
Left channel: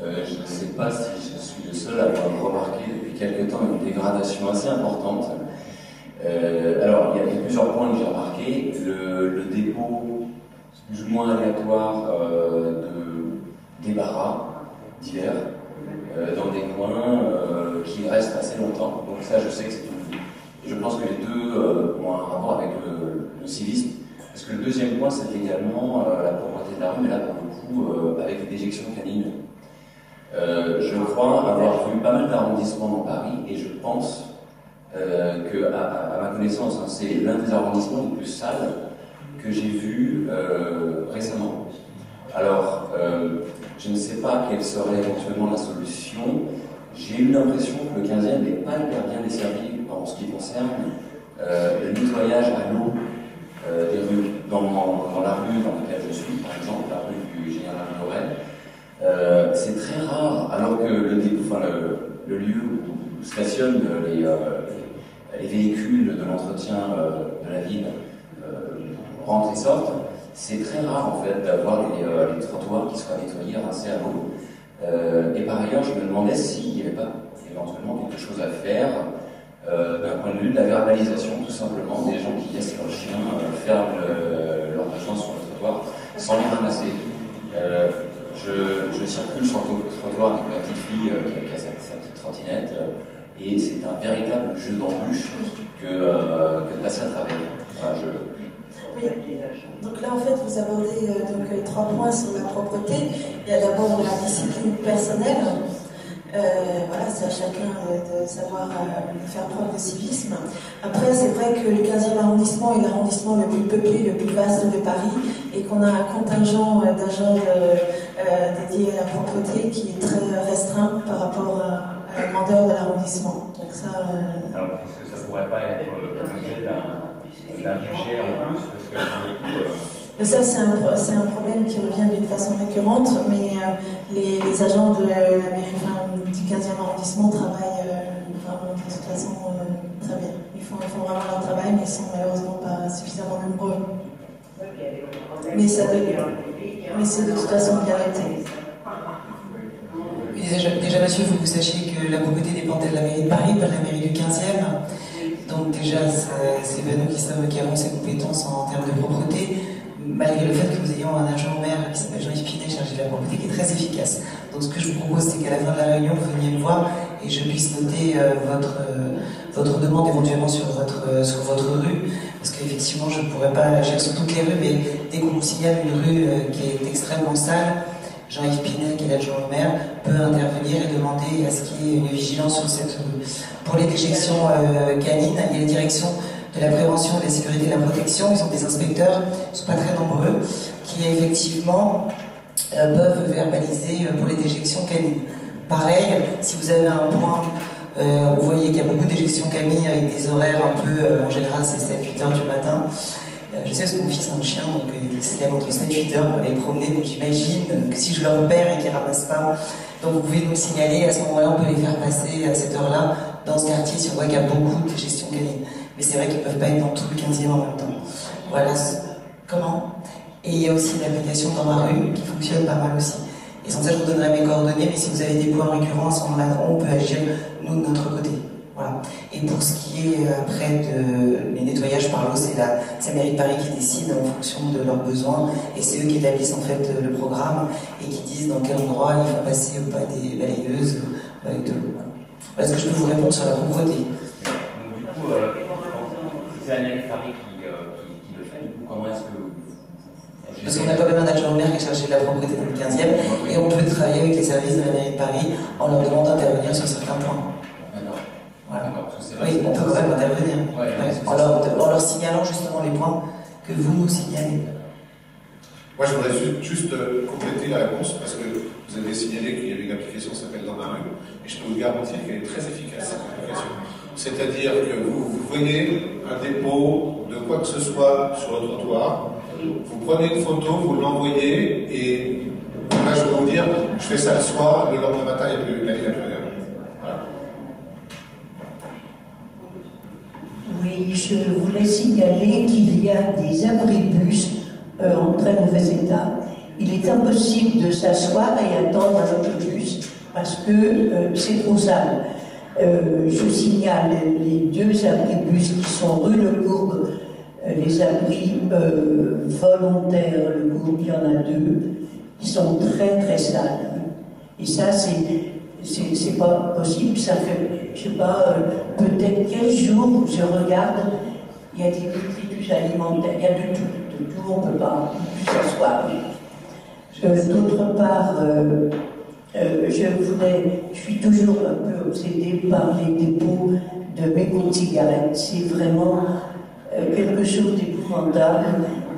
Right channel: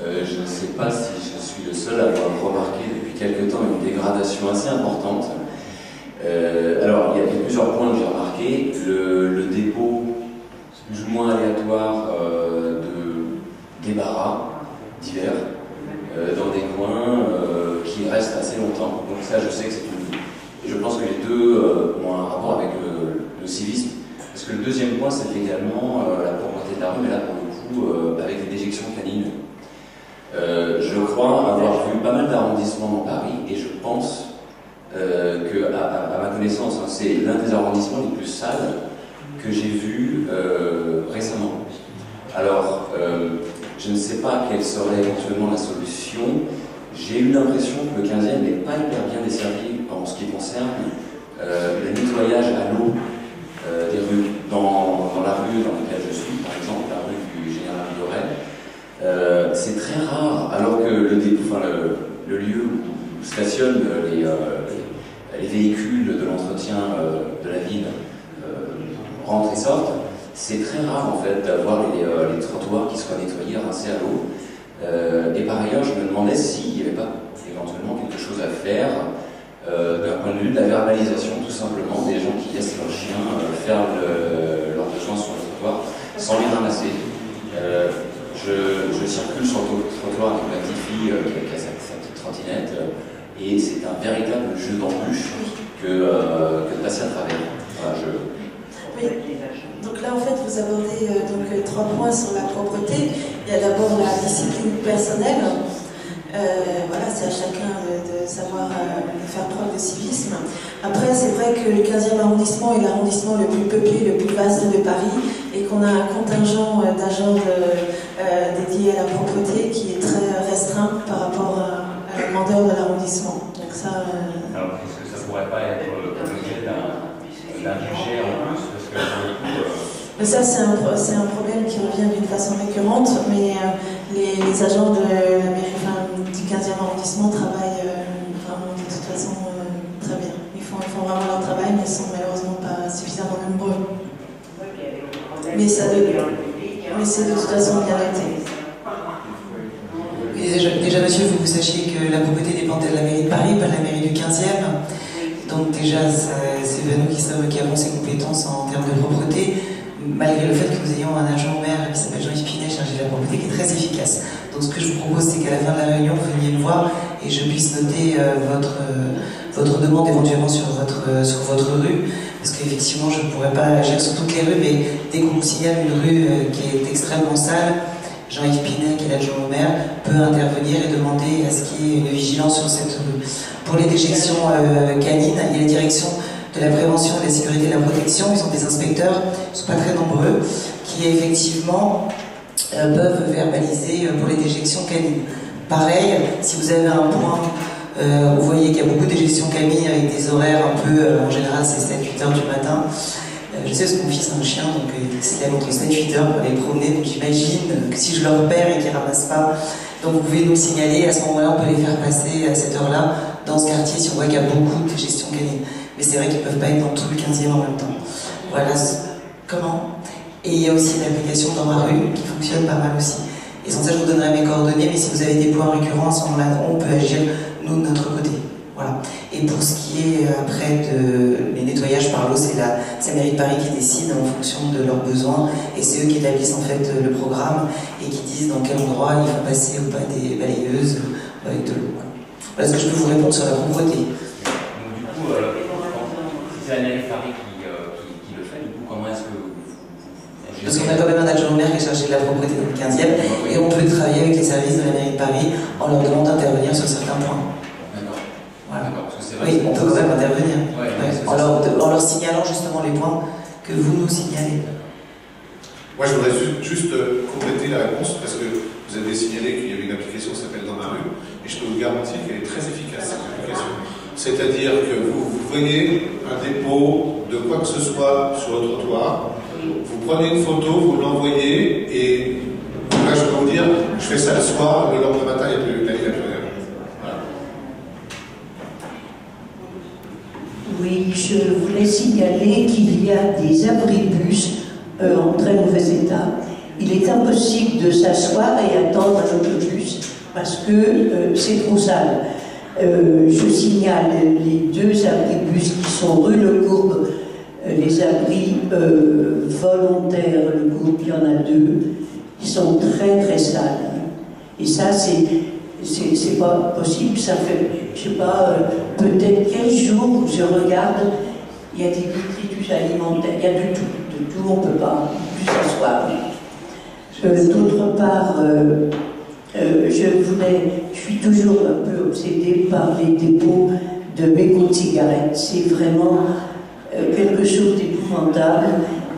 Je ne sais pas si je suis le seul à avoir remarqué depuis quelque temps une dégradation assez importante. Alors, il y a plusieurs points que j'ai remarqués. Le dépôt plus ou moins aléatoire de débarras divers dans des coins qui restent assez longtemps. Donc ça, je sais que c'est une... Je pense que les deux ont un rapport avec le civisme. Parce que le deuxième point, c'est également la propreté de la rue, mais là, pour le coup, avec les déjections canines. Je crois avoir vu pas mal d'arrondissements dans Paris, et je pense que, à ma connaissance, hein, c'est l'un des arrondissements les plus sales que j'ai vu récemment. Alors, je ne sais pas quelle serait éventuellement la solution. J'ai eu l'impression que le 15e n'est pas hyper bien desservi en ce qui concerne le nettoyage à l'eau des rues. Dans la rue dans laquelle je suis, par exemple, la rue du Général Dorel, c'est très rare, alors que le lieu où stationnent les véhicules de l'entretien de la ville rentrent et sortent, c'est très rare en fait d'avoir les trottoirs qui soient nettoyés, rincés à l'eau. Et par ailleurs, je me demandais s'il n'y avait pas éventuellement quelque chose à faire d'un point de vue de la verbalisation, tout simplement, des gens qui laissent leurs chiens faire leurs besoins sur le trottoir sans les ramasser. Je circule sur le trottoir avec ma petite fille qui a sa petite trottinette et c'est un véritable jeu d'embûche que de passer à travers. Voilà, Oui. Donc là, en fait, vous abordez donc 3 points sur la propreté. Il y a d'abord la discipline personnelle. Voilà, c'est à chacun de savoir faire preuve de civisme. Après, c'est vrai que le 15e arrondissement est l'arrondissement le plus peuplé, le plus vaste de Paris, et qu'on a un contingent d'agents dédiés à la propreté qui est très restreint par rapport à la grandeur de l'arrondissement. Donc ça. Alors, est-ce que ça pourrait pas être l'objet d'un budget en plus, parce que mais ça, c'est un problème qui revient d'une façon récurrente, mais les agents de la mairie, du 15e arrondissement travaillent vraiment de toute façon très bien. Ils font vraiment leur travail, mais ils sont malheureusement pas suffisamment nombreux. Mais c'est de toute façon bien noté. Déjà, monsieur, vous sachiez que la propreté dépendait de la mairie de Paris, pas de la mairie du 15e. Donc déjà, c'est nous qui avons ces compétences en termes de propreté, malgré le fait que nous ayons un adjoint au maire qui s'appelle Jean-Yves Pinet, chargé de la propreté, qui est très efficace. Donc ce que je vous propose, c'est qu'à la fin de la réunion, vous veniez me voir et je puisse noter votre demande éventuellement sur votre rue, parce qu'effectivement, je ne pourrais pas agir sur toutes les rues, mais dès qu'on nous signale une rue qui est extrêmement sale, Jean-Yves Pinet, qui est l'adjoint au maire, peut intervenir et demander à ce qu'il y ait une vigilance sur cette rue. Pour les déjections canines, il y a la direction de la prévention, de la sécurité et de la protection, ils ont des inspecteurs, ils ne sont pas très nombreux, qui effectivement peuvent verbaliser pour les déjections canines. Pareil, si vous avez un point, vous voyez qu'il y a beaucoup de déjections canines avec des horaires un peu, en général c'est 7-8 heures du matin. Je sais parce que mon fils a un chien, donc il se lève entre 7-8 heures pour aller promener, donc j'imagine que si je le repère et qu'il ne ramasse pas, donc vous pouvez nous le signaler, à ce moment-là on peut les faire passer à cette heure-là dans ce quartier si on voit qu'il y a beaucoup de déjections canines. Mais c'est vrai qu'ils ne peuvent pas être dans tout le 15e en même temps. Voilà. Comment? Et il y a aussi l'application dans ma rue qui fonctionne pas mal aussi. Et sans ça, je vous donnerai mes coordonnées, mais si vous avez des points récurrents, à ce moment-là, on peut agir, nous, de notre côté. Voilà. Et pour ce qui est après les nettoyages par l'eau, c'est la mairie de Paris qui décide en fonction de leurs besoins, et c'est eux qui établissent en fait le programme et qui disent dans quel endroit il faut passer ou pas des balayeuses avec de l'eau. Voilà ce que je peux vous répondre sur la propreté. Du coup, c'est la mairie de Paris qui le fait, du coup, comment est-ce que parce qu'on a quand même un adjoint au maire qui est chargé de la propreté dans le 15e, et on peut travailler avec les services de la mairie de Paris en leur demandant d'intervenir sur certains points. D'accord. Voilà. Vrai, oui, on peut quand même intervenir. Ouais, en leur signalant justement les points que vous nous signalez. Moi, je voudrais juste compléter la réponse, parce que vous avez signalé qu'il y avait une application qui s'appelle Dans ma rue, et je peux vous garantir qu'elle est très efficace, cette application. C'est-à-dire que vous voyez un dépôt de quoi que ce soit sur le trottoir, vous prenez une photo, vous l'envoyez, et là, je peux vous dire, je fais ça le soir, le lendemain matin, il n'y a plus rien. Voilà. Oui, je voulais signaler qu'il y a des abribus en très mauvais état. Il est impossible de s'asseoir et attendre un autobus parce que c'est trop sale. Je signale les 2 abribus qui sont rue Le Courbe, les abris volontaires, Le Courbe, il y en a 2, qui sont très très sales. Et ça, c'est pas possible, ça fait, je sais pas, peut-être 15 jours, je regarde, il y a des détritus alimentaires, il y a de tout, on ne peut pas plus s'asseoir. D'autre part, je suis toujours un peu obsédée par les dépôts de mégots de cigarettes. C'est vraiment quelque chose d'épouvantable.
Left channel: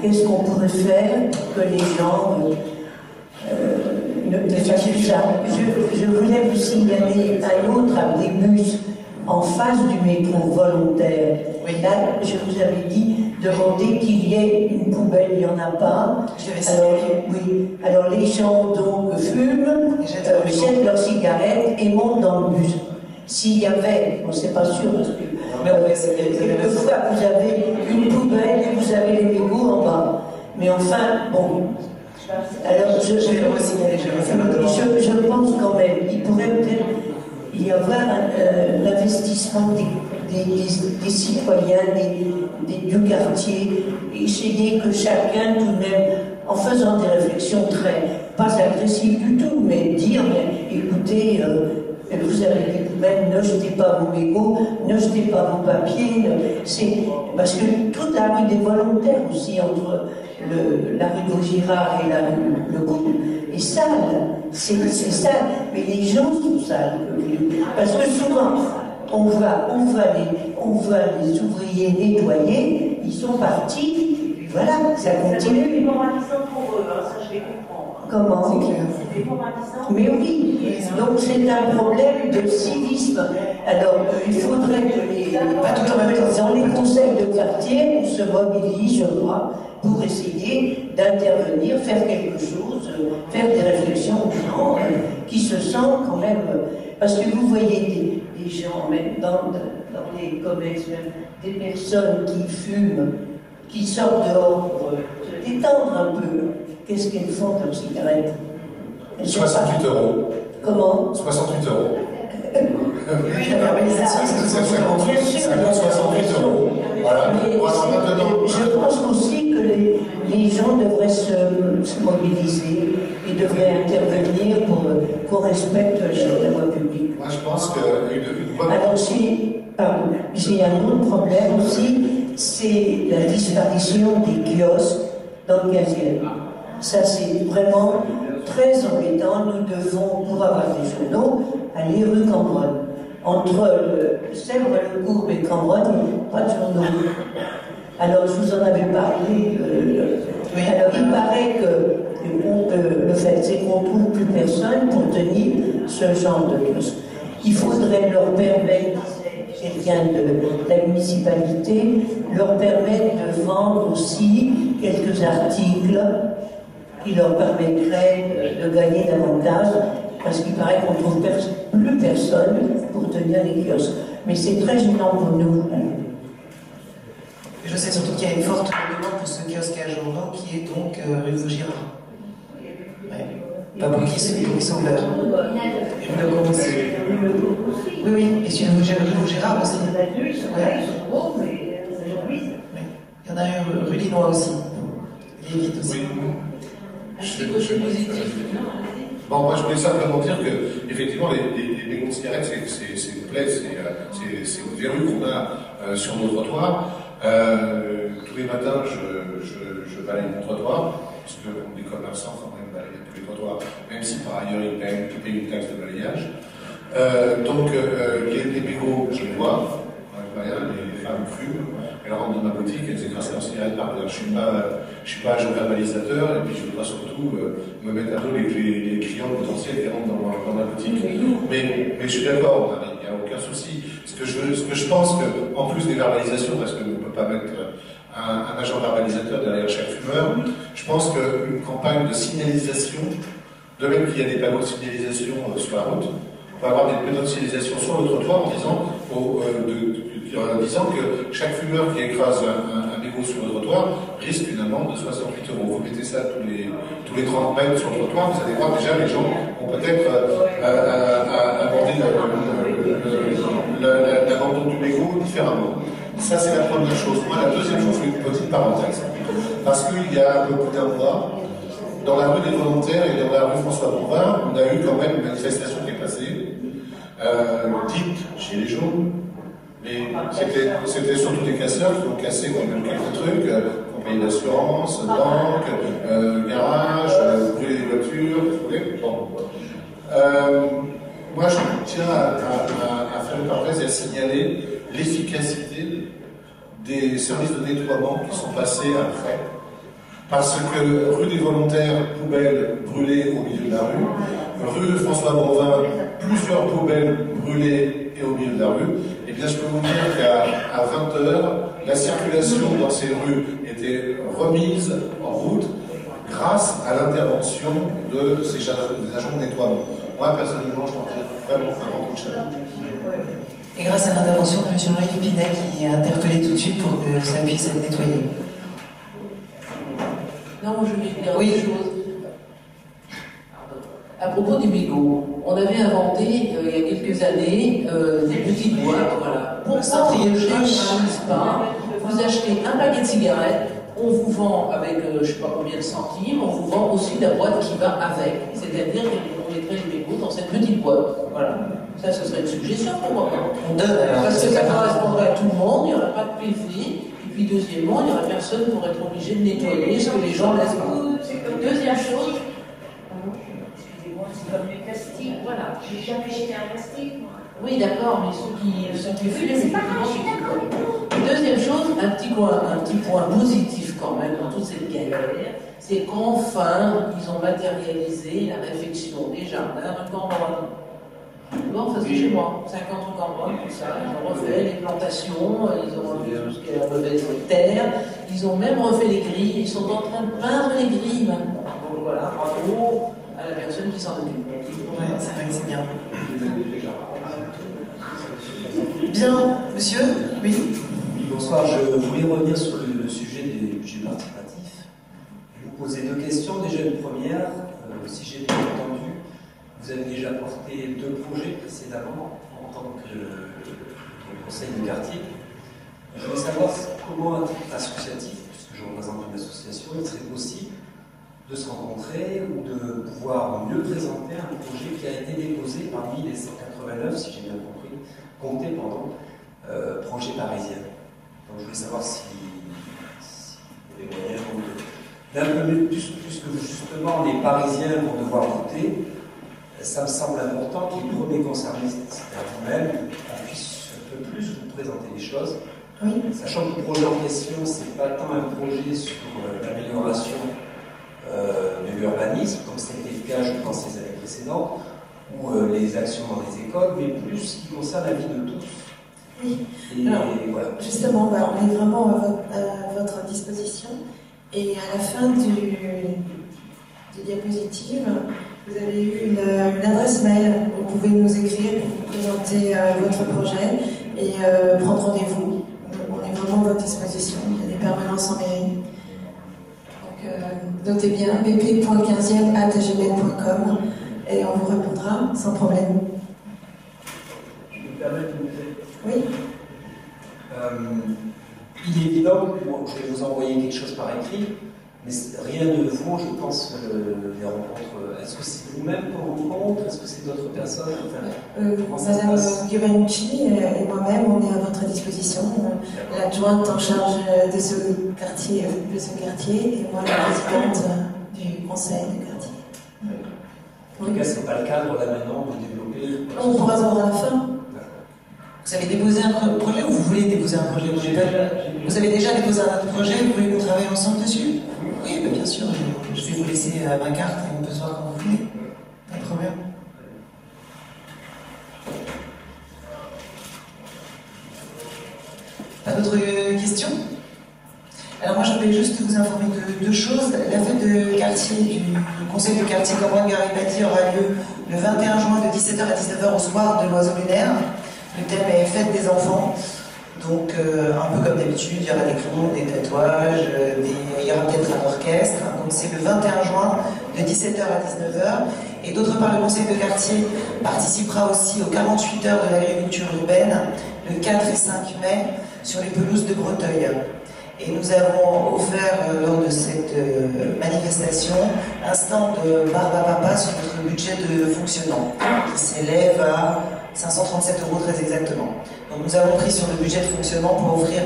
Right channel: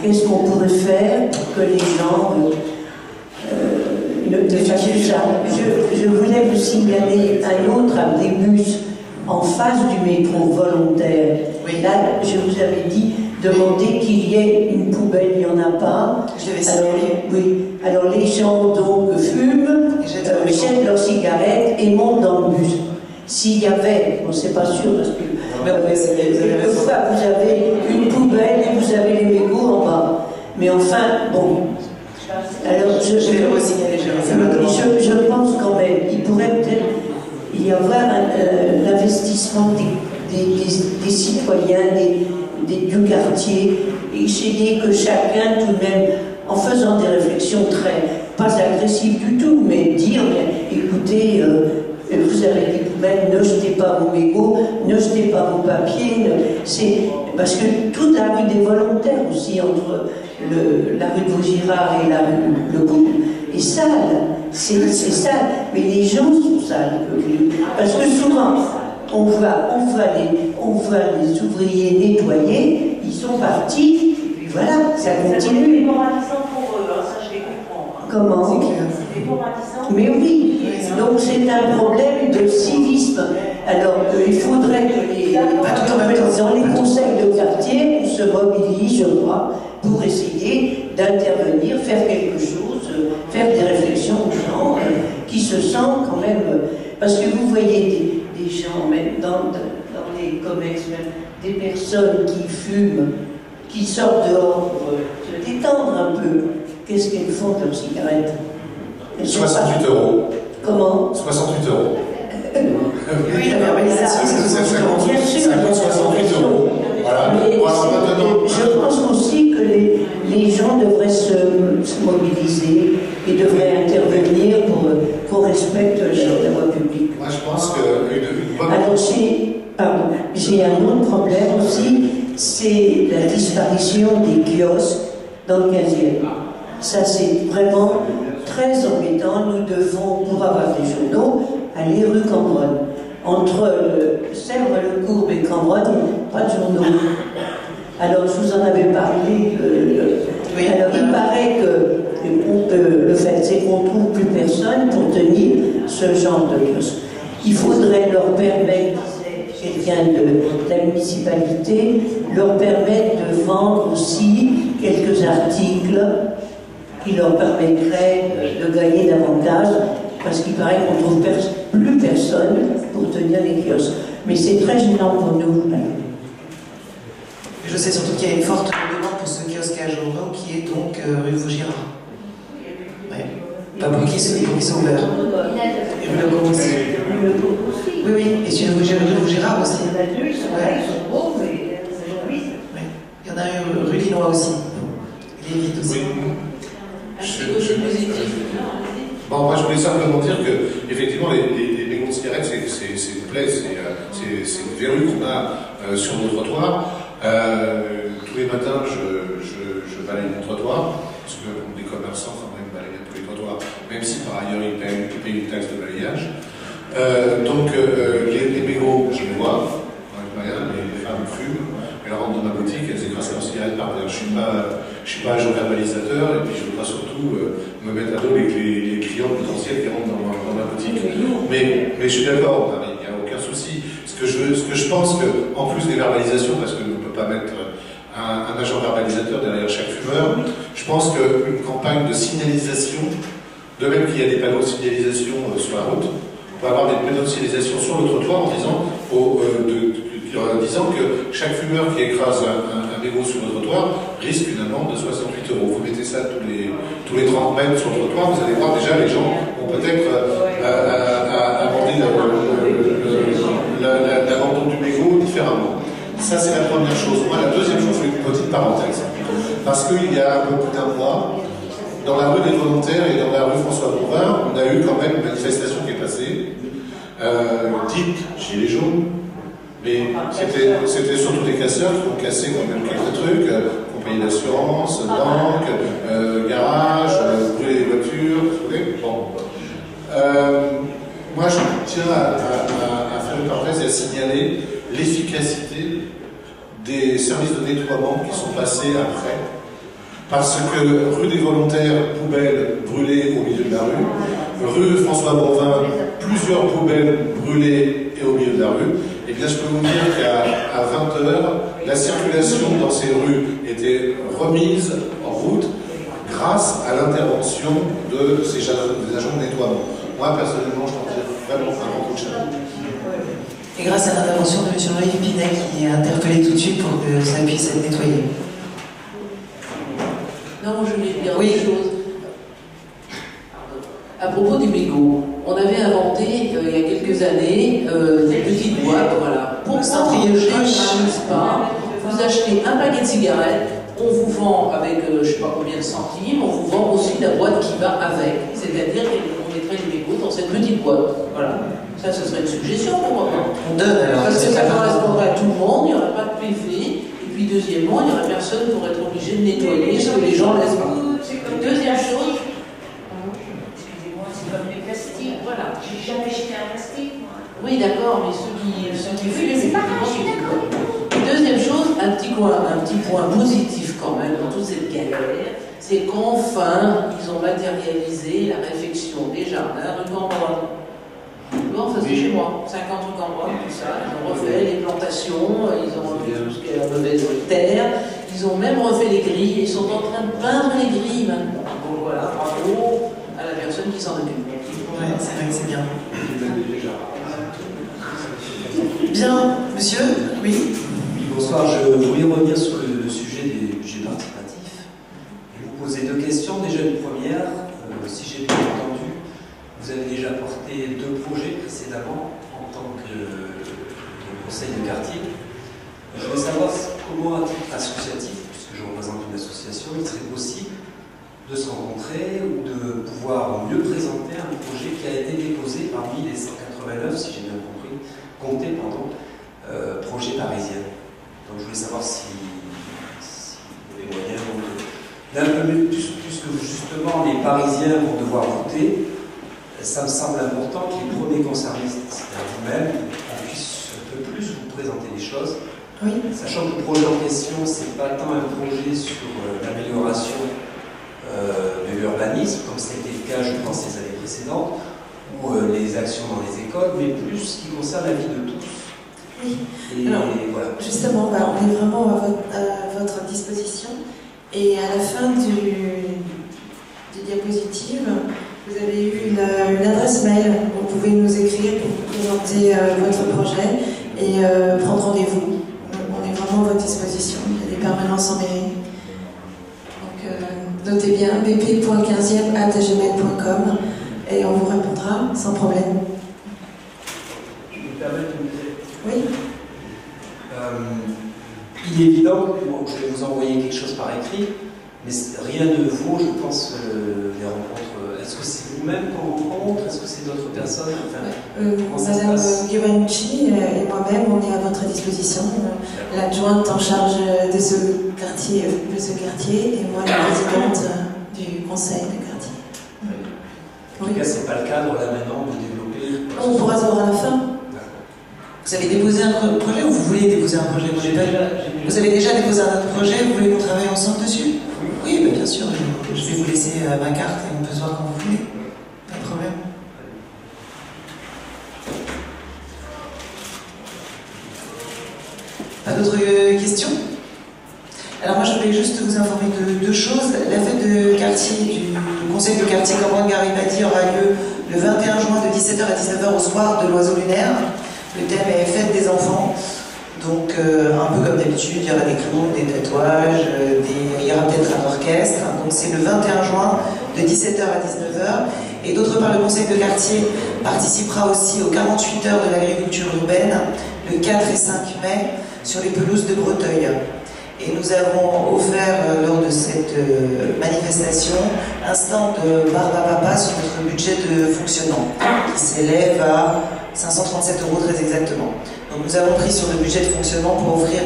Qu'est-ce qu'on pourrait faire pour que les gens ne fassent ça? Je voulais vous signaler un autre abribus en face du métro volontaire. Là, je vous avais dit, demander qu'il y ait une poubelle, il n'y en a pas. Alors les gens donc fument, jettent leurs cigarettes et montent dans le bus. s'il y avait, bon c'est pas sûr parce que quelquefois vous avez une poubelle et vous avez les mégots en bas. Mais enfin, bon. Alors je pense quand même, il pourrait peut-être y avoir l'investissement des citoyens, du quartier, essayer que chacun tout de même, en faisant des réflexions pas agressives du tout, mais dire, mais, écoutez, vous avez des poubelles, ne jetez pas vos mégots, ne jetez pas vos papiers, parce que toute la rue des volontaires aussi, entre la rue de Vaugirard et la rue Le Couple, est sale, c'est sale, mais les gens sont sales, parce que souvent, on voit les ouvriers nettoyer, ils sont partis, et puis voilà, ça continue. C'est démoralisant pour eux, ça je les comprends. Comment? C'est démoralisant. Mais oui, donc c'est un problème de civisme. Alors il faudrait que dans les conseils de quartier, on se mobilise, je crois, pour essayer d'intervenir, faire quelque chose, faire des réflexions aux gens qui se sentent quand même... Parce que vous voyez des gens, même dans les commerces, même des personnes qui fument, qui sortent dehors pour se détendre un peu. Qu'est-ce qu'elles font de leurs cigarettes? 68 €. Comment? 68 €. Oui, la verbalisation, c'est 68 €. Voilà. Je pense aussi que les gens devraient se mobiliser et devraient intervenir pour qu'on respecte la voie publique. Moi, je pense que... Alors, j'ai un autre problème aussi, c'est la disparition des kiosques dans le 15e. Ça, c'est vraiment très embêtant. Nous devons, pour avoir des journaux, aller rue Cambronne. Entre Sèvres-le-Courbe et Cambronne, pas de journaux. Alors, je vous en avais parlé. Alors, il paraît que le fait, c'est qu'on ne trouve plus personne pour tenir ce genre de kiosque. Il faudrait leur permettre, disait quelqu'un de la municipalité, leur permettre de vendre aussi quelques articles qui leur permettraient de gagner davantage, parce qu'il paraît qu'on ne trouve plus personne pour tenir les kiosques. Mais c'est très gênant pour nous. Je sais surtout qu'il y a une forte demande pour ce kiosque à journaux qui est donc rue Vaugirard. Ouais. Pas pour qui sont ouverts. Et rue Le Coupe aussi. Oui, oui, et sur rue Vaugirard aussi. Ouais. Il y en a un rue Linois aussi. Il est vite aussi. Bon, moi je voulais simplement dire que, effectivement, les mégots de cigarettes, c'est une plaie, c'est une verrue qu'on a sur nos trottoirs. Tous les matins, je balaye mon trottoir, parce que les commerçants, quand même, balayent un peu les trottoirs, même si par ailleurs ils payent une taxe de balayage. Les mégots, je les vois, les femmes fument, elles rentrent dans ma boutique, elles écrasent leurs cigarettes par terre. Je suis pas agent verbalisateur, et puis je ne veux pas surtout me mettre à dos les clients potentiels qui rentrent dans ma boutique. Mais je suis d'accord, il n'y a aucun souci. Ce que je pense qu'en plus des verbalisations, parce qu'on ne peut pas mettre un agent verbalisateur derrière chaque fumeur, je pense qu'une campagne de signalisation, de même qu'il y a des panneaux de signalisation sur la route, on peut avoir des panneaux de signalisation sur le trottoir en disant que chaque fumeur qui écrase un mégot sur le trottoir risque une amende de 68 €. Vous mettez ça tous les 30 mètres sur le trottoir, vous allez voir déjà les gens vont peut-être aborder l'abandon du mégot différemment. Ça, c'est la première chose. Moi, la deuxième chose, je fais une petite parenthèse. Parce qu'il y a un peu plus d'un mois, dans la rue des Volontaires et dans la rue François Bouvard, on a eu quand même une manifestation qui est passée, dite Gilets jaunes, mais c'était surtout des casseurs qui ont cassé quand même quelques trucs, compagnie d'assurance, banque, garage, brûler les voitures, vous voyez. Bon. Moi, je tiens à faire une parenthèse et à signaler l'efficacité des services de nettoiement qui sont passés après. Parce que rue des Volontaires, poubelles brûlées au milieu de la rue, rue François Bourvin, plusieurs poubelles brûlées et au milieu de la rue, et bien je peux vous dire qu'à 20 h, la circulation dans ces rues était remise en route grâce à l'intervention des agents de nettoiement. Moi, personnellement, je t'en tire vraiment un grand coup de chapeau. Et grâce à l'intervention de M. Jean-Yves Pinet qui est interpellé tout de suite pour que ça puisse être nettoyé. Non, je voulais dire une chose. À propos des mégots, on avait inventé il y a quelques années des petites boîtes, voilà. Pourquoi on ne généralise pas? Vous achetez un paquet de cigarettes, on vous vend avec je ne sais pas combien de centimes, on vous vend aussi la boîte qui va avec. C'est-à-dire qu'on mettrait les mégots dans cette petite boîte. Voilà. Ça, ce serait une suggestion pour moi. On donne alors. Parce que ça correspondrait à tout le monde, il n'y aurait pas de PV. Et puis deuxièmement, il n'y aurait personne pour être obligé de nettoyer ce que les gens laissent pas. Deuxième chose. Comme les plastiques, voilà. J'ai jamais jeté un plastique, moi. Oui, d'accord, mais ceux qui fument, c'est pas grave, je suis d'accord. Deuxième chose, un petit point positif quand même dans toute cette galère, c'est qu'enfin, ils ont matérialisé la réfection des jardins rue Cambronne. Bon, ça c'est chez moi, 50 rue Cambronne, tout ça. Ils ont refait les plantations, ils ont refait tout ce qui est la mauvaise terre, ils ont même refait les grilles, et ils sont en train de peindre les grilles maintenant. Donc voilà, bravo à la personne qui s'en occupe. Ouais, c'est vrai que c'est bien. Bien, monsieur? Oui. Bonsoir, je voulais revenir sur le sujet des budgets participatifs et vous poser deux questions. Déjà une première, si j'ai bien entendu, vous avez déjà porté 2 projets précédemment en tant que conseil de quartier. Je voulais savoir comment, à titre associatif, puisque je représente une association, il serait possible de se rencontrer ou de pouvoir mieux présenter un projet qui a été déposé parmi les 189, si j'ai bien compris, comptés, projets parisiens. Donc je voulais savoir si vous avez moyen d'un peu mieux, puisque justement les Parisiens vont devoir voter, ça me semble important que les premiers concernés, c'est-à-dire vous-même, on puisse un peu plus vous présenter les choses. Oui. Sachant que le projet en question, c'est pas tant un projet sur l'amélioration de l'urbanisme, comme c'était le cas, je pense, les années précédentes, ou les actions dans les écoles, mais plus ce qui concerne la vie de tous. Oui. Et alors, voilà. justement, on est vraiment à votre disposition. Et à la fin du diapositive, vous avez eu une adresse mail. Vous pouvez nous écrire pour vous présenter votre projet et prendre rendez-vous. On est vraiment à votre disposition. Il y a des permanences en mairie. Donc, notez bien bp.15e@gmail.com et on vous répondra sans problème. Oui. Il est évident que je vais vous envoyer quelque chose par écrit, mais rien ne vaut, je pense, les rencontres. Est-ce que c'est vous-même qu'on rencontre? Est-ce que c'est d'autres personnes? Madame Giovannucci et moi-même, on est à votre disposition. L'adjointe en charge de ce quartier et moi la présidente du conseil de quartier. En tout cas, ce n'est pas le cadre là maintenant de développer. On pourra se voir à la fin. Vous avez déposé un projet ou vous voulez déposer un projet? Vous avez déjà déposé un autre projet, vous voulez qu'on travaille ensemble dessus? Oui, bien sûr, je vais vous laisser ma carte et on peut se voir quand vous voulez. Pas de problème. Pas d'autres questions? Alors moi je voulais juste vous informer de 2 choses. La fête de quartier du conseil de quartier Cambronne-Garibaldi aura lieu le 21 juin de 17h à 19h au soir de l'Oiseau Lunaire. Le thème est fête des enfants. Donc un peu comme d'habitude, il y aura des clowns, des tatouages, il y aura peut-être un orchestre. Donc c'est le 21 juin de 17h à 19h. Et d'autre part, le conseil de quartier participera aussi aux 48 heures de l'agriculture urbaine le 4 et 5 mai sur les pelouses de Breteuil. Et nous avons offert lors de cette manifestation un stand Barbe à Papa sur notre budget de fonctionnement qui s'élève à 537 € très exactement. Donc nous avons pris sur le budget de fonctionnement pour offrir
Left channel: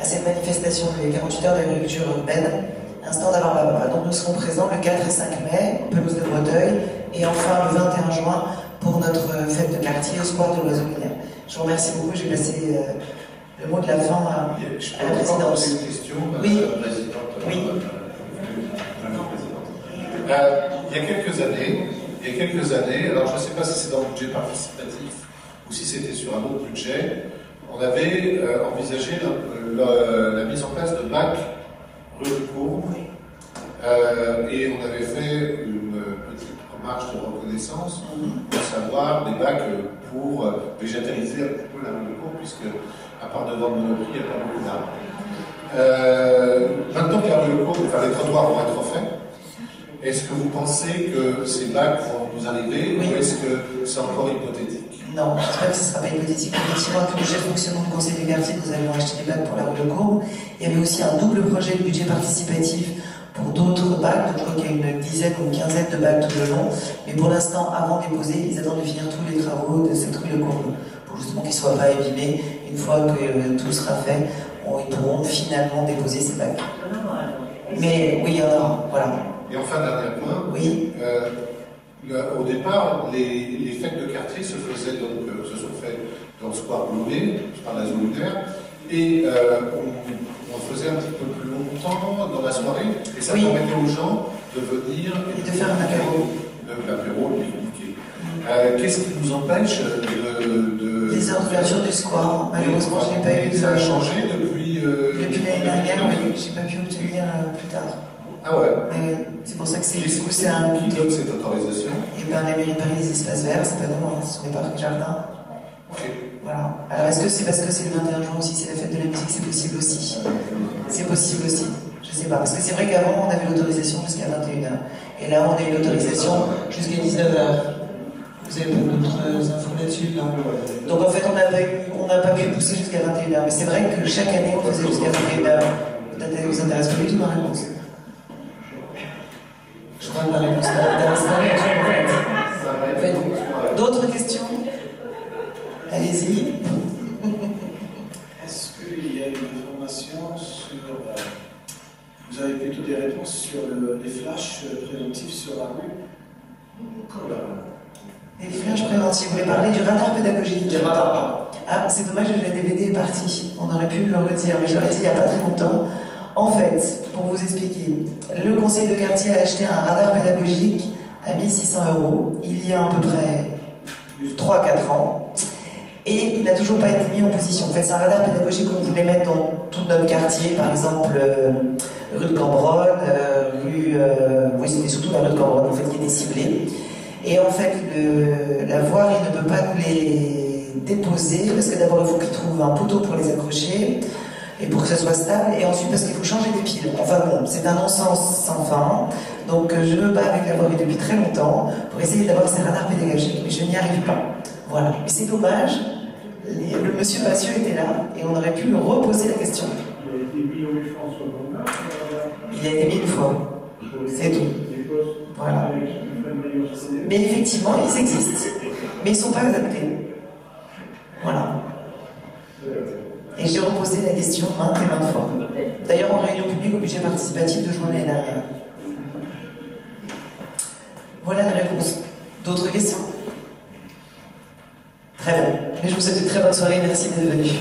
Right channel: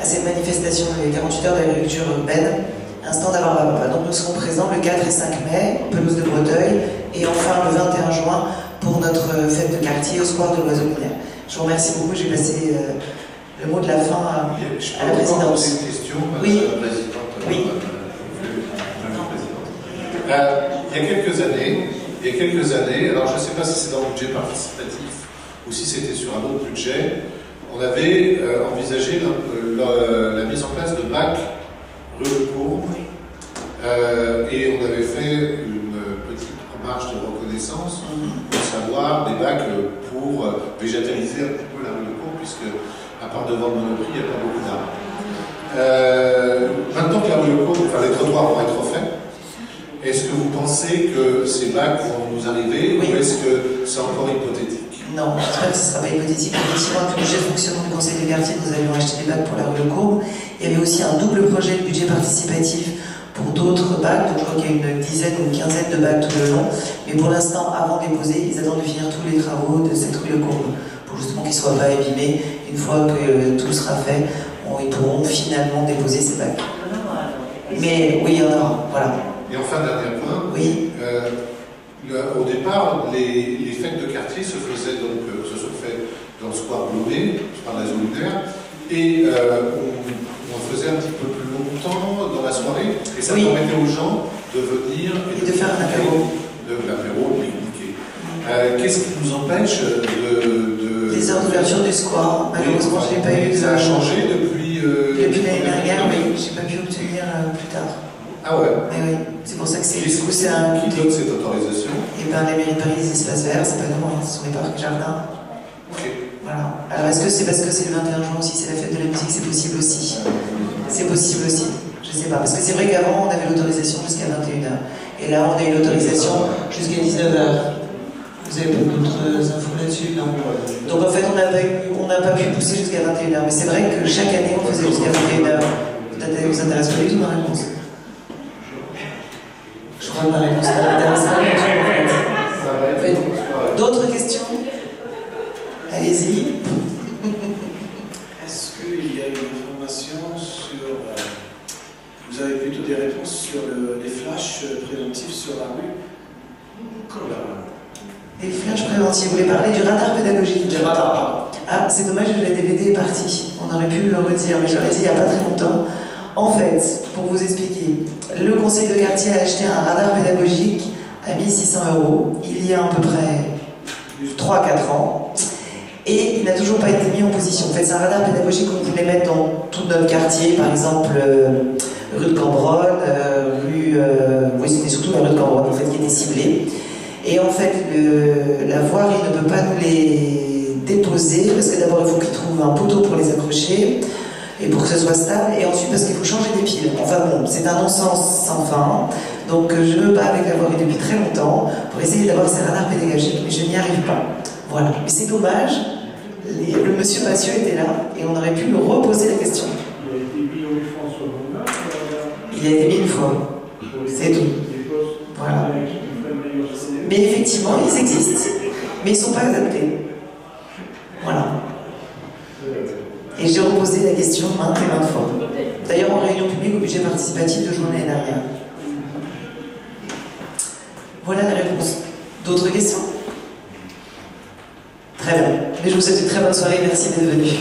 à cette manifestation les 48 heures d'agriculture urbaine un stand à Barbe à Papa. Donc nous serons présents le 4 et 5 mai, pelouse de Breteuil, et enfin le 21 juin pour notre fête de quartier au square de l'Oiseau Lunaire. Je vous remercie beaucoup, j'ai passé le mot de la fin à la présidence. Une question, oui. Madame la Présidente. Oui. Il y a quelques années, alors je ne sais pas si c'est dans le budget participatif ou si c'était sur un autre budget, on avait envisagé la mise en place de bacs rue de Courbe et on avait fait une petite marche de reconnaissance pour savoir des bacs pour végétaliser un petit peu la rue de Cour, puisque à part devant le Monoprix, il n'y a pas beaucoup d'arbres. Maintenant que la rue de Cour, enfin, les trottoirs vont être faits, est-ce que vous pensez que ces bacs vont nous arriver, ou est-ce que c'est encore hypothétique? Non, j'espère que ce ne sera pas hypothétique. Effectivement, avec le budget de fonctionnement du Conseil des quartiers, nous avions acheté des bacs pour la rue de Courbe. Il y avait aussi un double projet de budget participatif pour d'autres bacs, donc je crois qu'il y a une dizaine ou une quinzaine de bacs tout le long. Mais pour l'instant, avant de les poser, ils attendent de finir tous les travaux de cette rue de Courbe, pour justement qu'ils ne soient pas abîmés. Une fois que tout sera fait, ils pourront finalement déposer ces bacs. Mais oui, il y en aura, voilà. Et enfin, dernier point. Oui. Au départ, les fêtes de quartier se faisaient donc, se sont faites dans le square Blomet, je parle de la zone lunaire, et on faisait un petit peu plus longtemps dans la soirée, et ça permettait aux gens de venir et de faire un apéro, de pique-niquer. Qu'est-ce qui nous empêche de les heures d'ouverture du square? Malheureusement, je n'ai pas eu de... Ça a changé depuis l'année dernière, mais je n'ai pas pu obtenir plus tard. Ah ouais? Oui, c'est pour ça que c'est un... Qui donne cette autorisation? Et bien, la mairie de Paris, les espaces verts, c'est pas nous, ce sont les parcs jardins. Ok. Voilà. Alors, est-ce que c'est parce que c'est le 21 juin aussi, c'est la fête de la musique? C'est possible aussi. C'est possible aussi. Je sais pas. Parce que c'est vrai qu'avant, on avait l'autorisation jusqu'à 21h. Et là, on a une autorisation jusqu'à 19h. Vous avez pas d'autres infos là-dessus, non? Donc, en fait, on n'a pas pu pousser jusqu'à 21h. Mais c'est vrai que chaque année, on faisait jusqu'à 21h. Peut-être que vous intéresse pas du tout ma réponse. Je crois que ma réponse m'intéresse pas du tout, en fait. D'autres questions? Allez-y. Est-ce qu'il y a une information sur... vous avez plutôt des réponses sur les flashs préventifs sur la rue? Les flashs préventifs, vous voulez parler du radar pédagogique? Du radar, pardon. Ah, c'est dommage que la DVD est partie. On aurait pu le redire, mais je l'ai dit il n'y a pas très longtemps. En fait, pour vous expliquer, le conseil de quartier a acheté un radar pédagogique à 1 600 €, il y a à peu près 3-4 ans, et il n'a toujours pas été mis en position. En fait, c'est un radar pédagogique qu'on voulait mettre dans tout notre quartier, par exemple rue de Cambronne, oui, c'était surtout la rue de Cambronne en fait, qui était ciblée. Et en fait, la voirie ne peut pas nous les déposer, parce que d'abord il faut qu'ils trouvent un poteau pour les accrocher, et pour que ce soit stable, et ensuite parce qu'il faut changer des piles. Enfin bon, c'est un non-sens sans fin, donc je me bats avec la voirie depuis très longtemps pour essayer d'avoir ces radars pédagogiques, mais je n'y arrive pas. Voilà, mais c'est dommage, le monsieur Massieu était là, et on aurait pu lui reposer la question. Il a été mis une fois, c'est tout. Voilà. Mais effectivement, ils existent, mais ils ne sont pas adaptés. Voilà. Et j'ai reposé la question maintes et maintes fois. D'ailleurs, en réunion publique au budget participatif de juin l'année dernière. Voilà la réponse. D'autres questions? Très bien. Mais je vous souhaite une très bonne soirée. Merci d'être venus.